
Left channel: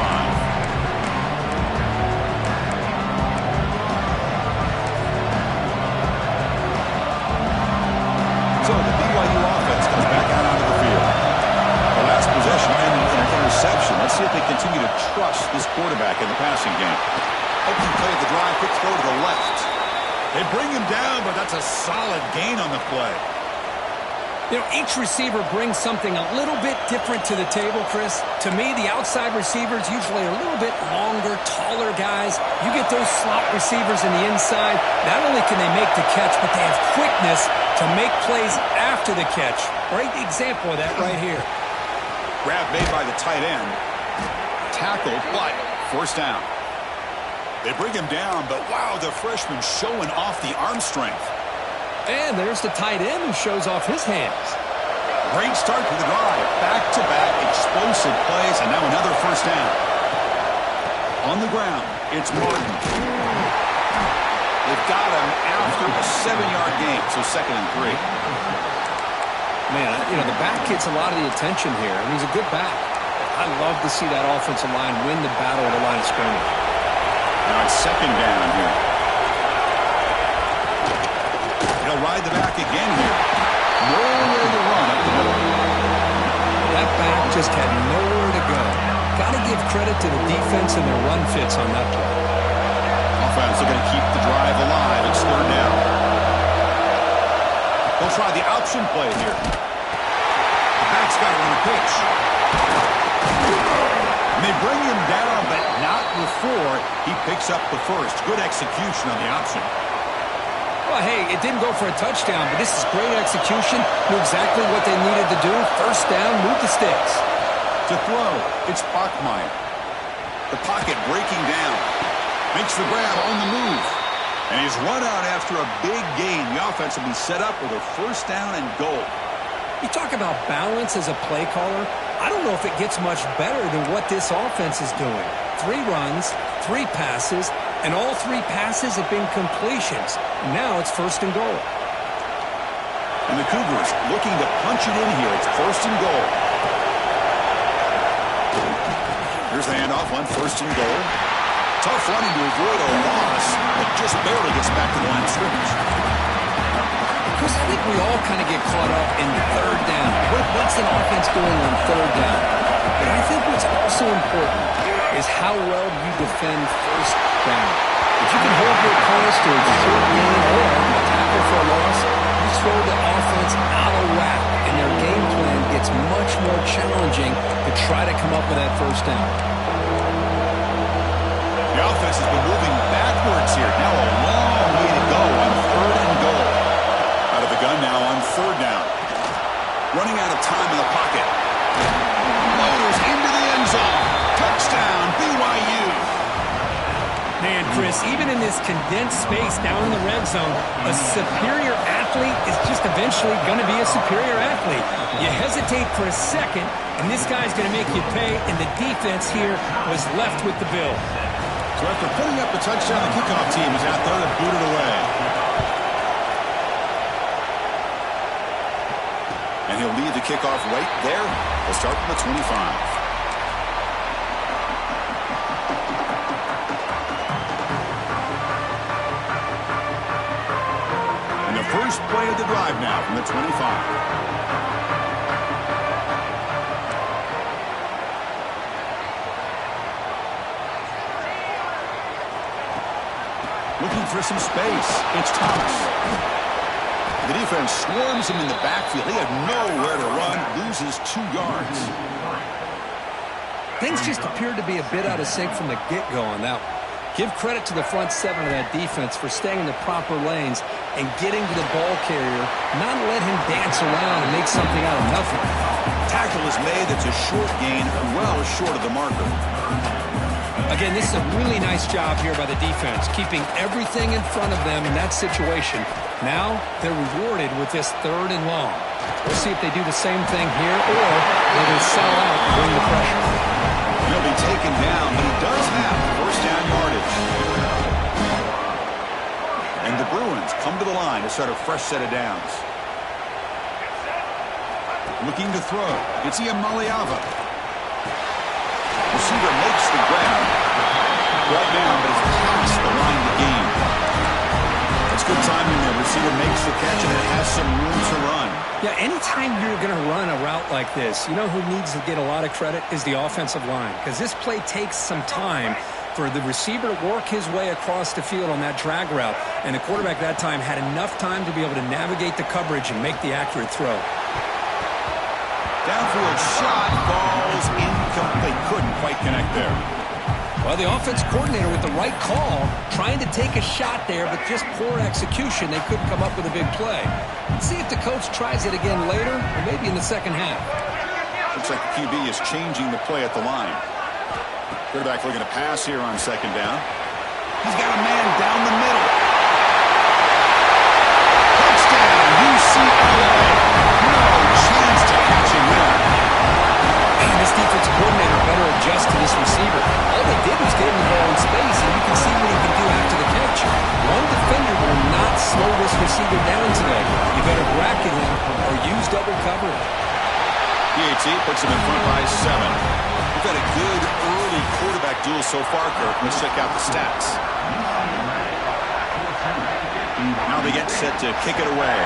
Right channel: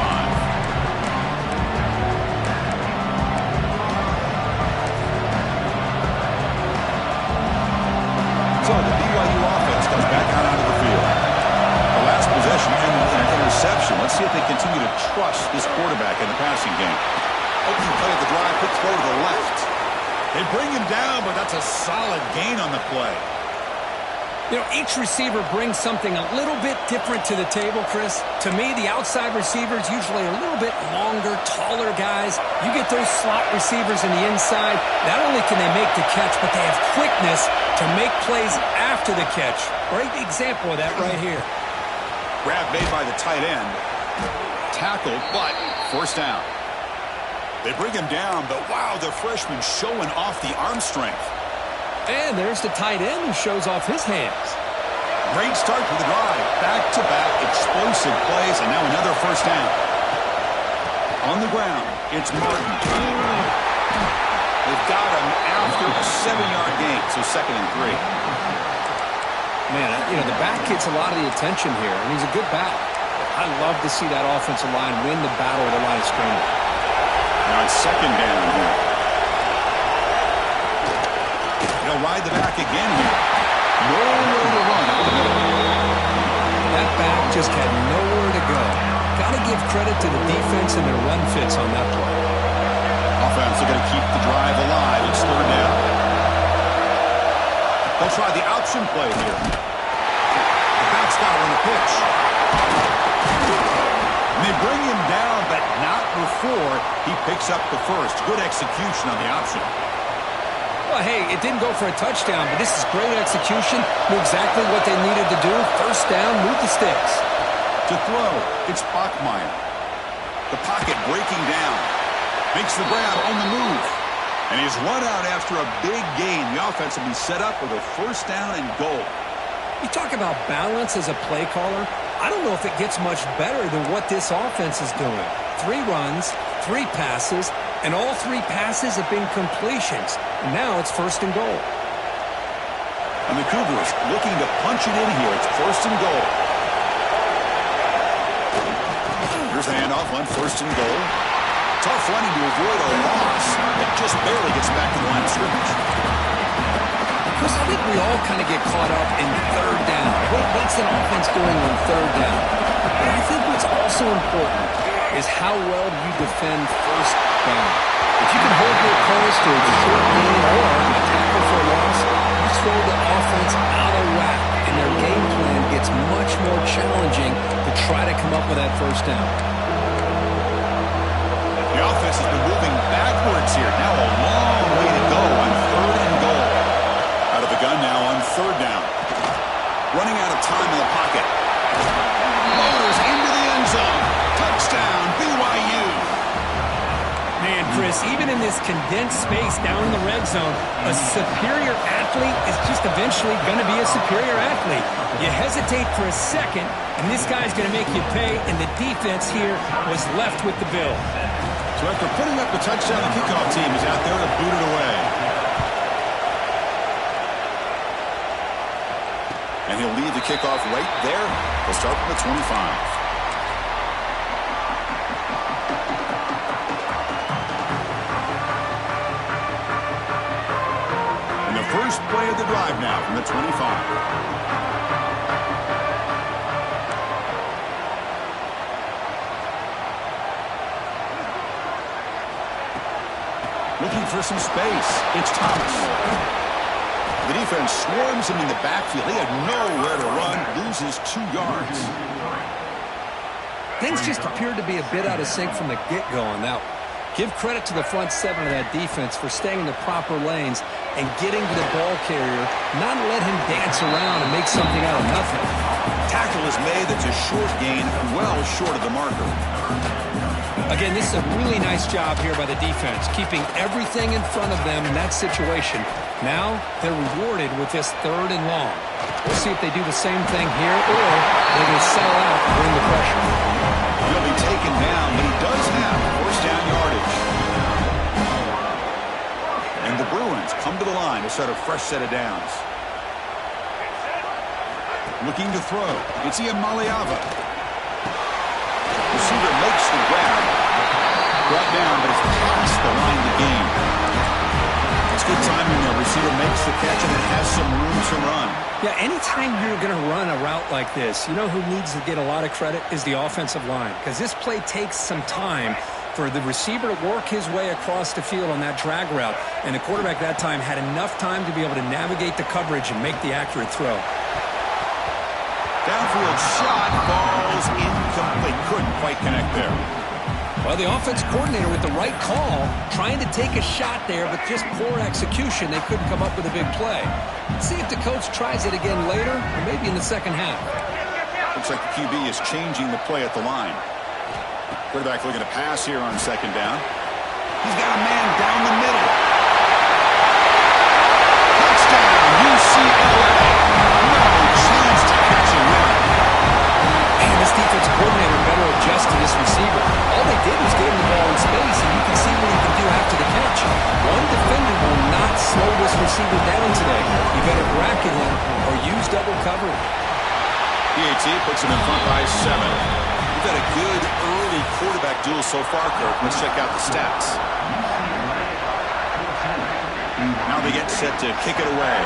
So the BYU offense comes back out onto the field. The last possession ended in an interception. Let's see if they continue to trust this quarterback in the passing game. Opening play of the drive, quick throw to the left. They bring him down, but that's a solid gain on the play. You know, each receiver brings something a little bit different to the table, Chris. To me, the outside receivers usually are a little bit longer, taller guys. You get those slot receivers in the inside, not only can they make the catch, but they have quickness to make plays after the catch. Great example of that right here. Grab made by the tight end. Tackled, but first down. They bring him down, but wow, the freshman showing off the arm strength. And there's the tight end who shows off his hands. Great start to the drive. Back-to-back explosive plays, and now another first down. On the ground, it's Martin. They've got him after a 7-yard gain, so 2nd and 3. Man, you know, the back gets a lot of the attention here, and he's a good back. I love to see that offensive line win the battle at the line of scrimmage. Now it's 2nd down here. He'll ride the back again here. Nowhere to run up the middle. That back just had nowhere to go. Got to give credit to the defense and their run fits on that play. Offense looking to keep the drive alive. It's 3rd down. They'll try the option play here. The back's got to run a pitch. And they bring him down, but not before he picks up the first. Good execution on the option. Well, hey, it didn't go for a touchdown, but this is great execution. Knew exactly what they needed to do. First down, move the sticks. To throw, it's Bachmeier. The pocket breaking down. Makes the grab on the move. And he's run out after a big gain. The offense will be set up with a first down and goal. You talk about balance as a play caller. I don't know if it gets much better than what this offense is doing. 3 runs, 3 passes, and all 3 passes have been completions. And now it's 1st and goal. And the Cougars looking to punch it in here. It's 1st and goal. Here's the handoff on 1st and goal. Tough running to avoid a loss, but just barely gets back to the line of scrimmage. Chris, I think we all kind of get caught up in 3rd down. What's an offense doing on 3rd down? But I think what's also important is how well you defend 1st down. If you can hold your opponents to a short gain or a tackle for a loss, you throw the offense out of whack, and their game plan gets much more challenging to try to come up with that 1st down. The offense has been moving backwards here. Now a long way to go on 3rd and goal. Out of the gun now on 3rd down. Running out of time in the pocket. Loaders into the end zone. Touchdown, BYU. Man, Chris, even in this condensed space down in the red zone, a superior athlete is just eventually going to be a superior athlete. You hesitate for a second, and this guy's going to make you pay, and the defense here was left with the bill. So after putting up the touchdown, the kickoff team is out there to boot it away. And he'll lead the kickoff right there. They'll start from the 25. First play of the drive now from the 25. Looking for some space. It's Thomas. The defense swarms him in the backfield. He had nowhere to run. Loses 2 yards. Things just appeared to be a bit out of sync from the get-go on that one. Give credit to the front 7 of that defense for staying in the proper lanes and getting to the ball carrier, not let him dance around and make something out of nothing. Tackle is made. That's a short gain, well short of the marker. Again, this is a really nice job here by the defense, keeping everything in front of them in that situation. Now they're rewarded with this 3rd and long. We'll see if they do the same thing here or they're going to settle out and bring the pressure. He'll be taken down, but he does have first down yardage. And the Bruins come to the line to start a fresh set of downs. Looking to throw. It's Iamaleava. Receiver makes the grab. Brought down, but it's past the line to gain. That's good timing there. Receiver makes the catch, and it has some room to run. Yeah, anytime you're going to run a route like this, you know who needs to get a lot of credit is the offensive line, because this play takes some time for the receiver to work his way across the field on that drag route, and the quarterback that time had enough time to be able to navigate the coverage and make the accurate throw. Downfield shot, falls incomplete. Couldn't quite connect there. Well, the offense coordinator with the right call, trying to take a shot there, but just poor execution. They couldn't come up with a big play. Let's see if the coach tries it again later, or maybe in the second half. Looks like the QB is changing the play at the line. Quarterback looking to pass here on 2nd down. He's got a man down the middle. Touchdown, UCLA. No chance to catch him there. Man, this defense coordinator better adjust to this receiver. All they did was give him the ball in space, and you can see what he can do after the catch. One defender will not slow this receiver down today. You better bracket him or use double coverage. PAT puts him in front by 7. We've had a good early quarterback duel so far, Kirk. Let's check out the stats. Now they get set to kick it away.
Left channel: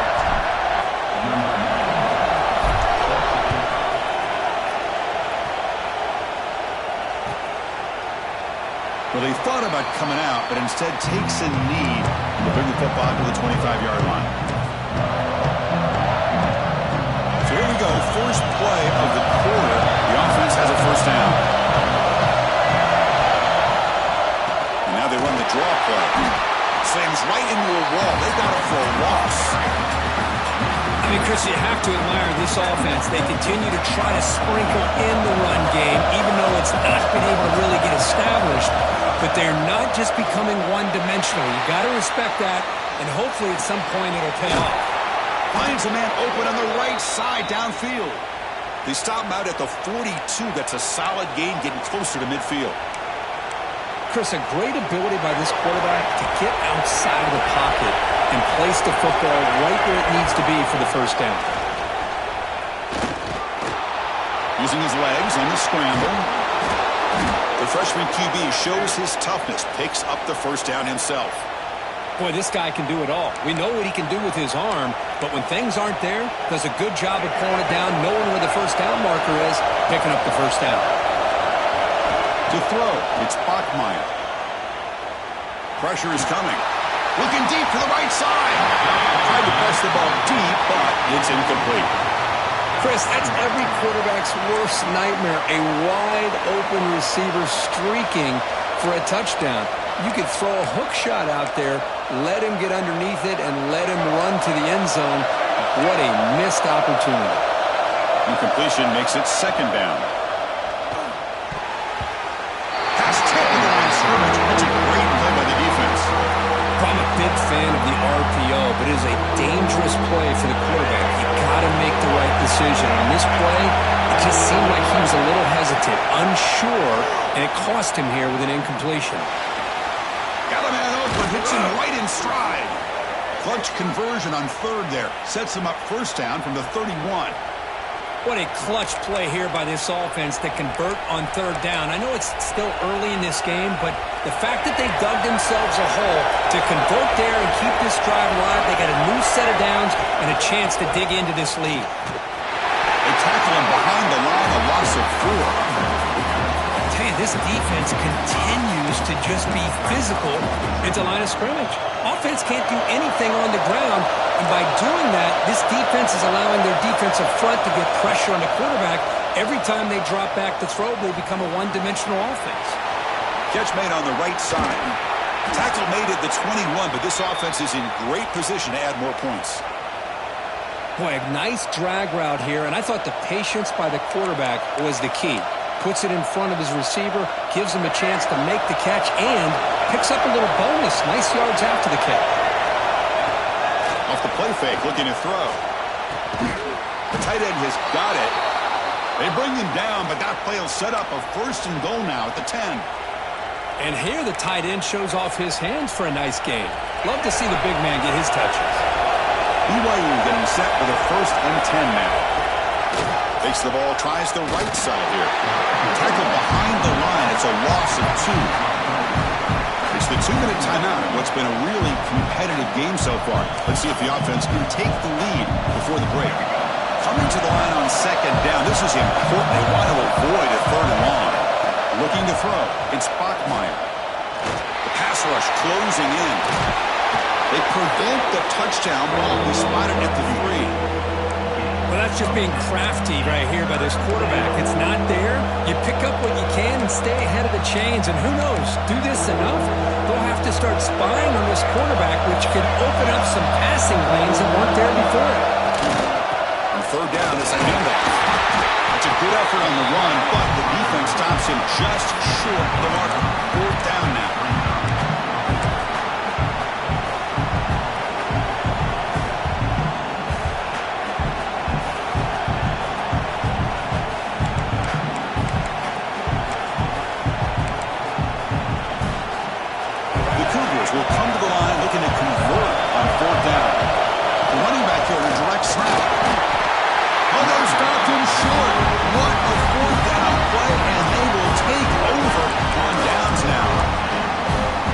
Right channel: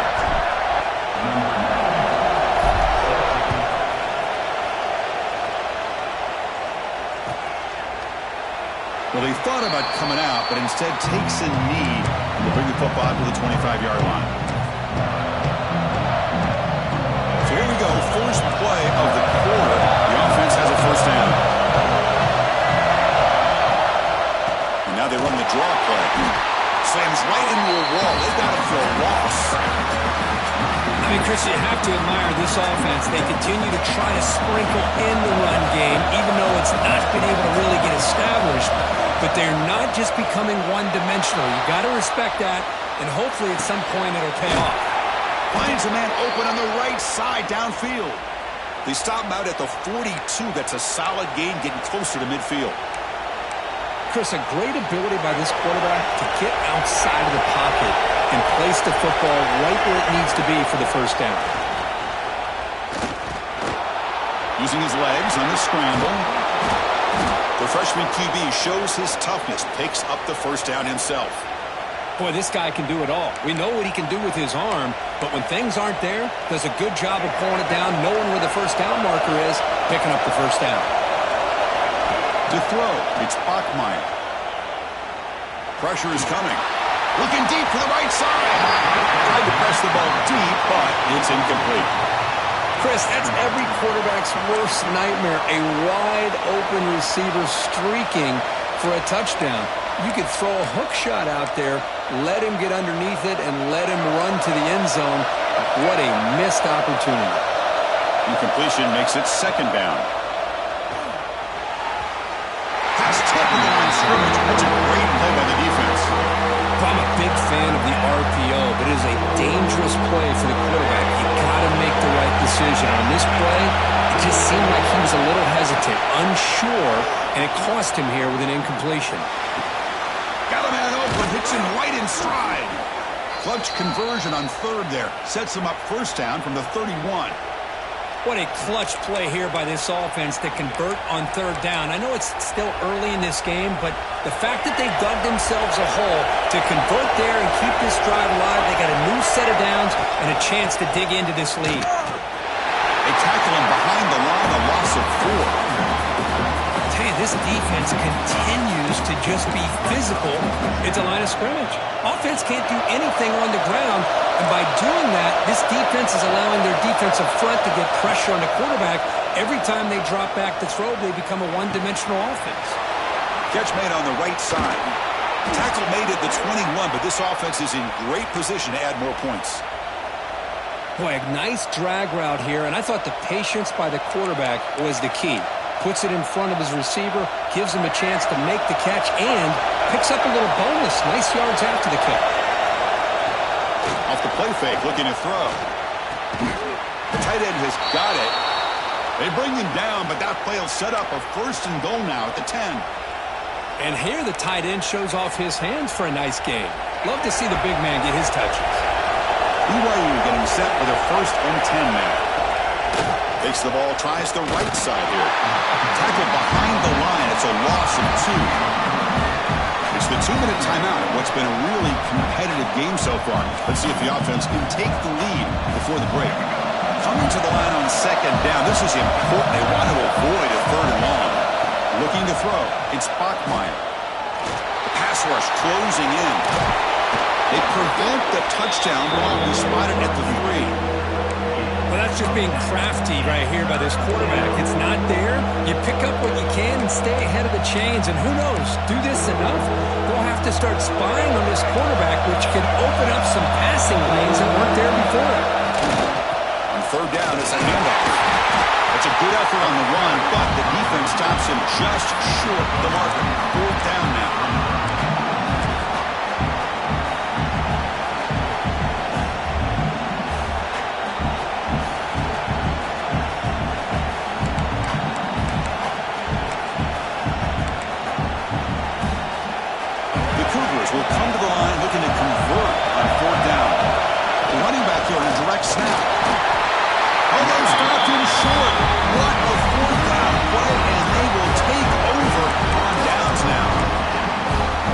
Well, they thought about coming out, but instead takes a knee to bring the football to the 25-yard line. So here we go, first play of the quarter. The offense has a first down. And now they run the draw play. Slams right into a wall. They've got him for a loss. I mean, Chris, you have to admire this offense. They continue to try to sprinkle in the run game, even though it's not been able to really get established. But they're not just becoming one-dimensional. You got to respect that, and hopefully at some point it'll pay off. Finds a man open on the right side downfield. They stop him out at the 42. That's a solid gain, getting closer to midfield. Chris, a great ability by this quarterback to get outside of the pocket and place the football right where it needs to be for the first down. Using his legs on the scramble. The freshman QB shows his toughness, picks up the first down himself. Boy, this guy can do it all. We know what he can do with his arm, but when things aren't there, does a good job of pulling it down, knowing where the first down marker is, picking up the first down. To throw, it's Bachmeier. Pressure is coming. Looking deep to the right side. Tried to press the ball deep, but it's incomplete. Chris, that's every quarterback's worst nightmare, a wide-open receiver streaking for a touchdown. You could throw a hook shot out there, let him get underneath it, and let him run to the end zone. What a missed opportunity. Incompletion makes it second down. Pass tipped to the line of scrimmage. That's a great play by the defense. I'm a big fan of the RPO, but it is a dangerous play for the quarterback. You got to make the right decision. On this play, it just seemed like he was a little hesitant, unsure, and it cost him here with an incompletion. Got a man open, hits him right in stride. Clutch conversion on third there. Sets him up first down from the 31. What a clutch play here by this offense to convert on third down. I know it's still early in this game, but the fact that they dug themselves a hole to convert there and keep this drive alive, they got a new set of downs and a chance to dig into this lead. They tackle him behind the line, a loss of 4. I tell you, this defense continues to just be physical at the line of scrimmage. Offense can't do anything on the ground, and by doing that, this defense is allowing their defensive front to get pressure on the quarterback. Every time they drop back to throw, they become a one-dimensional offense. Catch made on the right side. Tackle made at the 21, but this offense is in great position to add more points. Boy, a nice drag route here, and I thought the patience by the quarterback was the key. Puts it in front of his receiver, gives him a chance to make the catch, and picks up a little bonus. Nice yards after the catch. Off the play fake, looking to throw. The tight end has got it. They bring him down, but that play will set up a first and goal now at the 10. And here the tight end shows off his hands for a nice game. Love to see the big man get his touches. BYU getting set for their first and 10 now. Takes the ball, tries the right side here. Tackled behind the line. It's a loss of 2. It's the 2-minute timeout of what's been a really competitive game so far. Let's see if the offense can take the lead before the break. Coming to the line on second down. This is important. They want to avoid a third and long. Looking to throw. It's Bachmeier. The pass rush closing in. They prevent the touchdown ball. We spot it at the 3. Well, that's just being crafty right here by this quarterback. It's not there. You pick up what you can and stay ahead of the chains. And who knows, do this enough, they'll have to start spying on this quarterback, which can open up some passing lanes that weren't there before. On third down, it's a handoff. That's a good effort on the run, but the defense stops him just short of the marker. Fourth down now. Will come to the line looking to convert on fourth down. The running back here in a direct snap. Oh, they stopped him short. What a fourth down play, and they will take over on downs now.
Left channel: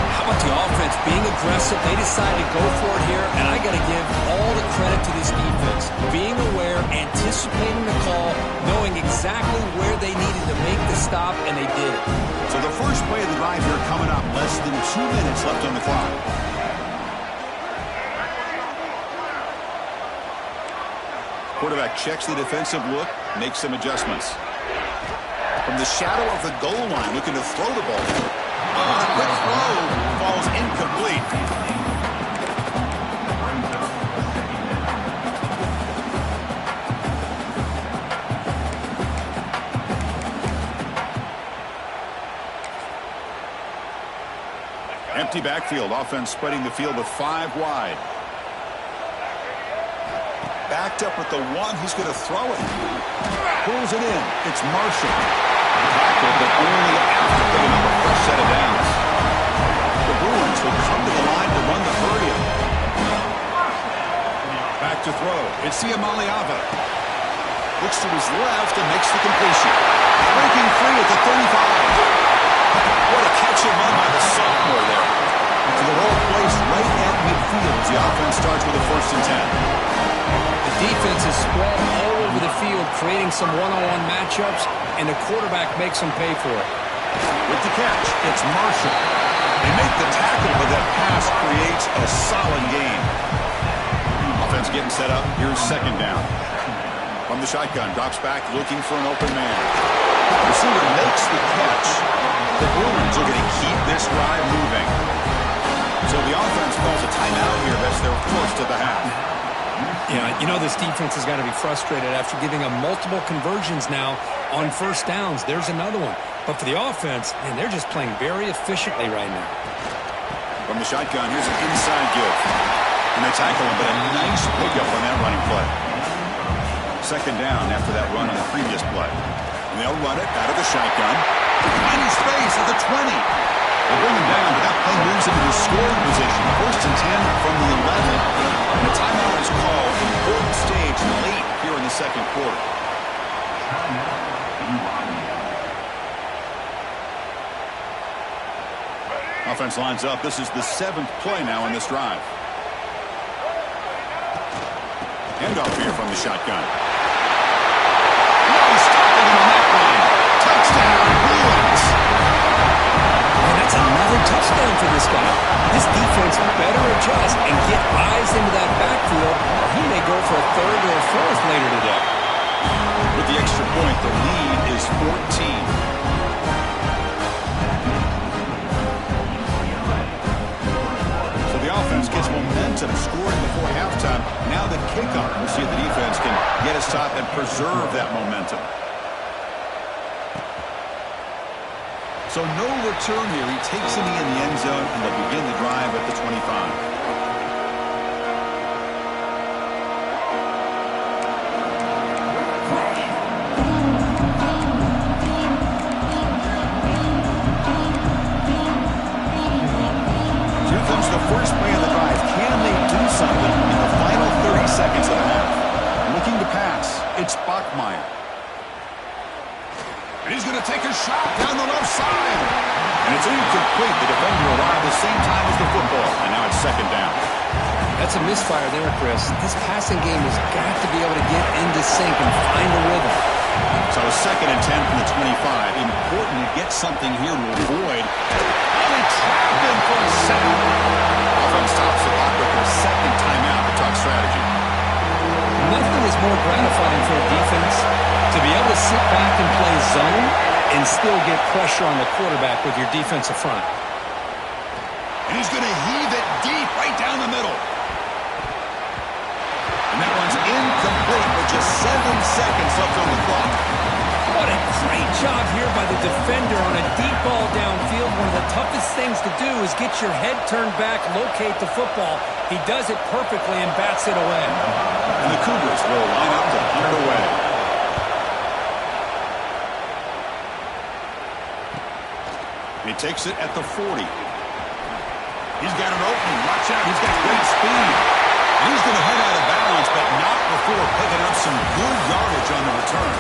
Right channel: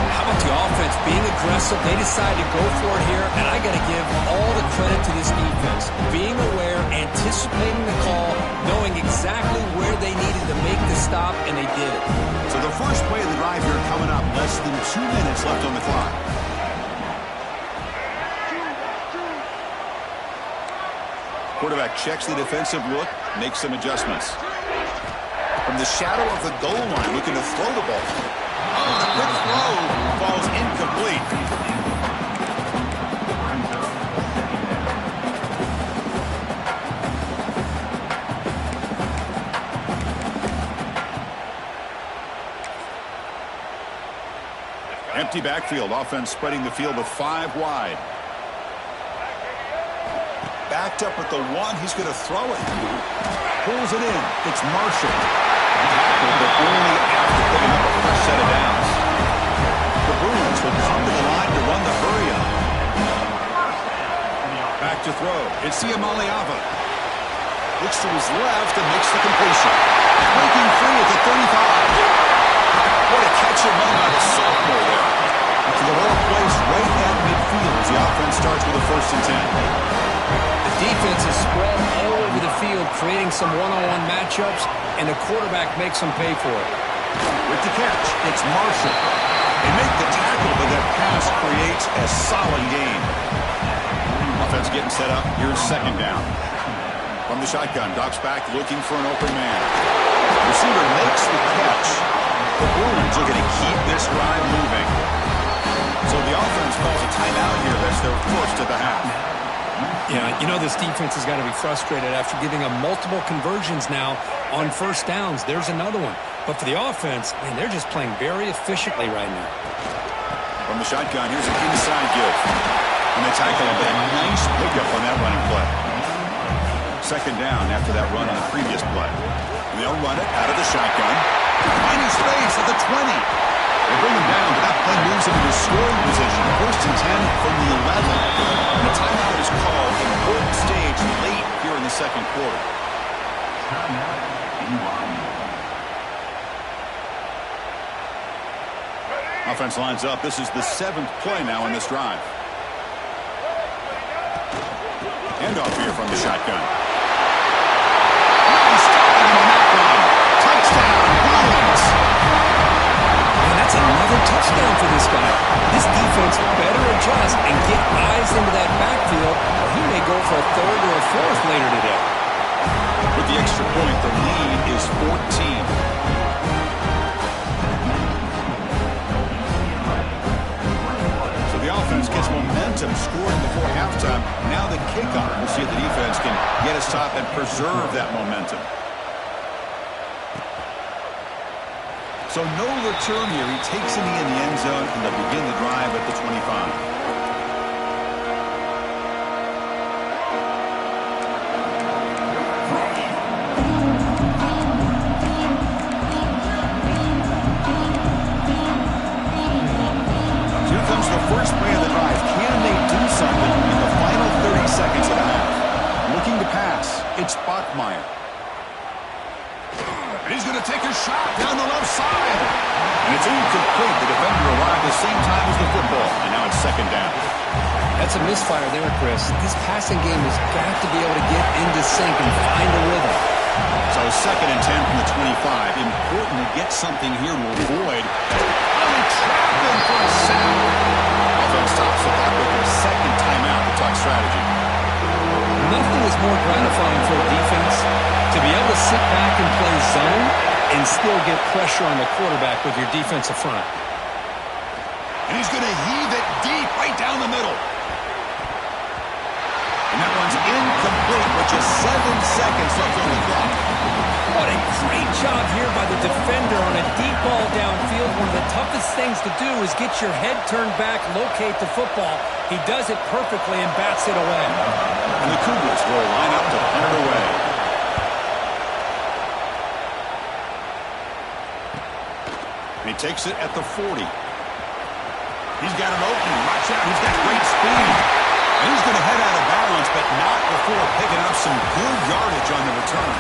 How about the offense being aggressive? They decided to go for it here, and I got to give all the credit to this defense. Being aware, anticipating the call, knowing exactly where they needed to make the stop, and they did it. So the first play of the drive here coming up. Less than 2 minutes left on the clock. Quarterback checks the defensive look, makes some adjustments. From the shadow of the goal line, looking to throw the ball. Oh, a quick throw falls incomplete. Empty backfield. Offense spreading the field with 5 wide. Backed up at the 1. He's going to throw it. Pulls it in. It's Marshall. Tackled, but only after picking up a fresh set of downs. The Bruins will come to the line to run the hurry-up. Back to throw. It's Siamaliava. Looks to his left and makes the completion. Breaking free at the 35. What a catch and run by the sophomore there. To the ball placed right at midfield as the offense starts with a first and 10. The defense is spread all over the field, creating some one-on-one matchups, and the quarterback makes them pay for it. With the catch, it's Marshall. They make the tackle, but that pass creates a solid gain. Offense getting set up. Here's second down. From the shotgun, drops back looking for an open man. Receiver makes the catch. The Bruins are going to keep this drive moving. So the offense calls a timeout here. That's their first of the half. Yeah, you know this defense has got to be frustrated after giving up multiple conversions now on first downs. There's another one. But for the offense, man, they're just playing very efficiently right now. From the shotgun, here's an inside give. And they tackle him, but a nice pickup on that running play. Second down after that run on the previous play. And they'll run it out of the shotgun. Finding space at the 20. They bring him down, but that play moves him into scoring position. First and 10 from the 11. And a timeout is called. Important stage late here in the second quarter. Offense lines up. This is the 7th play now in this drive. Handoff here from the shotgun. Nice stopping him on that run. Touchdown, Bruins. And that's another touchdown for this guy. This defense better adjust and get eyes into that backfield, or he may go for a third or a fourth later today. With the extra point, the lead is 14. So the offense gets momentum, scoring before halftime. Now the kickoff. We'll see if the defense can get a stop and preserve that momentum. So no return here. He takes it in the end zone, and they'll begin the drive at the 25. The first play of the drive. Can they do something in the final 30 seconds of the half? Looking to pass. It's Bachmeier. And he's going to take a shot down the left side. And it's incomplete. The defender arrived the same time as the football. And now it's second down. That's a misfire there, Chris. His passing game has got to be able to get into sync and find a rhythm. So second and 10 from the 25. Important to get something here to avoid. Really trapped him for a sack. Offense stops the clock with their second timeout to talk strategy. Nothing is more gratifying for a defense to be able to sit back and play zone and still get pressure on the quarterback with your defensive front. And he's going to heave it deep right down the middle. And that one's incomplete with just 7 seconds left on the clock. What a great job here by the defender on a deep ball downfield. One of the toughest things to do is get your head turned back, locate the football. He does it perfectly and bats it away. And the Cougars will line up to punt it away. He takes it at the 40. He's got an opening. Watch out. He's got great speed. And he's going to head out of bounds, but not before picking up some good yardage on the return.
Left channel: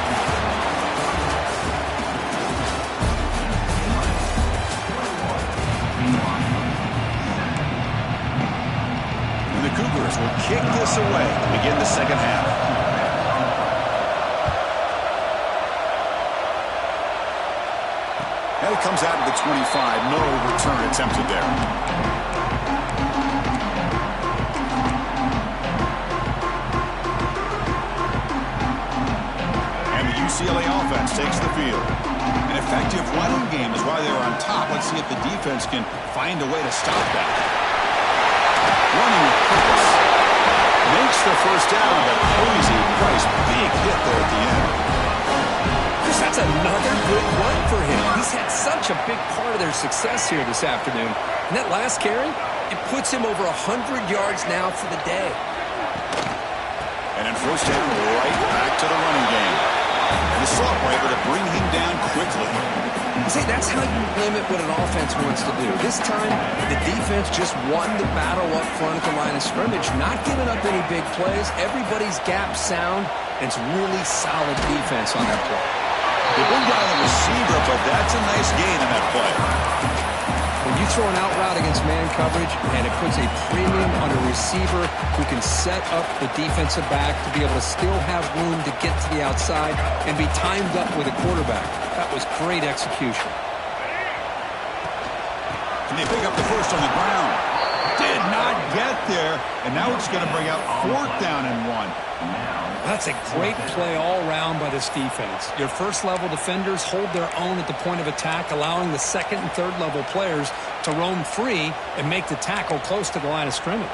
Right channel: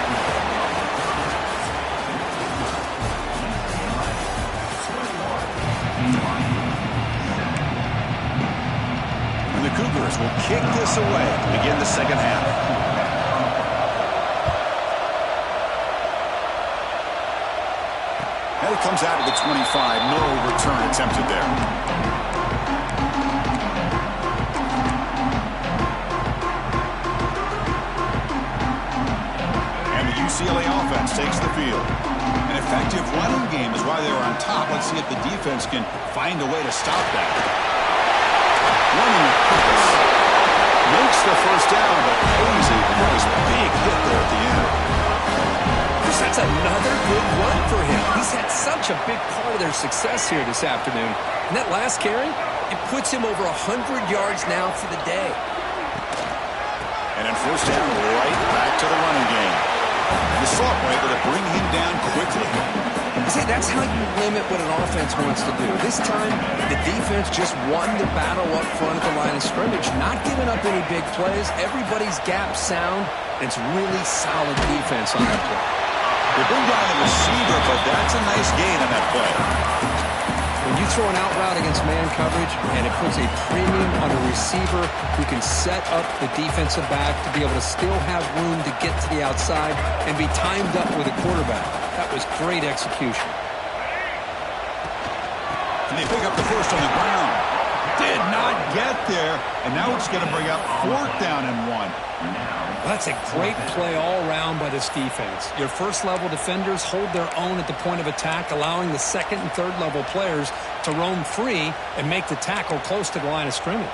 And the Cougars will kick this away to begin the second half. And it comes out of the 25. No return attempted there. UCLA offense takes the field. An effective running game is why they were on top. Let's see if the defense can find a way to stop that. Running with purpose. Makes the first down, but pays a price. Big hit there at the end. Chris, that's another good run for him. He's had such a big part of their success here this afternoon. And that last carry, it puts him over 100 yards now for the day. And then first down, right back to the running game. The Salt were able to bring him down quickly. See, that's how you limit what an offense wants to do. This time, the defense just won the battle up front at the line of scrimmage, not giving up any big plays. Everybody's gap sound. It's really solid defense on that play. They bring down the receiver, but that's a nice gain on that play. When you throw an out route against man coverage, and it puts a premium on a receiver who can set up the defensive back to be able to still have room to get to the outside and be timed up with a quarterback. That was great execution. And they pick up the first on the ground. Did not get there, and now it's going to bring up 4th down and 1. That's a great play all around by this defense. Your first-level defenders hold their own at the point of attack, allowing the second and third-level players to roam free and make the tackle close to the line of scrimmage.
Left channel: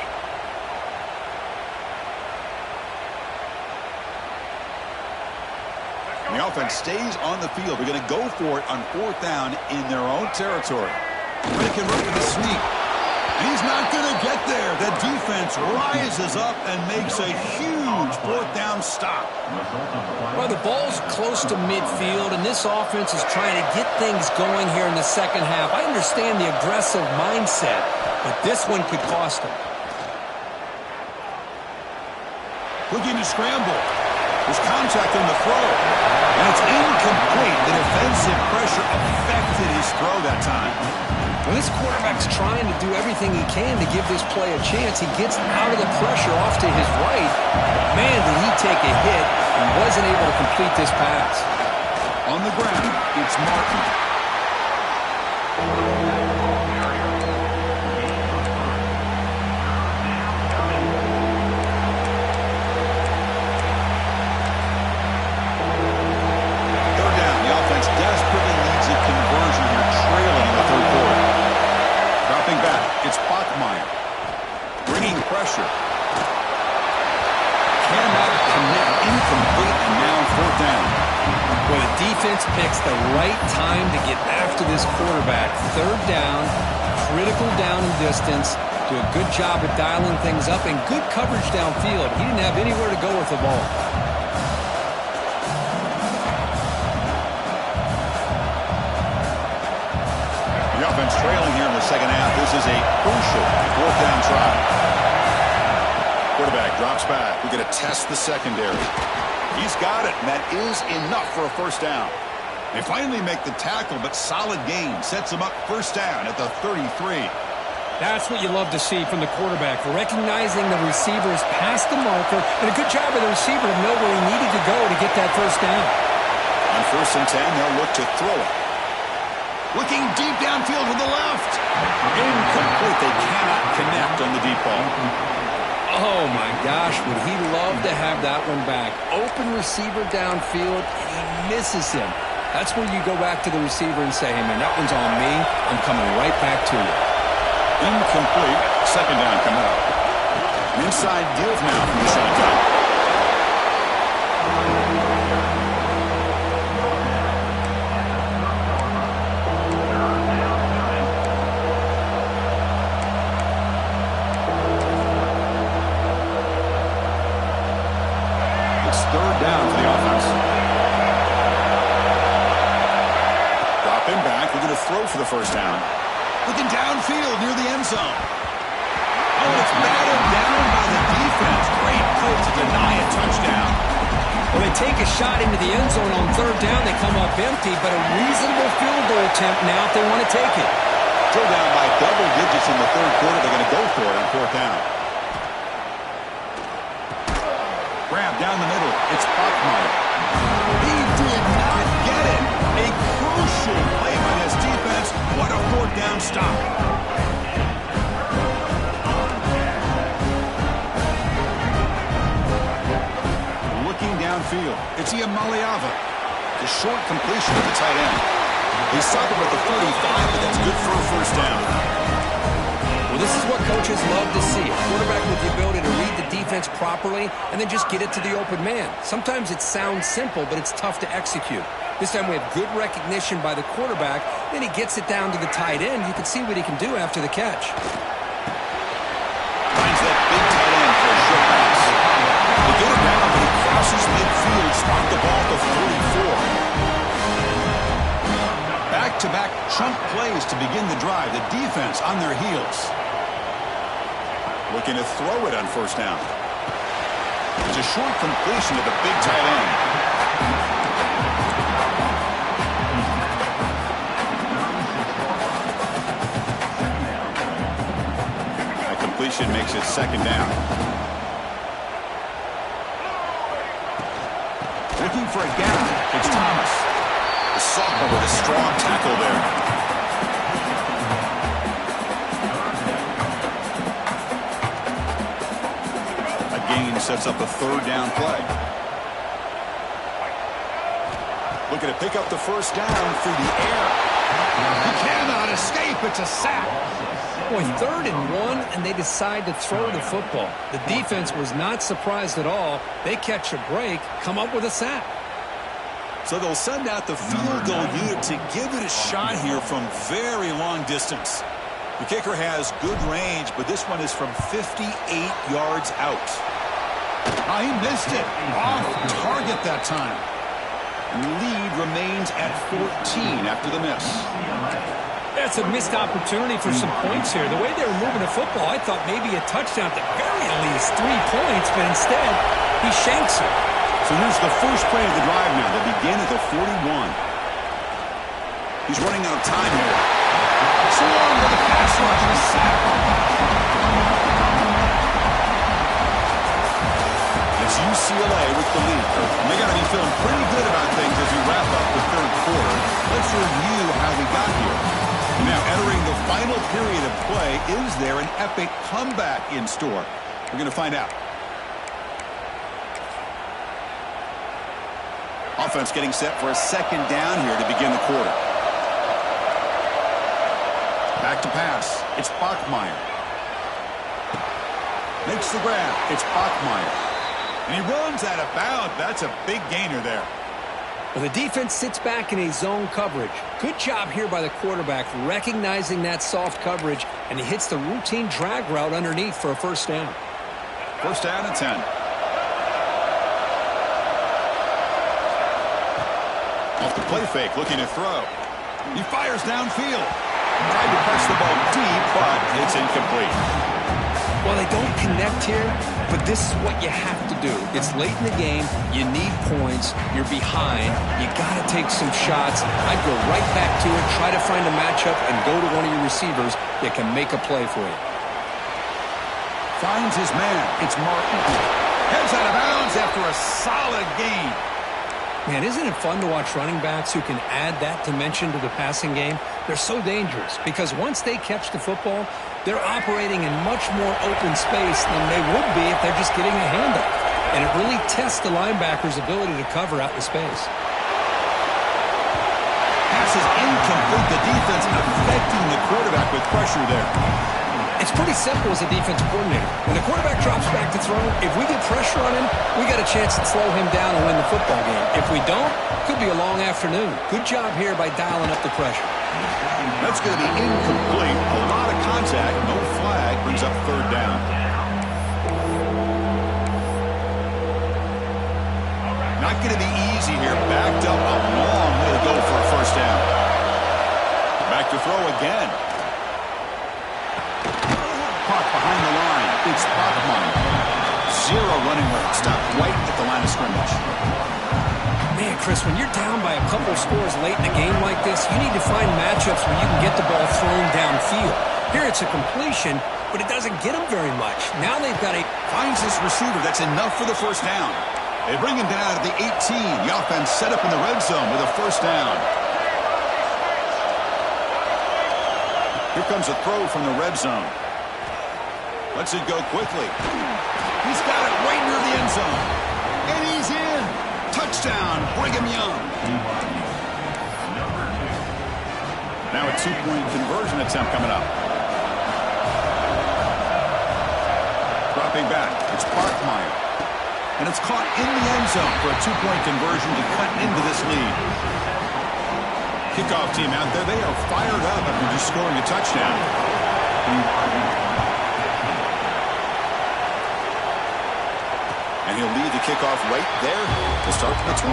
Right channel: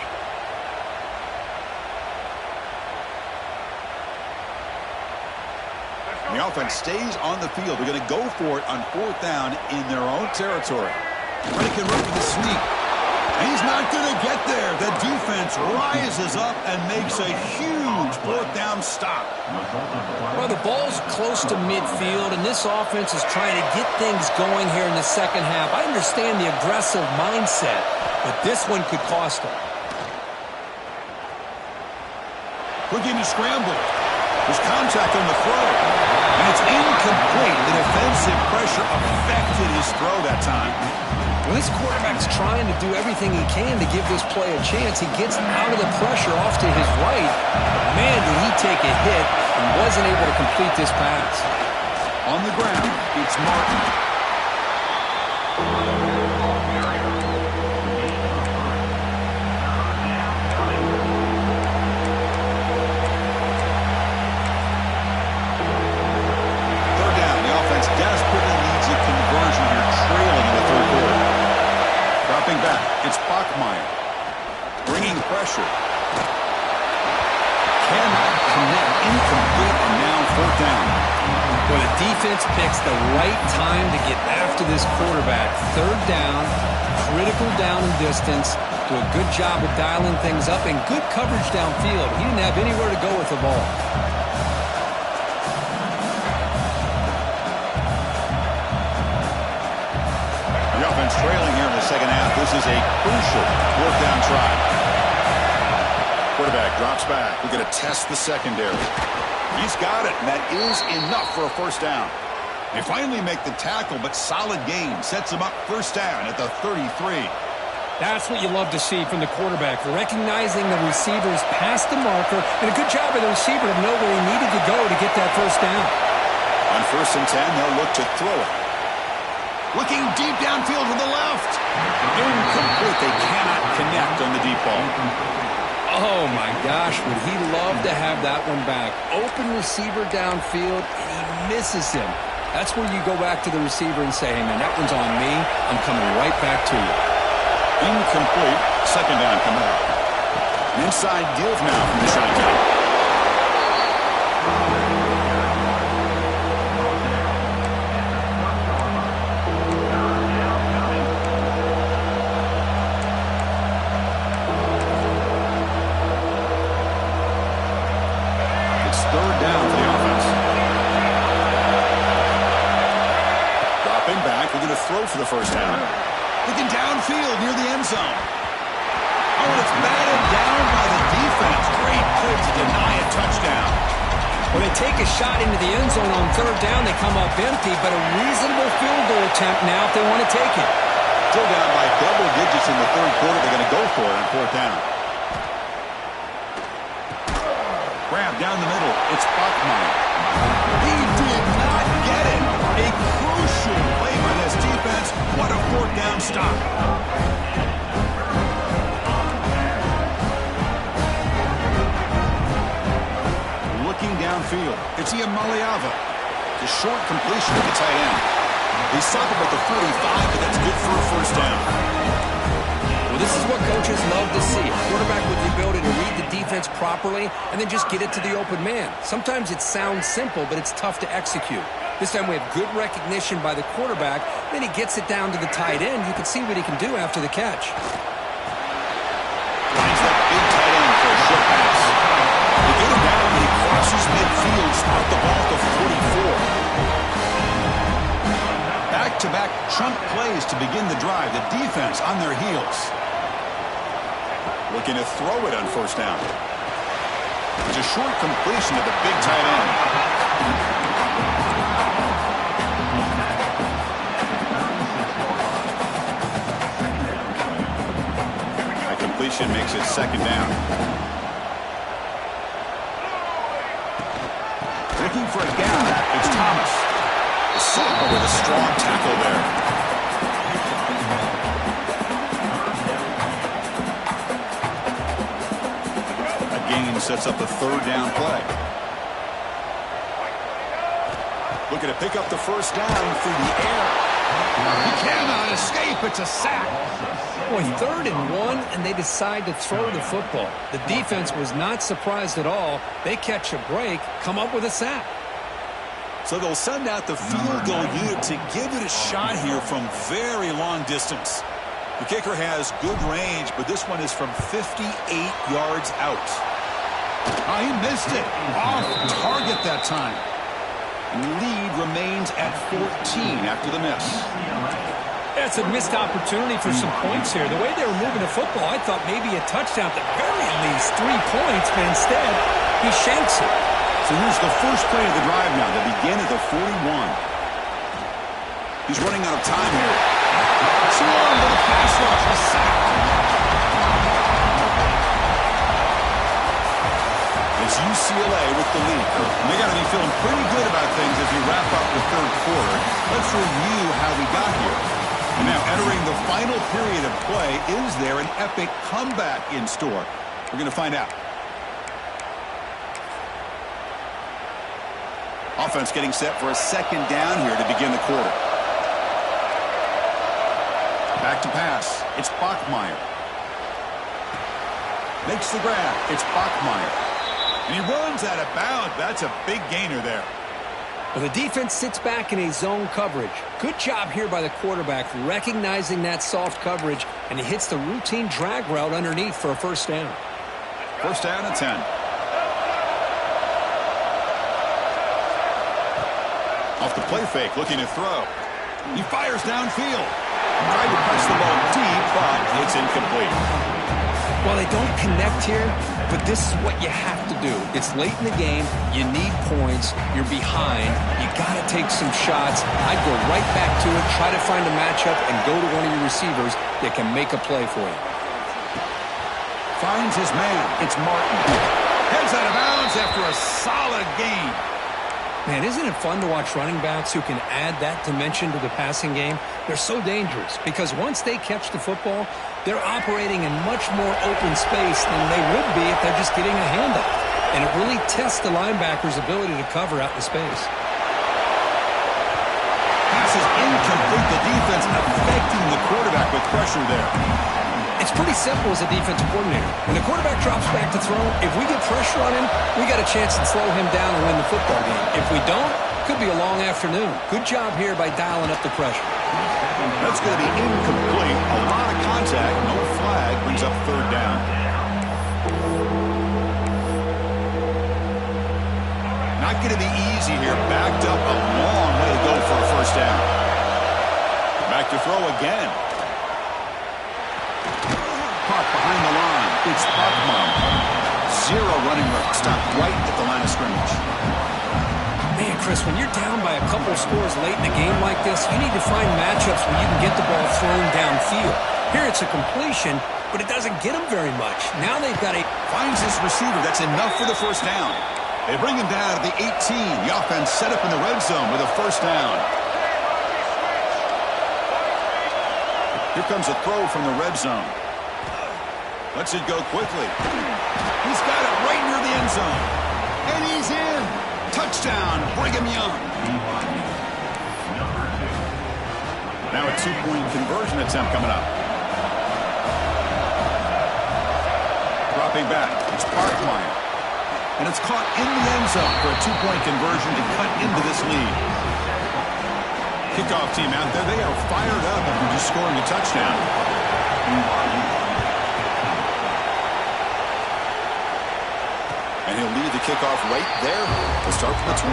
The offense stays on the field. They're going to go for it on 4th down in their own territory. Ready can run with a sneak. And he's not going to get there. The defense rises up and makes a huge 4th down stop. Well, the ball's close to midfield, and this offense is trying to get things going here in the second half. I understand the aggressive mindset, but this one could cost them. Looking to scramble. There's contact on the throw. And it's incomplete. The defensive pressure affected his throw that time. Well, this quarterback's trying to do everything he can to give this play a chance. He gets out of the pressure off to his right. But, man, did he take a hit and wasn't able to complete this pass. On the ground, it's Martin. Offense desperately needs a conversion here, trailing in the 3rd quarter. Dropping back, it's Bachmeier. Bringing pressure. Cannot connect, incomplete, and now 4th down. Well, the defense picks the right time to get after this quarterback. 3rd down, critical down and distance. Do a good job of dialing things up and good coverage downfield. He didn't have anywhere to go with the ball. The offense trailing here in the second half. This is a crucial 4th down try. Quarterback drops back. We're going to test the secondary. He's got it, and that is enough for a 1st down. They finally make the tackle, but solid gain sets them up 1st down at the 33. That's what you love to see from the quarterback, recognizing the receivers past the marker, and a good job of the receiver to know where he needed to go to get that 1st down. On 1st and 10, they'll look to throw it. Looking deep downfield to the left. Incomplete. They cannot connect on the deep ball. Oh, my gosh. Would he love to have that one back. Open receiver downfield, and he misses him. That's where you go back to the receiver and say, hey, man, that one's on me. I'm coming right back to you. Incomplete. 2nd down coming up. Inside give now from the shotgun. It's 3rd down for the offense. Dropping back. We're going to throw for the 1st down. Looking downfield near the end zone. Oh, and it's batted down by the defense. Great play to deny a touchdown. Well, they take a shot into the end zone on 3rd down. They come up empty, but a reasonable field goal attempt now if they want to take it. Still down by double digits in the 3rd quarter. They're going to go for it on 4th down. Grab down the middle. It's Bachmeier. He did not get it. A crucial play by this defense. What a 4th down stop. Looking downfield. It's Iamaleava. The short completion of the tight end. He stopped him at the 45, but that's good for a 1st down. Well, this is what coaches love to see. A quarterback with the ability to read the defense properly and then just get it to the open man. Sometimes it sounds simple, but it's tough to execute. This time we have good recognition by the quarterback. Then he gets it down to the tight end. You can see what he can do after the catch. Finds that big tight end for a short pass. They get him down, but he crosses midfield, spot the ball to 44. Back-to-back chunk plays to begin the drive. The defense on their heels. Looking to throw it on 1st down. It's a short completion to the big tight end. That completion makes it 2nd down. Looking for a gap. It's Thomas. The sophomore with a strong tackle there. Gain sets up a 3rd down play. Looking to pick up the 1st down through the air. He cannot escape. It's a sack. Boy, 3rd and 1, and they decide to throw the football. The defense was not surprised at all. They catch a break, come up with a sack. So they'll send out the field goal unit to give it a shot here from very long distance. The kicker has good range, but this one is from 58 yards out. Oh, he missed it. Off target that time. And the lead remains at 14 after the miss. That's a missed opportunity for some points here. The way they were moving the football, I thought maybe a touchdown, at the very least 3 points, but instead he shanks it. So here's the first play of the drive now. They begin at the 41. He's running out of time here. Swarm to the pass rush. A sack. It's UCLA with the lead. And they got to be feeling pretty good about things as we wrap up the third quarter. Let's review how we got here. Now, entering the final period of play, is there an epic comeback in store? We're going to find out. Offense getting set for a second down here to begin the quarter. Back to pass. It's Bachmeier. Makes the grab. It's Bachmeier. And he runs out of bounds. That's a big gainer there. Well, the defense sits back in a zone coverage. Good job here by the quarterback recognizing that soft coverage, and he hits the routine drag route underneath for a first down. First down and 10. Off the play fake, looking to throw. He fires downfield. Tried to press the ball deep, but it's incomplete. Well, they don't connect here, but this is what you have to do. It's late in the game. You need points. You're behind. You got to take some shots. I'd go right back to it, try to find a matchup, and go to one of your receivers that can make a play for you. Finds his man. It's Martin. Heads out of bounds after a solid gain. Man, isn't it fun to watch running backs who can add that dimension to the passing game? They're so dangerous because once they catch the football, they're operating in much more open space than they would be if they're just getting a handoff. And it really tests the linebacker's ability to cover out in space. Pass is incomplete. The defense affecting the quarterback with pressure there. It's pretty simple as a defensive coordinator. When the quarterback drops back to throw, if we get pressure on him, we got a chance to slow him down and win the football game. If we don't, could be a long afternoon. Good job here by dialing up the pressure. That's going to be incomplete. A lot of contact, no flag, brings up third down. Not going to be easy here. Backed up a long way to go for a first down. Back to throw again. Caught behind the line. It's Bachmeier. Zero running room. Stopped right at the line of scrimmage. Man, Chris, when you're down by a couple scores late in a game like this, you need to find matchups where you can get the ball thrown downfield. Here it's a completion, but it doesn't get them very much. Now they've got a... Finds his receiver. That's enough for the first down. They bring him down at the 18. The offense set up in the red zone with a first down. Here comes a throw from the red zone. Lets it go quickly. He's got it right near the end zone. And he's in. Touchdown, Brigham Young. Now a two-point conversion attempt coming up. Dropping back, it's Bachmeier. And it's caught in the end zone for a two-point conversion to cut into this lead. Kickoff team out there, they are fired up after just scoring a touchdown. And he'll lead the kickoff right there to start from the 25.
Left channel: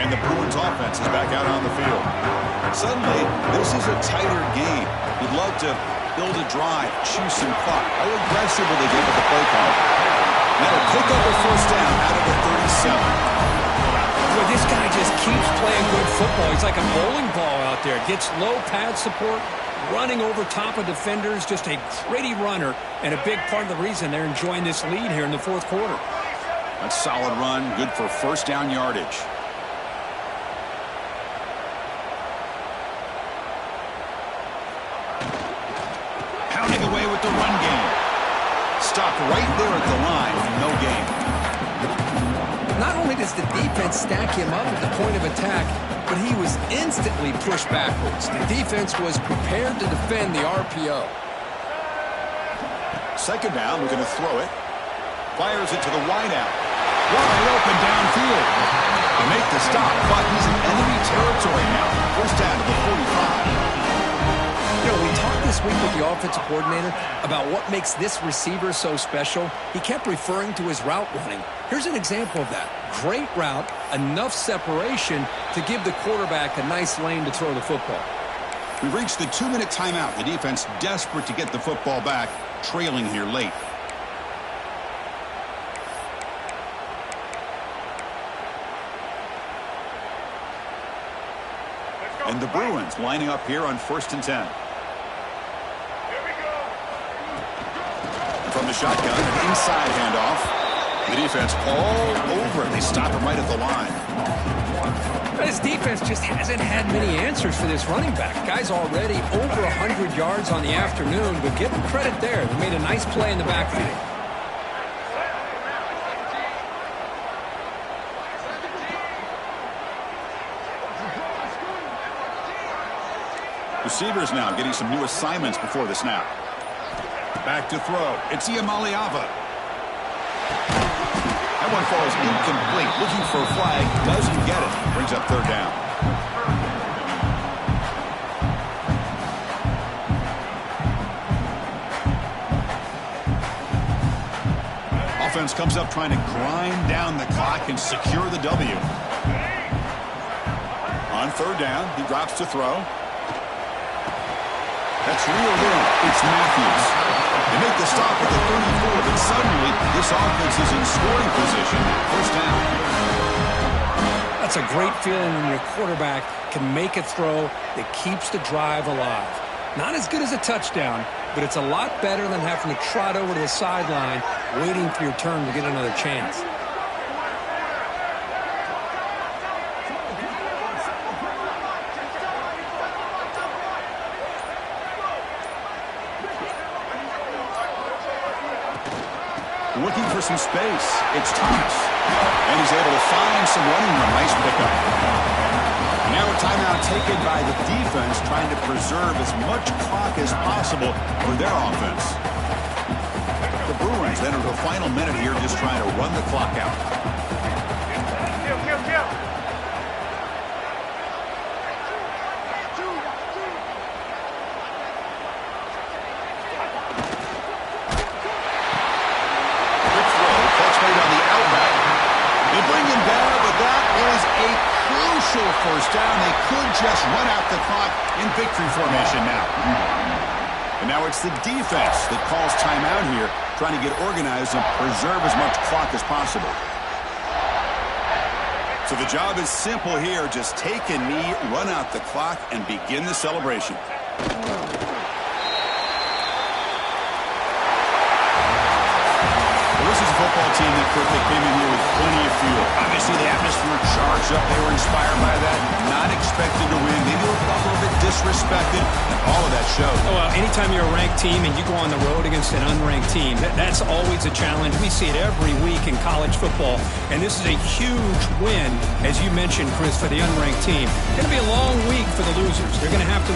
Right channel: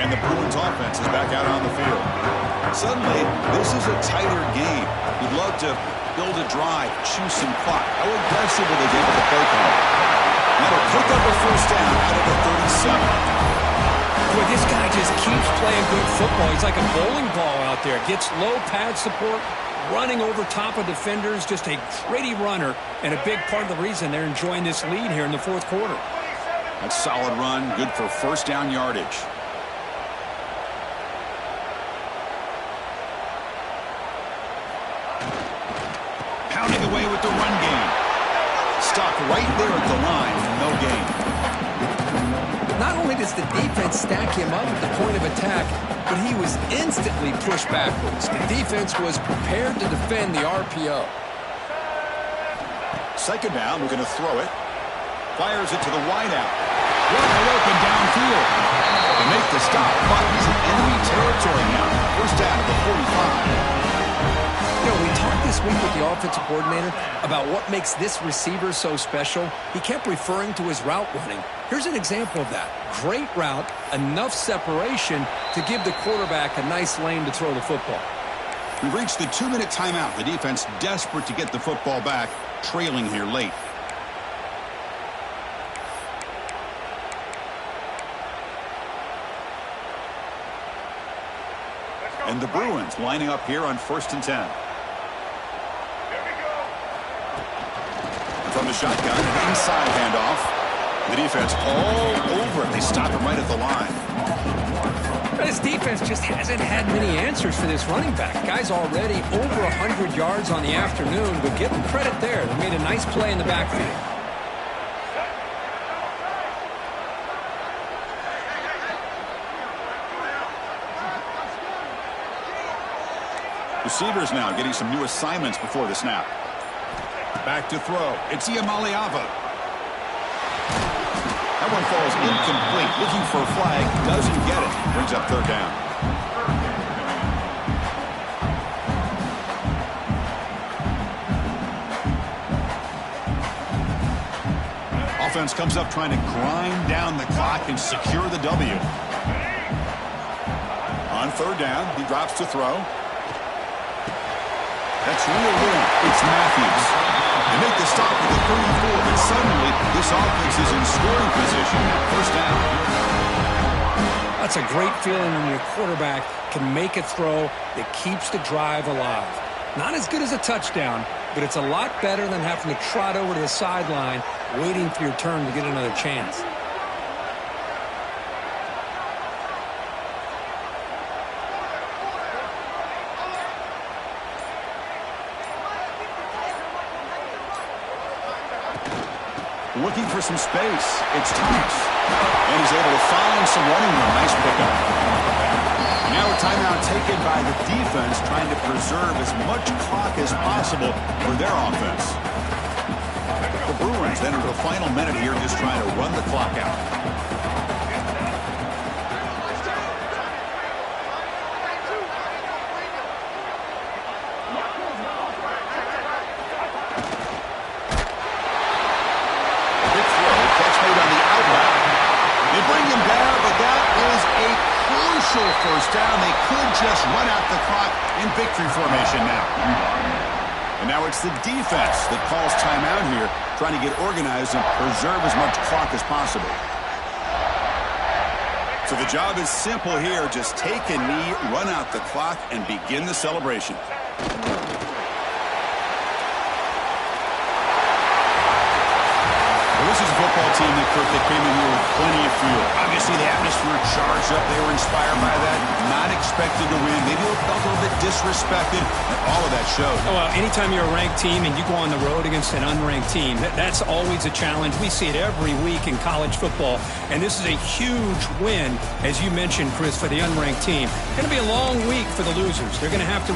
And the Bruins offense is back out on the field. Suddenly, this is a tighter game. You'd love to build a drive, choose some clock. How aggressive will they get with the play call? That'll pick up a first down out of the 37. Boy, this guy just keeps playing good football. He's like a bowling ball out there. Gets low pad support, running over top of defenders. Just a gritty runner, and a big part of the reason they're enjoying this lead here in the fourth quarter. That's a solid run, good for first down yardage. Pounding away with the run game. Stopped right there at the line, no gain. Not only does the defense stack him up at the point of attack, but he was instantly pushed backwards. The defense was prepared to defend the RPO. Second down, we're going to throw it. Fires it to the wideout. Wide open downfield. They make the stop, but he's in enemy territory now. First down to the 45. You know, we talked this week with the offensive coordinator about what makes this receiver so special. He kept referring to his route running. Here's an example of that. Great route, enough separation to give the quarterback a nice lane to throw the football. We've reached the 2-minute timeout. The defense desperate to get the football back, trailing here late. And the Bruins lining up here on 1st and 10. From the shotgun, an inside handoff. The defense all over it. They stop him right at the line. This defense just hasn't had many answers for this running back. Guy's already over 100 yards on the afternoon, but give him credit there. They made a nice play in the backfield. Receivers now getting some new assignments before the snap. Back to throw. It's Iamaliava. That one falls incomplete. Looking for a flag. Doesn't get it. Brings up third down. Offense comes up trying to grind down the clock and secure the W. On third down, he drops to throw. That's reeled in. It's Matthews. They make the stop at the 34, but suddenly this offense is in scoring position. First down. That's a great feeling when your quarterback can make a throw that keeps the drive alive. Not as good as a touchdown, but it's a lot better than having to trot over to the sideline waiting for your turn to get another chance. Looking for some space. It's Thomas. And he's able to find some running room. Nice pickup. Now a timeout taken by the defense, trying to preserve as much clock as possible for their offense. The Bruins enter the final minute here, just trying to run the clock out. On the outback. They bring him down, but that is a crucial first down. They could just run out the clock in victory formation now. And now it's the defense that calls timeout here, trying to get organized and preserve as much clock as possible. So the job is simple here. Just take a knee, run out the clock, and begin the celebration. This is a football team that came in here with plenty of fuel. Obviously, the atmosphere charged up. They were inspired by that. Not expected to win. Maybe felt a little bit disrespected, and all of that showed. Well, anytime you're a ranked team and you go on the road against an unranked team, that's always a challenge. We see it every week in college football, and this is a huge win, as you mentioned, Chris, for the unranked team. It's going to be a long week for the losers. They're going to have to